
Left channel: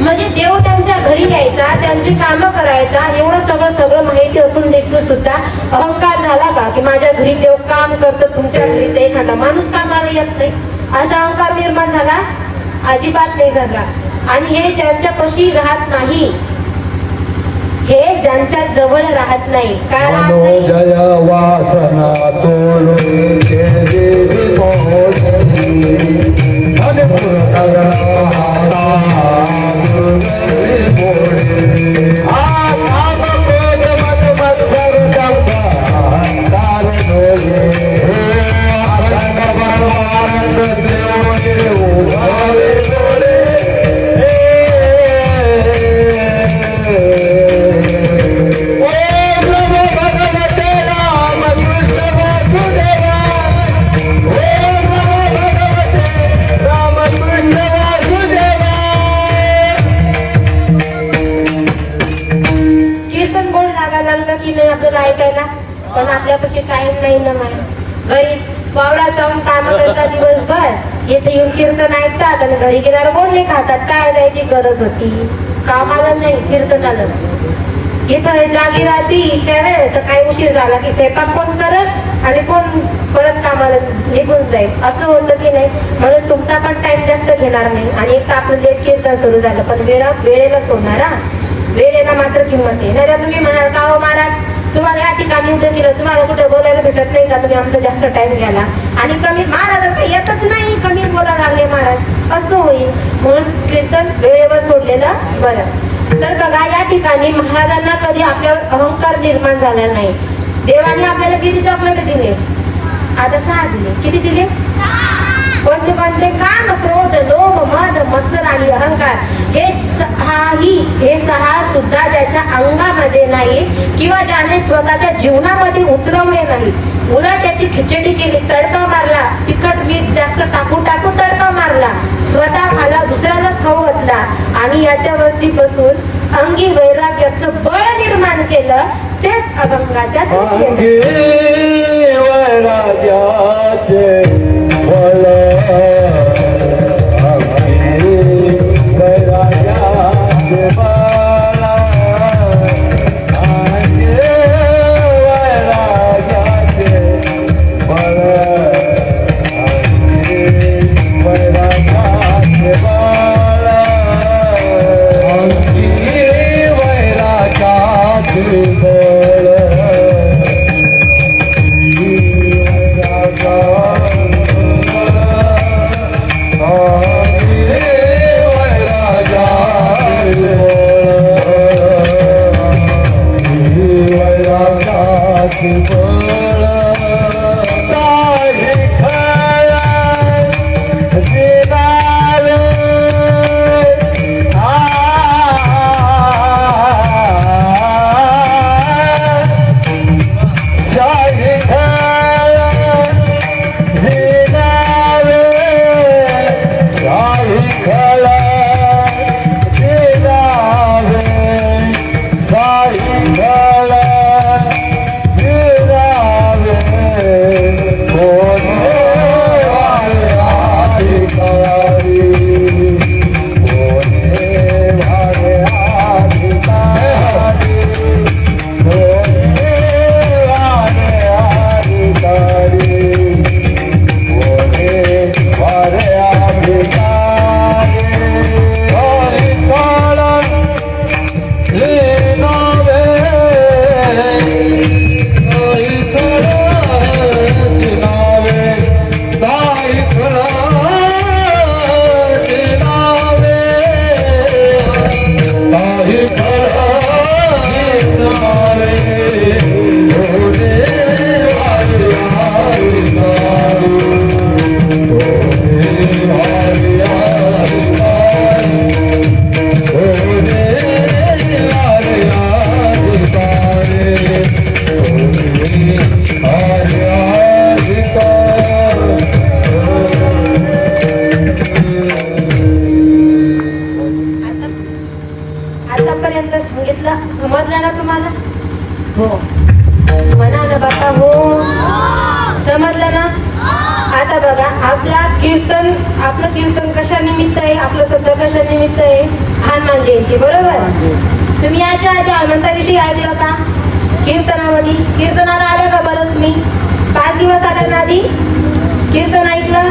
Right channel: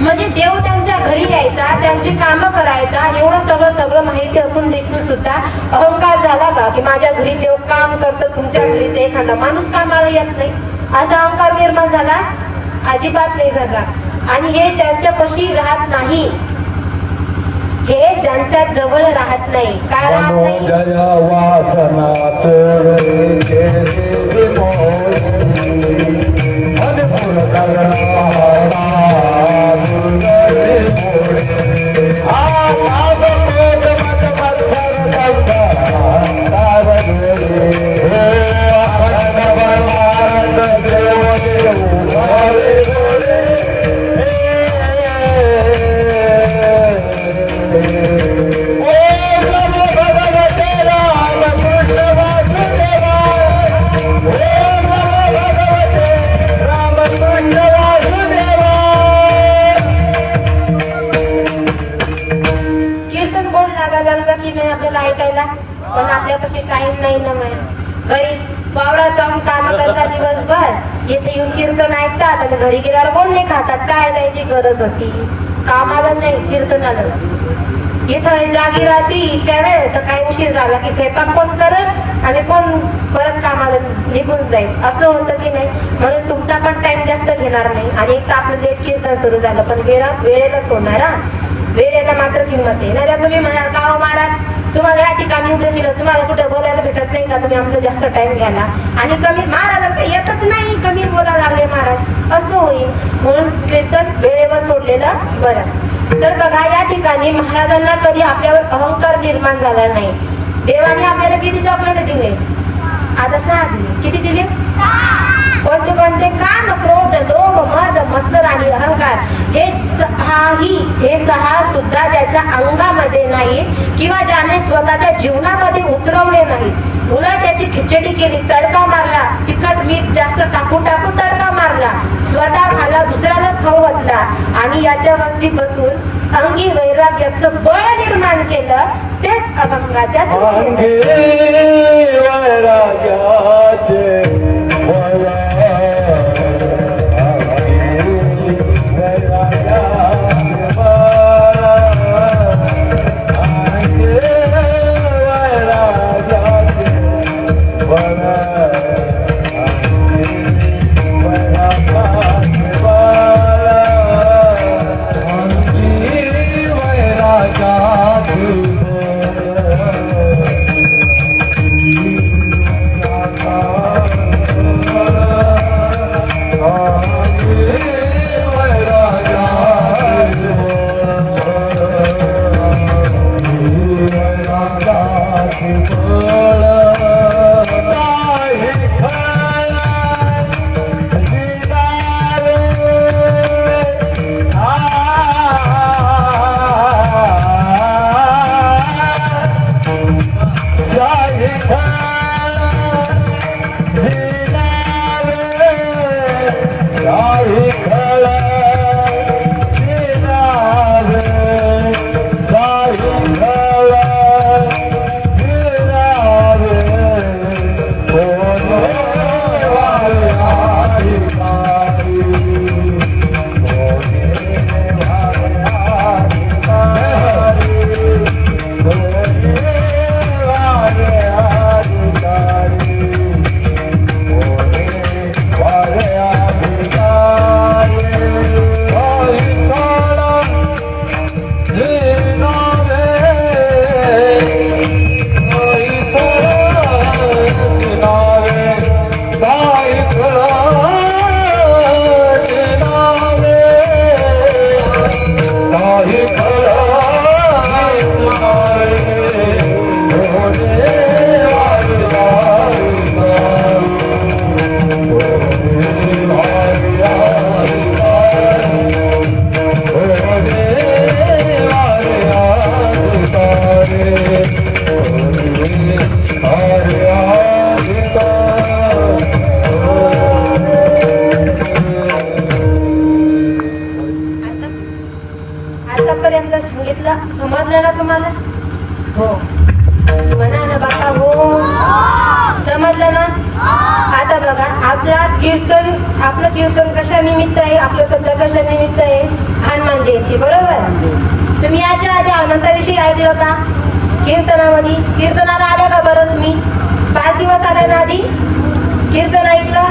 म्हणजे देव त्यांच्या घरी यायचा, त्यांची कामं करायचा आणि एवढं सगळं माहिती असून देखील सुद्धा अहंकार झाला का की माझ्या घरी देव काम करतं, तुमच्या घरी ते एखादा माणूस कामाला येत नाही, असा अहंकार निर्माण झाला? अजिबात नाही झाला. आणि हे ज्यांच्यापाशी राहत नाही, हे ज्यांच्या जवळ राहत नाही, काय राहत नाही? मनोजया वासना तोडून केली मोजणी, मनपुर करणा हाता दुर्गती मोडे, हा पाप क्रोध मत मत्सर दंभ अंधार डोळे, हे अखंड परमानंद देव उघडे डोळे. कीर्तन कोण लागायला लागलं की नाही आपल्याला ऐकायला, पण आपल्यापाशी टाइम नाही ना मला. घरी वावरात जाऊन काम करतात दिवसभर, इथे येऊन कीर्तन ऐकतात आणि घरी गेल्यावर कोण नाही खातात. काय जायची गरज होती? कामाला नाही, कीर्तनाला. इथं जागी राहती त्यावेळेस सकाळी उशीर झाला की स्वयंपाक कोण करत आणि कोण परत कामाला निघून जाईल, असं होतं की नाही. म्हणून तुमचा पण टाइम जास्त घेणार नाही. आणि एक तर आपलं लेट कीर्तन सुरू झालं, पण वेळेलाच होणार हा. वेळेला मात्र किंमत आहे. नाही तुम्ही म्हणाल का हो महाराज तुम्हाला या ठिकाणी उभं केलं, तुम्हाला कुठं बोलायला भेटत नाही का, तुम्ही आमचा जास्त टाइम घ्याला आणि कमी महाराजांना येतच नाही, कमी बोलायला लागले महाराज, असं होईल. म्हणून कीर्तन वेळेवर सोडलेलं बरं. तर बघा या ठिकाणी महाराजांना कधी आपल्यावर अहंकार निर्माण झाला नाही. देवाने आपल्याला किती चॉकलेट दिले? आता 6 दिले. किती दिले? कोणते कोणते? काम, क्रोध, लोभ, मद, मत्सर आणि अहंकार. हे 6 सुद्धा ज्याच्या अंगामध्ये नाही किंवा ज्याने स्वतःच्या जीवनामध्ये उतरवले नाही, उलट त्याची खिचडी केली, तडका मारला, तिखट मीठ जास्त टाकून तडका मारला, स्वतः खाला, दुसऱ्याला खाऊ घातला आणि याच्यावरती बसून अंगी वैराग्याचं बळ निर्माण केलं, तेच अभंगाच्या अंगी वैराग्याचे बळ, अंगी वैराग्याचे बळ, अंगी वैराग्याचे बळ, अंगी वैराग्याचे बळ, अंगी वैराग्याचे बळ. आता कीर्तन, आपलं कीर्तन कशा निमित्त आहे, आपलं सध्या कशा निमित्त आहे, हनुमान जयंती, बरोबर. तुम्ही याच्या आधी हनुमंताविषयी ऐकलं का? कीर्तनामध्ये कीर्तनाला आल्या का बरं तुम्ही? 5 दिवस आल्या ना आधी? कीर्तन ऐकलं?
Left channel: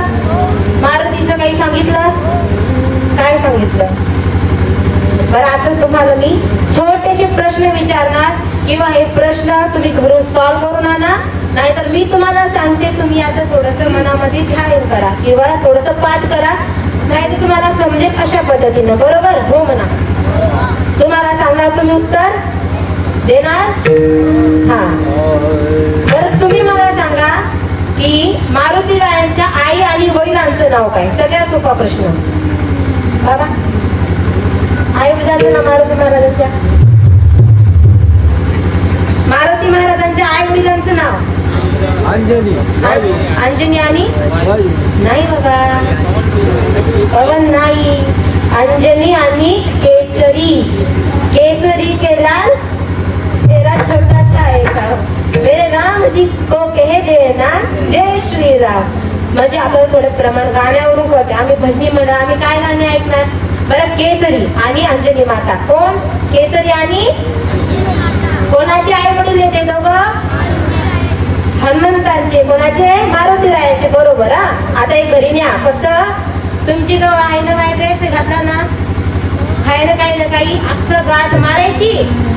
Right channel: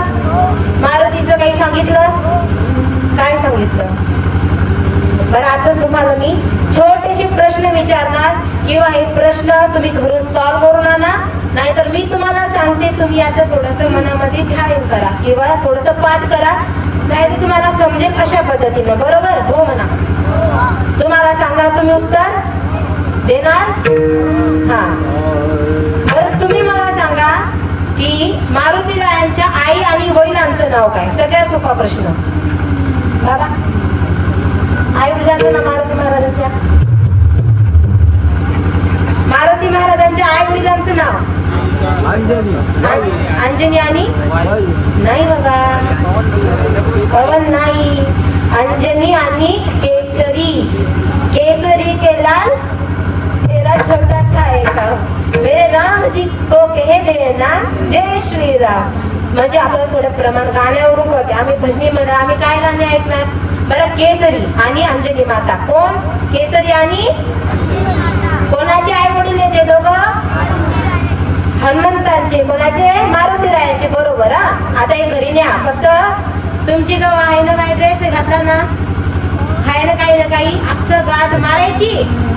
मारुतीचं काही सांगितलं? काय सांगितलं बरं? आता तुम्हाला मी छोटेसे प्रश्न विचारणार, किंवा हे प्रश्न तुम्ही घरून सॉल्व्ह करून आणा, नाहीतर मी तुम्हाला सांगते, तुम्ही याचं थोडस मनामध्ये ध्यान करा किंवा थोडस पाठ करा, नाहीतर तुम्हाला समजेल अशा पद्धतीने, बरोबर? हो म्हणा. तुम्हाला सांगणार, तुम्ही उत्तर देणार? हा. तर तुम्ही मला सांगा की मारुती रायांच्या आई आणि वडिलांचं नाव काय? सगळ्यात सोपा प्रश्न. बाबा, आई वडिलांचं नाव मारुती महाराजांच्या, मारुती महाराजांच्या आई वडिलांचं नाव? अंजनी आणि नाही बाबा, पवन नाही. अंजनी आणि केसरी. केसरी के लाल तेरा छोटा सा है गाव, मेरे राम जी को कह देना जय श्री राम. म्हणजे आपण थोडं प्रमाण गाण्यावरून करते, आम्ही भजनी मंडळ, आम्ही काय गाणे ऐकणार बरं? केसरी आणि अंजनी माता. कोण? केसरी आणि कोणाचे आई वडील येते दोघं? हनुमंतांचे. कोणाचे? मारुती रायाचे, बरोबर. हा, आता हे घरी न्या. कसं? तुमची गाव आहे ना, वाईट ड्रेस घातला ना, आहे ना काही ना काही असं गाठ मारायची,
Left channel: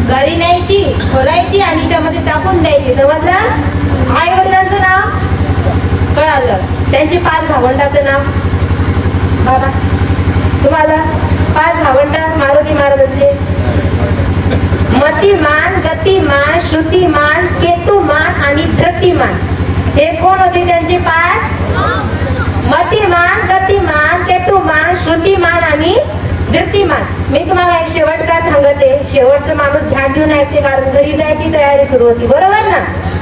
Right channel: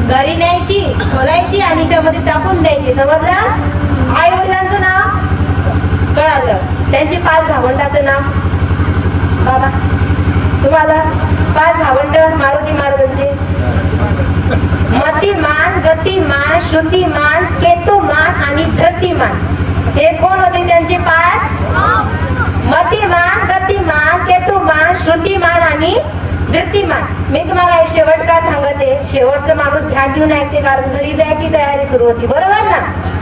घरी न्यायची, खोलायची आणि त्यामध्ये टाकून द्यायची, समजलं? आई वडिलांचं नाव कळालं, त्यांची 5 भावंडाचं नाव. बाबा, तुम्हाला 5 भावंड मारुती महाराजांचे? मतिमान, गतिमान, श्रुतिमान, केतुमान आणि धृतिमान. हे कोण होते त्यांचे 5? मतिमान, गतिमान, केतुमान, श्रुतिमान आणि धृतिमान. मी तुम्हाला एक शेवट का सांगते, शेवटचं माणूस ध्यान देऊन ऐकते, कारण घरी जायची तयारी सुरू होती, बरोबर ना?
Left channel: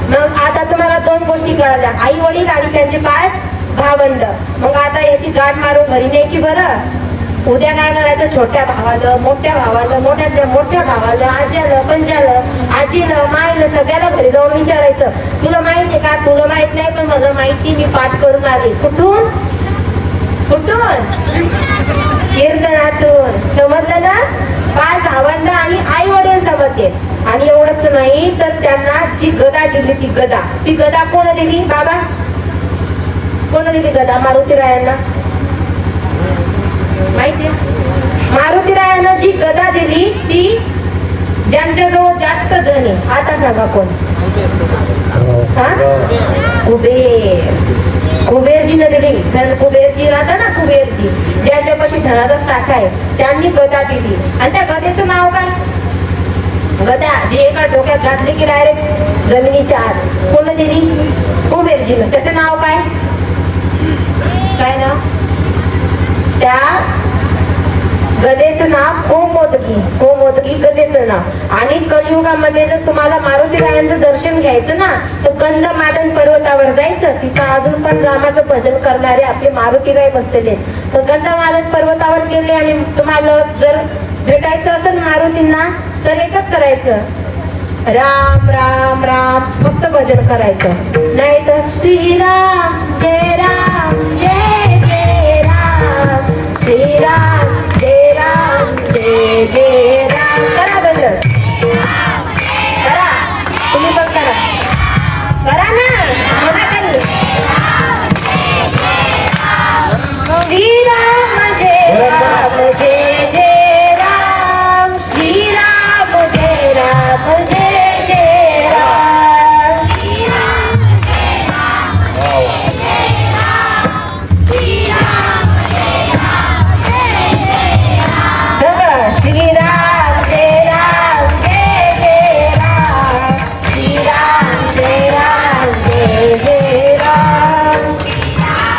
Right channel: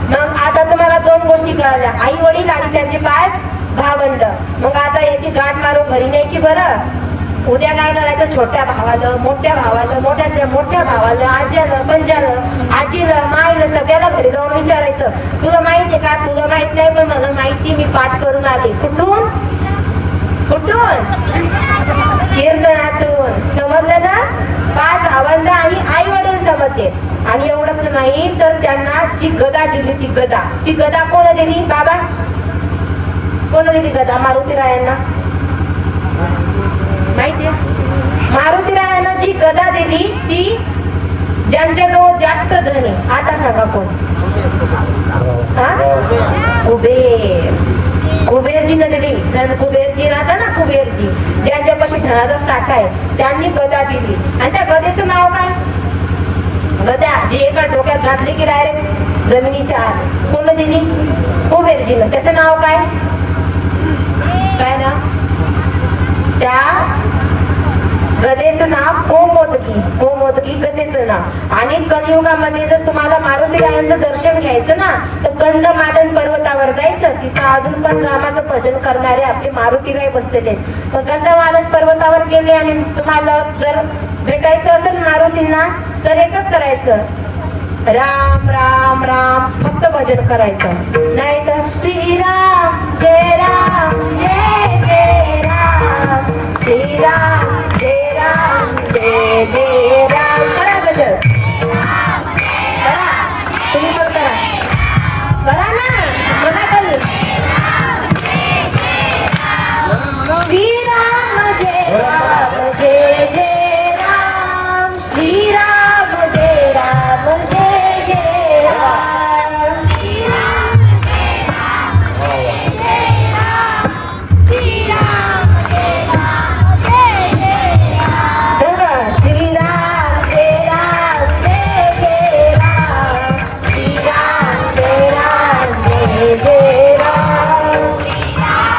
मग आता तुम्हाला 2 गोष्टी कळल्या, आई वडील आणि त्यांचे 5 भावंड. मग आता याची गाठ मारून घरी न्यायची. बरं, उद्या काय करायचं? छोट्या भावाला, मोठ्या भावाला, मोठ्या भावाला, आज्याला, पंजाला, आजीला, माईला, सगळ्याला घरी जाऊन विचारायचं, तुला माहिती आहे का? तुला माहित नाही, पण मला माहिती, मी पाठ करून आले. कुठून? कुठून? कीर्तनातून. समजलं ना? 5 भावंड आणि आई वडील समजते. आणि एवढंच नाही, तर त्यांना जी गदा दिली, ती गदा कोण दिली? बाबा, कोण दिली गदा? मारुती रायांना माहितीये? मारुती रायांना जी गदा दिली ती ज्यांच्याजवळ जास्त धन आहे. आता सांगा कोण? हा? कुबेर. कुबेरजीने दिली. धन कुबेरजी राहता ना, कुबेरजी, ज्यांच्यापाशी धनाचा साठा आहे, त्यांनी गदा दिली. आणि त्या गदेचं नाव काय? गदा जी एका डोक्यात घातली की डायरेक्ट जमिनीच्या आत. कोण दिली? कुबेरजीनं. त्याचं नाव काय? काय ना? त्या गदेचं नाव कोमोदकी. कोमोदकी गदेचं नाव. आणि कलियुगामध्ये जर तुम्हाला मारुती रायांचं दर्शन घ्यायचं ना, तर गंधमादन पर्वतावर जायचं. तिथं अजून पण रामाचं भजन करणारे आपले मारुती राय बसलेले. तर गंधमादन पर्वतावर गेले आणि तुम्हाला जर भेटायचं असेल मारुतींना, तर एकच करायचं, राम राम राम, फक्त भजन करायचं. नाही तर श्रीराम जय राम जय जय राम, श्रीराम जय राम जय जय राम. करा भजन, करा. तुम्ही पण करा, करा ना. श्रीराम जय राम जय जय राम, श्रीराम जय राम जय जय राम, श्रीराम जय राम जय जय राम, श्रीराम जय राम जय जय राम, श्रीराम जय राम जय जय राम, श्रीराम जय राम जय जय राम.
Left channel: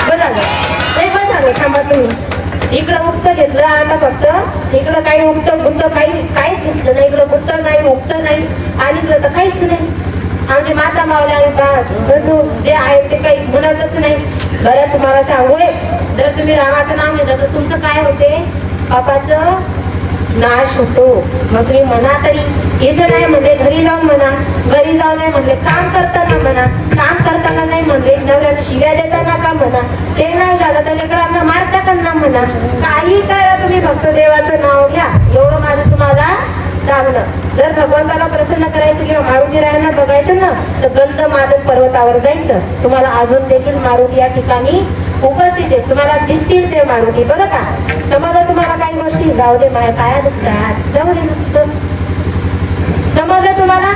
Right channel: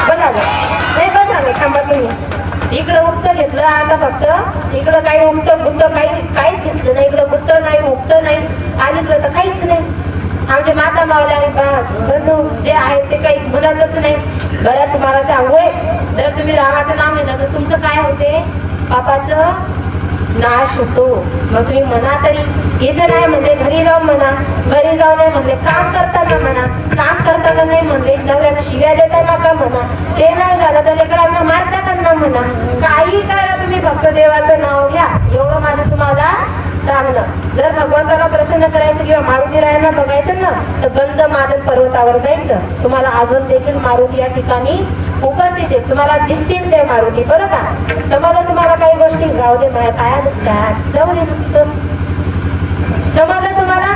बघा ग, ते बघा ग, थांबा तुम्ही. इकडं उत्तर घेतलं आता, फक्त इकडं काही उत्तर काहीच घेतलं नाही. इकडं उत्तर नाही, मुक्त नाही, आणि इकडं तर काहीच नाही. आमचे माता मावल्या बंधू जे आहेत ते काही बोलतच नाही. बरं, तुम्हाला सांगू, जर तुम्ही रामाचं नाव घेतलं तर तुमचं काय होते? पापाचं नाश होतो. मग तुम्ही म्हणा तरी, इथं नाही म्हणले घरी जाऊन म्हणा, घरी जाऊन नाही म्हणले काम करताना म्हणा, काम करताना नाही म्हणले नवऱ्याला शिव्या देताना का म्हणा, ते नाही झालं तर लेकरांना मारता का ना म्हणा, काही करा तुम्ही फक्त देवाचं नाव घ्या, एवढं माझं तुम्हाला सांगणं. जर भगवंताला प्रसन्न करायचं किंवा मारुती रायांना बघायचं ना तर गंध मादन पर्वतावर जायचं. तुम्हाला अजून देखील मारुती या ठिकाणी उपस्थित आहे, तुम्हाला दिसतील ते मारुती, बरं का. समजा तुम्हाला काही गोष्टी जाऊ दे माझ्या पाया दुखतात जाऊ दे, समजा तुम्हाला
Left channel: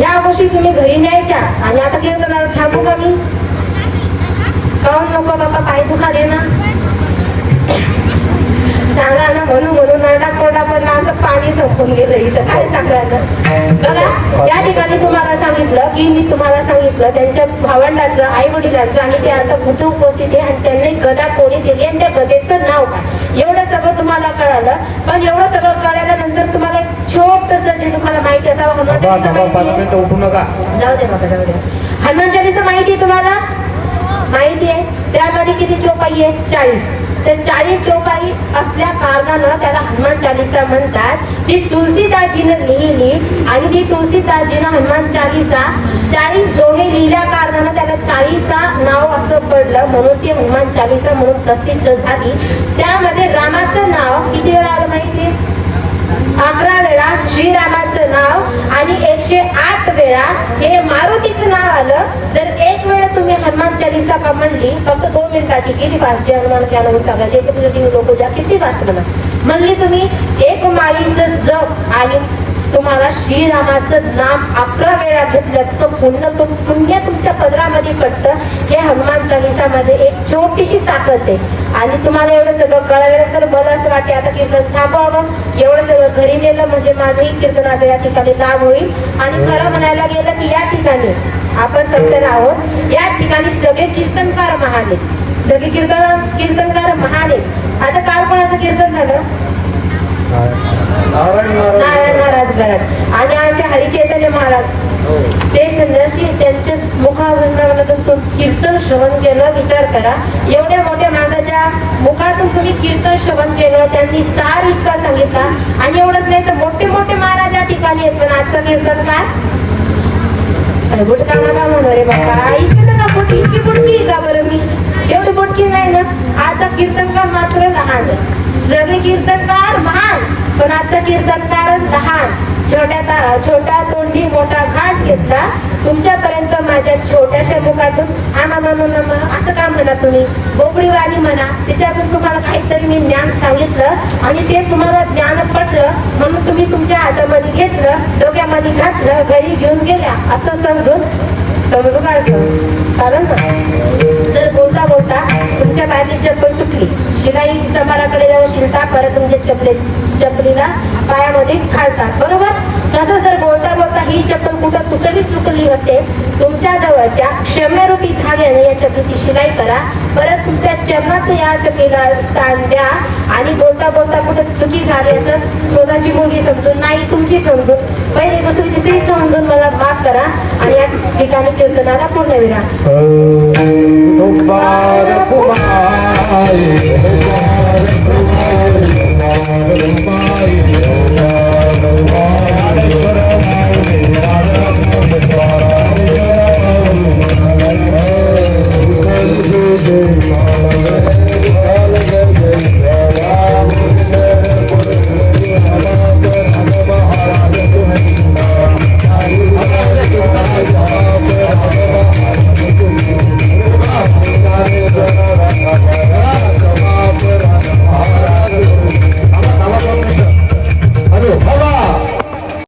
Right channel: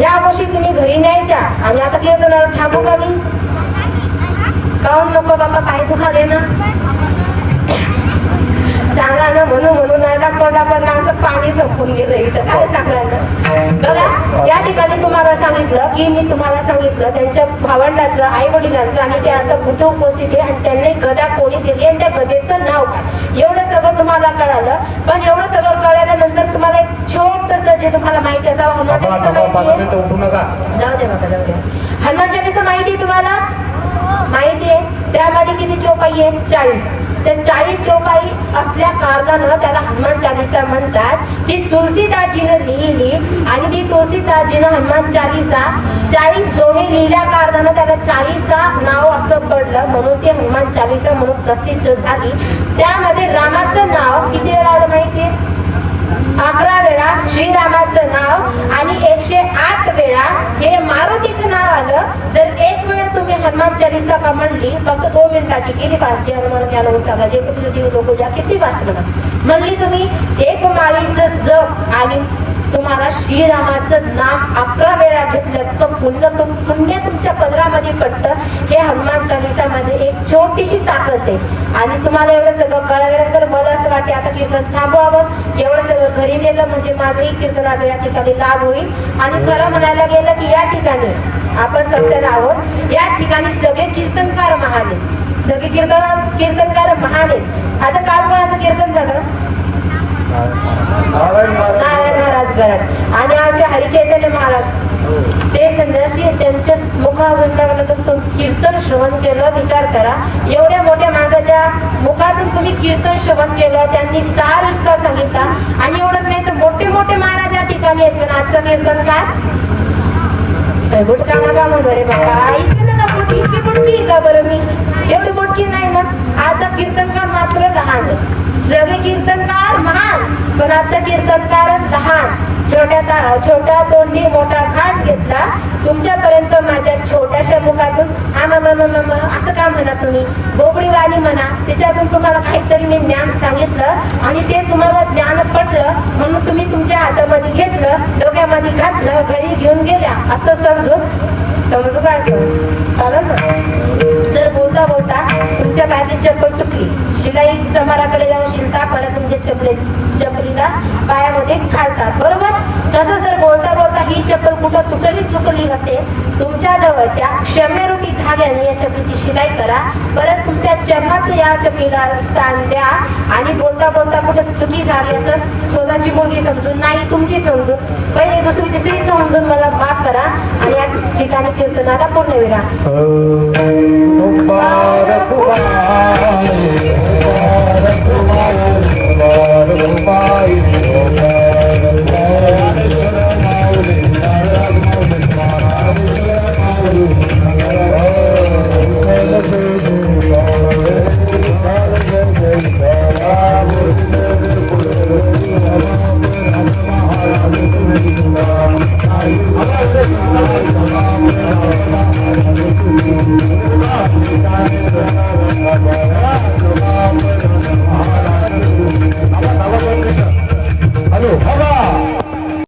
या गोष्टी तुम्ही घरी न्यायच्या आणि आता कीर्तनाला थांबू का मी, काऊन नको बाबा पाय दुखा दे ना, सांगा ना, म्हणून आरडा पडला आमचं पाणी संपून गेलं इथं, काय सांगायचं. बघा या ठिकाणी तुम्हाला सांगितलं की मी तुम्हाला सांगितलं त्यांच्या भावंडाचं, आई वडिलांचं आणि त्यांचं कुठे उपस्थित आहे आणि त्यांनी गदा कोणी दिली आणि त्या गदेचं नाव काय, एवढं सगळं तुम्हाला कळालं. पण एवढं सगळं कळल्यानंतर तुम्हाला एक छोटस जे तुम्हाला माहिती असावं, हनुमान चालीसा माहिती आहे, जाऊ दे बाबा जाऊ दे, हनुमान चालीसा माहिती आहे तुम्हाला, माहिती आहे. त्यामध्ये किती चौपाई आहे, 40. तर 40 चौपाई असल्या कारणानं त्याला हनुमान चालीसा म्हणतात. ती तुलसीदासजीनं लिहिली आणि ती तुलसीदासजीनं हनुमान चालीसा 40 दोहे लिहिल्या कारणानं त्याला 40चा नाव असं पडलं, म्हणून ती हनुमान चालीसा म्हणून प्रसिद्ध झाली. त्यामध्ये रामाचं नाव किती वेळा आलं माहितीये, 11 वेळा श्रीरामाचं नाव आणि 108 वेळा हे मारुतीचं नाव आलं. जर एक वेळ तुम्ही हनुमान चालीसा का म्हणली, फक्त 2 मिनिटाची, किती पाचशे हनुमान किती फास्ट म्हणली तुम्ही, एक माळीचं जप आणि तुम्हाला श्रीरामाचं नाम 11 वेळा घेतल्याचं पुण्य तुमच्या पदरामध्ये पडतं. हे हनुमान चालीसामध्ये एक छोटीशी ताकद आहे. आणि तुम्हाला एवढं सगळं कळलं तर मला असं वाटते आता कीर्तन थांबवावं, एवढं सगळं घरी नेलं म्हणजे माझंही कीर्तनाचा या ठिकाणी लाभ होईल. आणि खरं म्हणायला गेलं की या ठिकाणी आपण सत्तर आहोत, या ठिकाणी सगळे कीर्तनकार महान आहेत, सगळे कीर्तनकार महान आहेत. आता काल कोणाचं कीर्तन झालं, नारायण महाराज गरड आणि आमचे हरिचैतन्य महाराज, ते संन्यासी, त्यांच्या मुखावृंदावनातून कीर्तन श्रवण केलं. विचार करा, एवढ्या मोठ्या माणसाच्या मुखातून तुम्ही कीर्तन श्रवण केलं, त्यांनी सार इतका सांगितला. आणि एवढंच नाही तर मोठे मोठे महाराज या ठिकाणी आहेत, पण आजचं कीर्तन काय बुटकाना का म्हणू रे बाबा, ऐकलं का बुटकी, इतकी बुटकी का बरं मी, एवढी बुटकी नाही ना. आजचा कीर्तनकार मात्र लहान, सगळे कीर्तनकार महान पण आजचा कीर्तनकार लहान. छोट्या तोंडी मोठा घास घेतला तुमच्यापर्यंत माझ्या छोट्याशा मुखातून असं काय म्हणा तुम्ही, बोबडी वाणी म्हणा, त्याच्यातून तुम्हाला काहीतरी मी ज्ञान सांगितलं आणि ते तुम्हाला ज्ञान पडलं म्हणून तुम्ही तुमच्या हातामध्ये घेतलं, डोक्यामध्ये घातलं, घरी घेऊन गेल्या असं समजू काय चालेल ना. जर बोलता बोलता तुमच्या पायाची चप्पल तुटली, शिलाई समाराकडे जाऊन शिलता, परत तुमच्या चपलीला पायामध्ये घालतात, बरोबर. तसं जर बोलता बोलता ही चप्पल कुठं चुकली असेल, तुमच्या जवळच्या क्षम्यरूपी धाग्याने या चपलीची शिलाई करा, परत तुमच्या चरणाचं या चपलीला स्थान द्या आणि बोलता बोलता कुठं चुकी झाली असेल, स्वतःची मुलगी समजून नाही तुमची समजून, पहिले दुसरी तिसरी समजून मला माफ करा आणि या ठिकाणी कीर्तनाला पूर्ण विराम.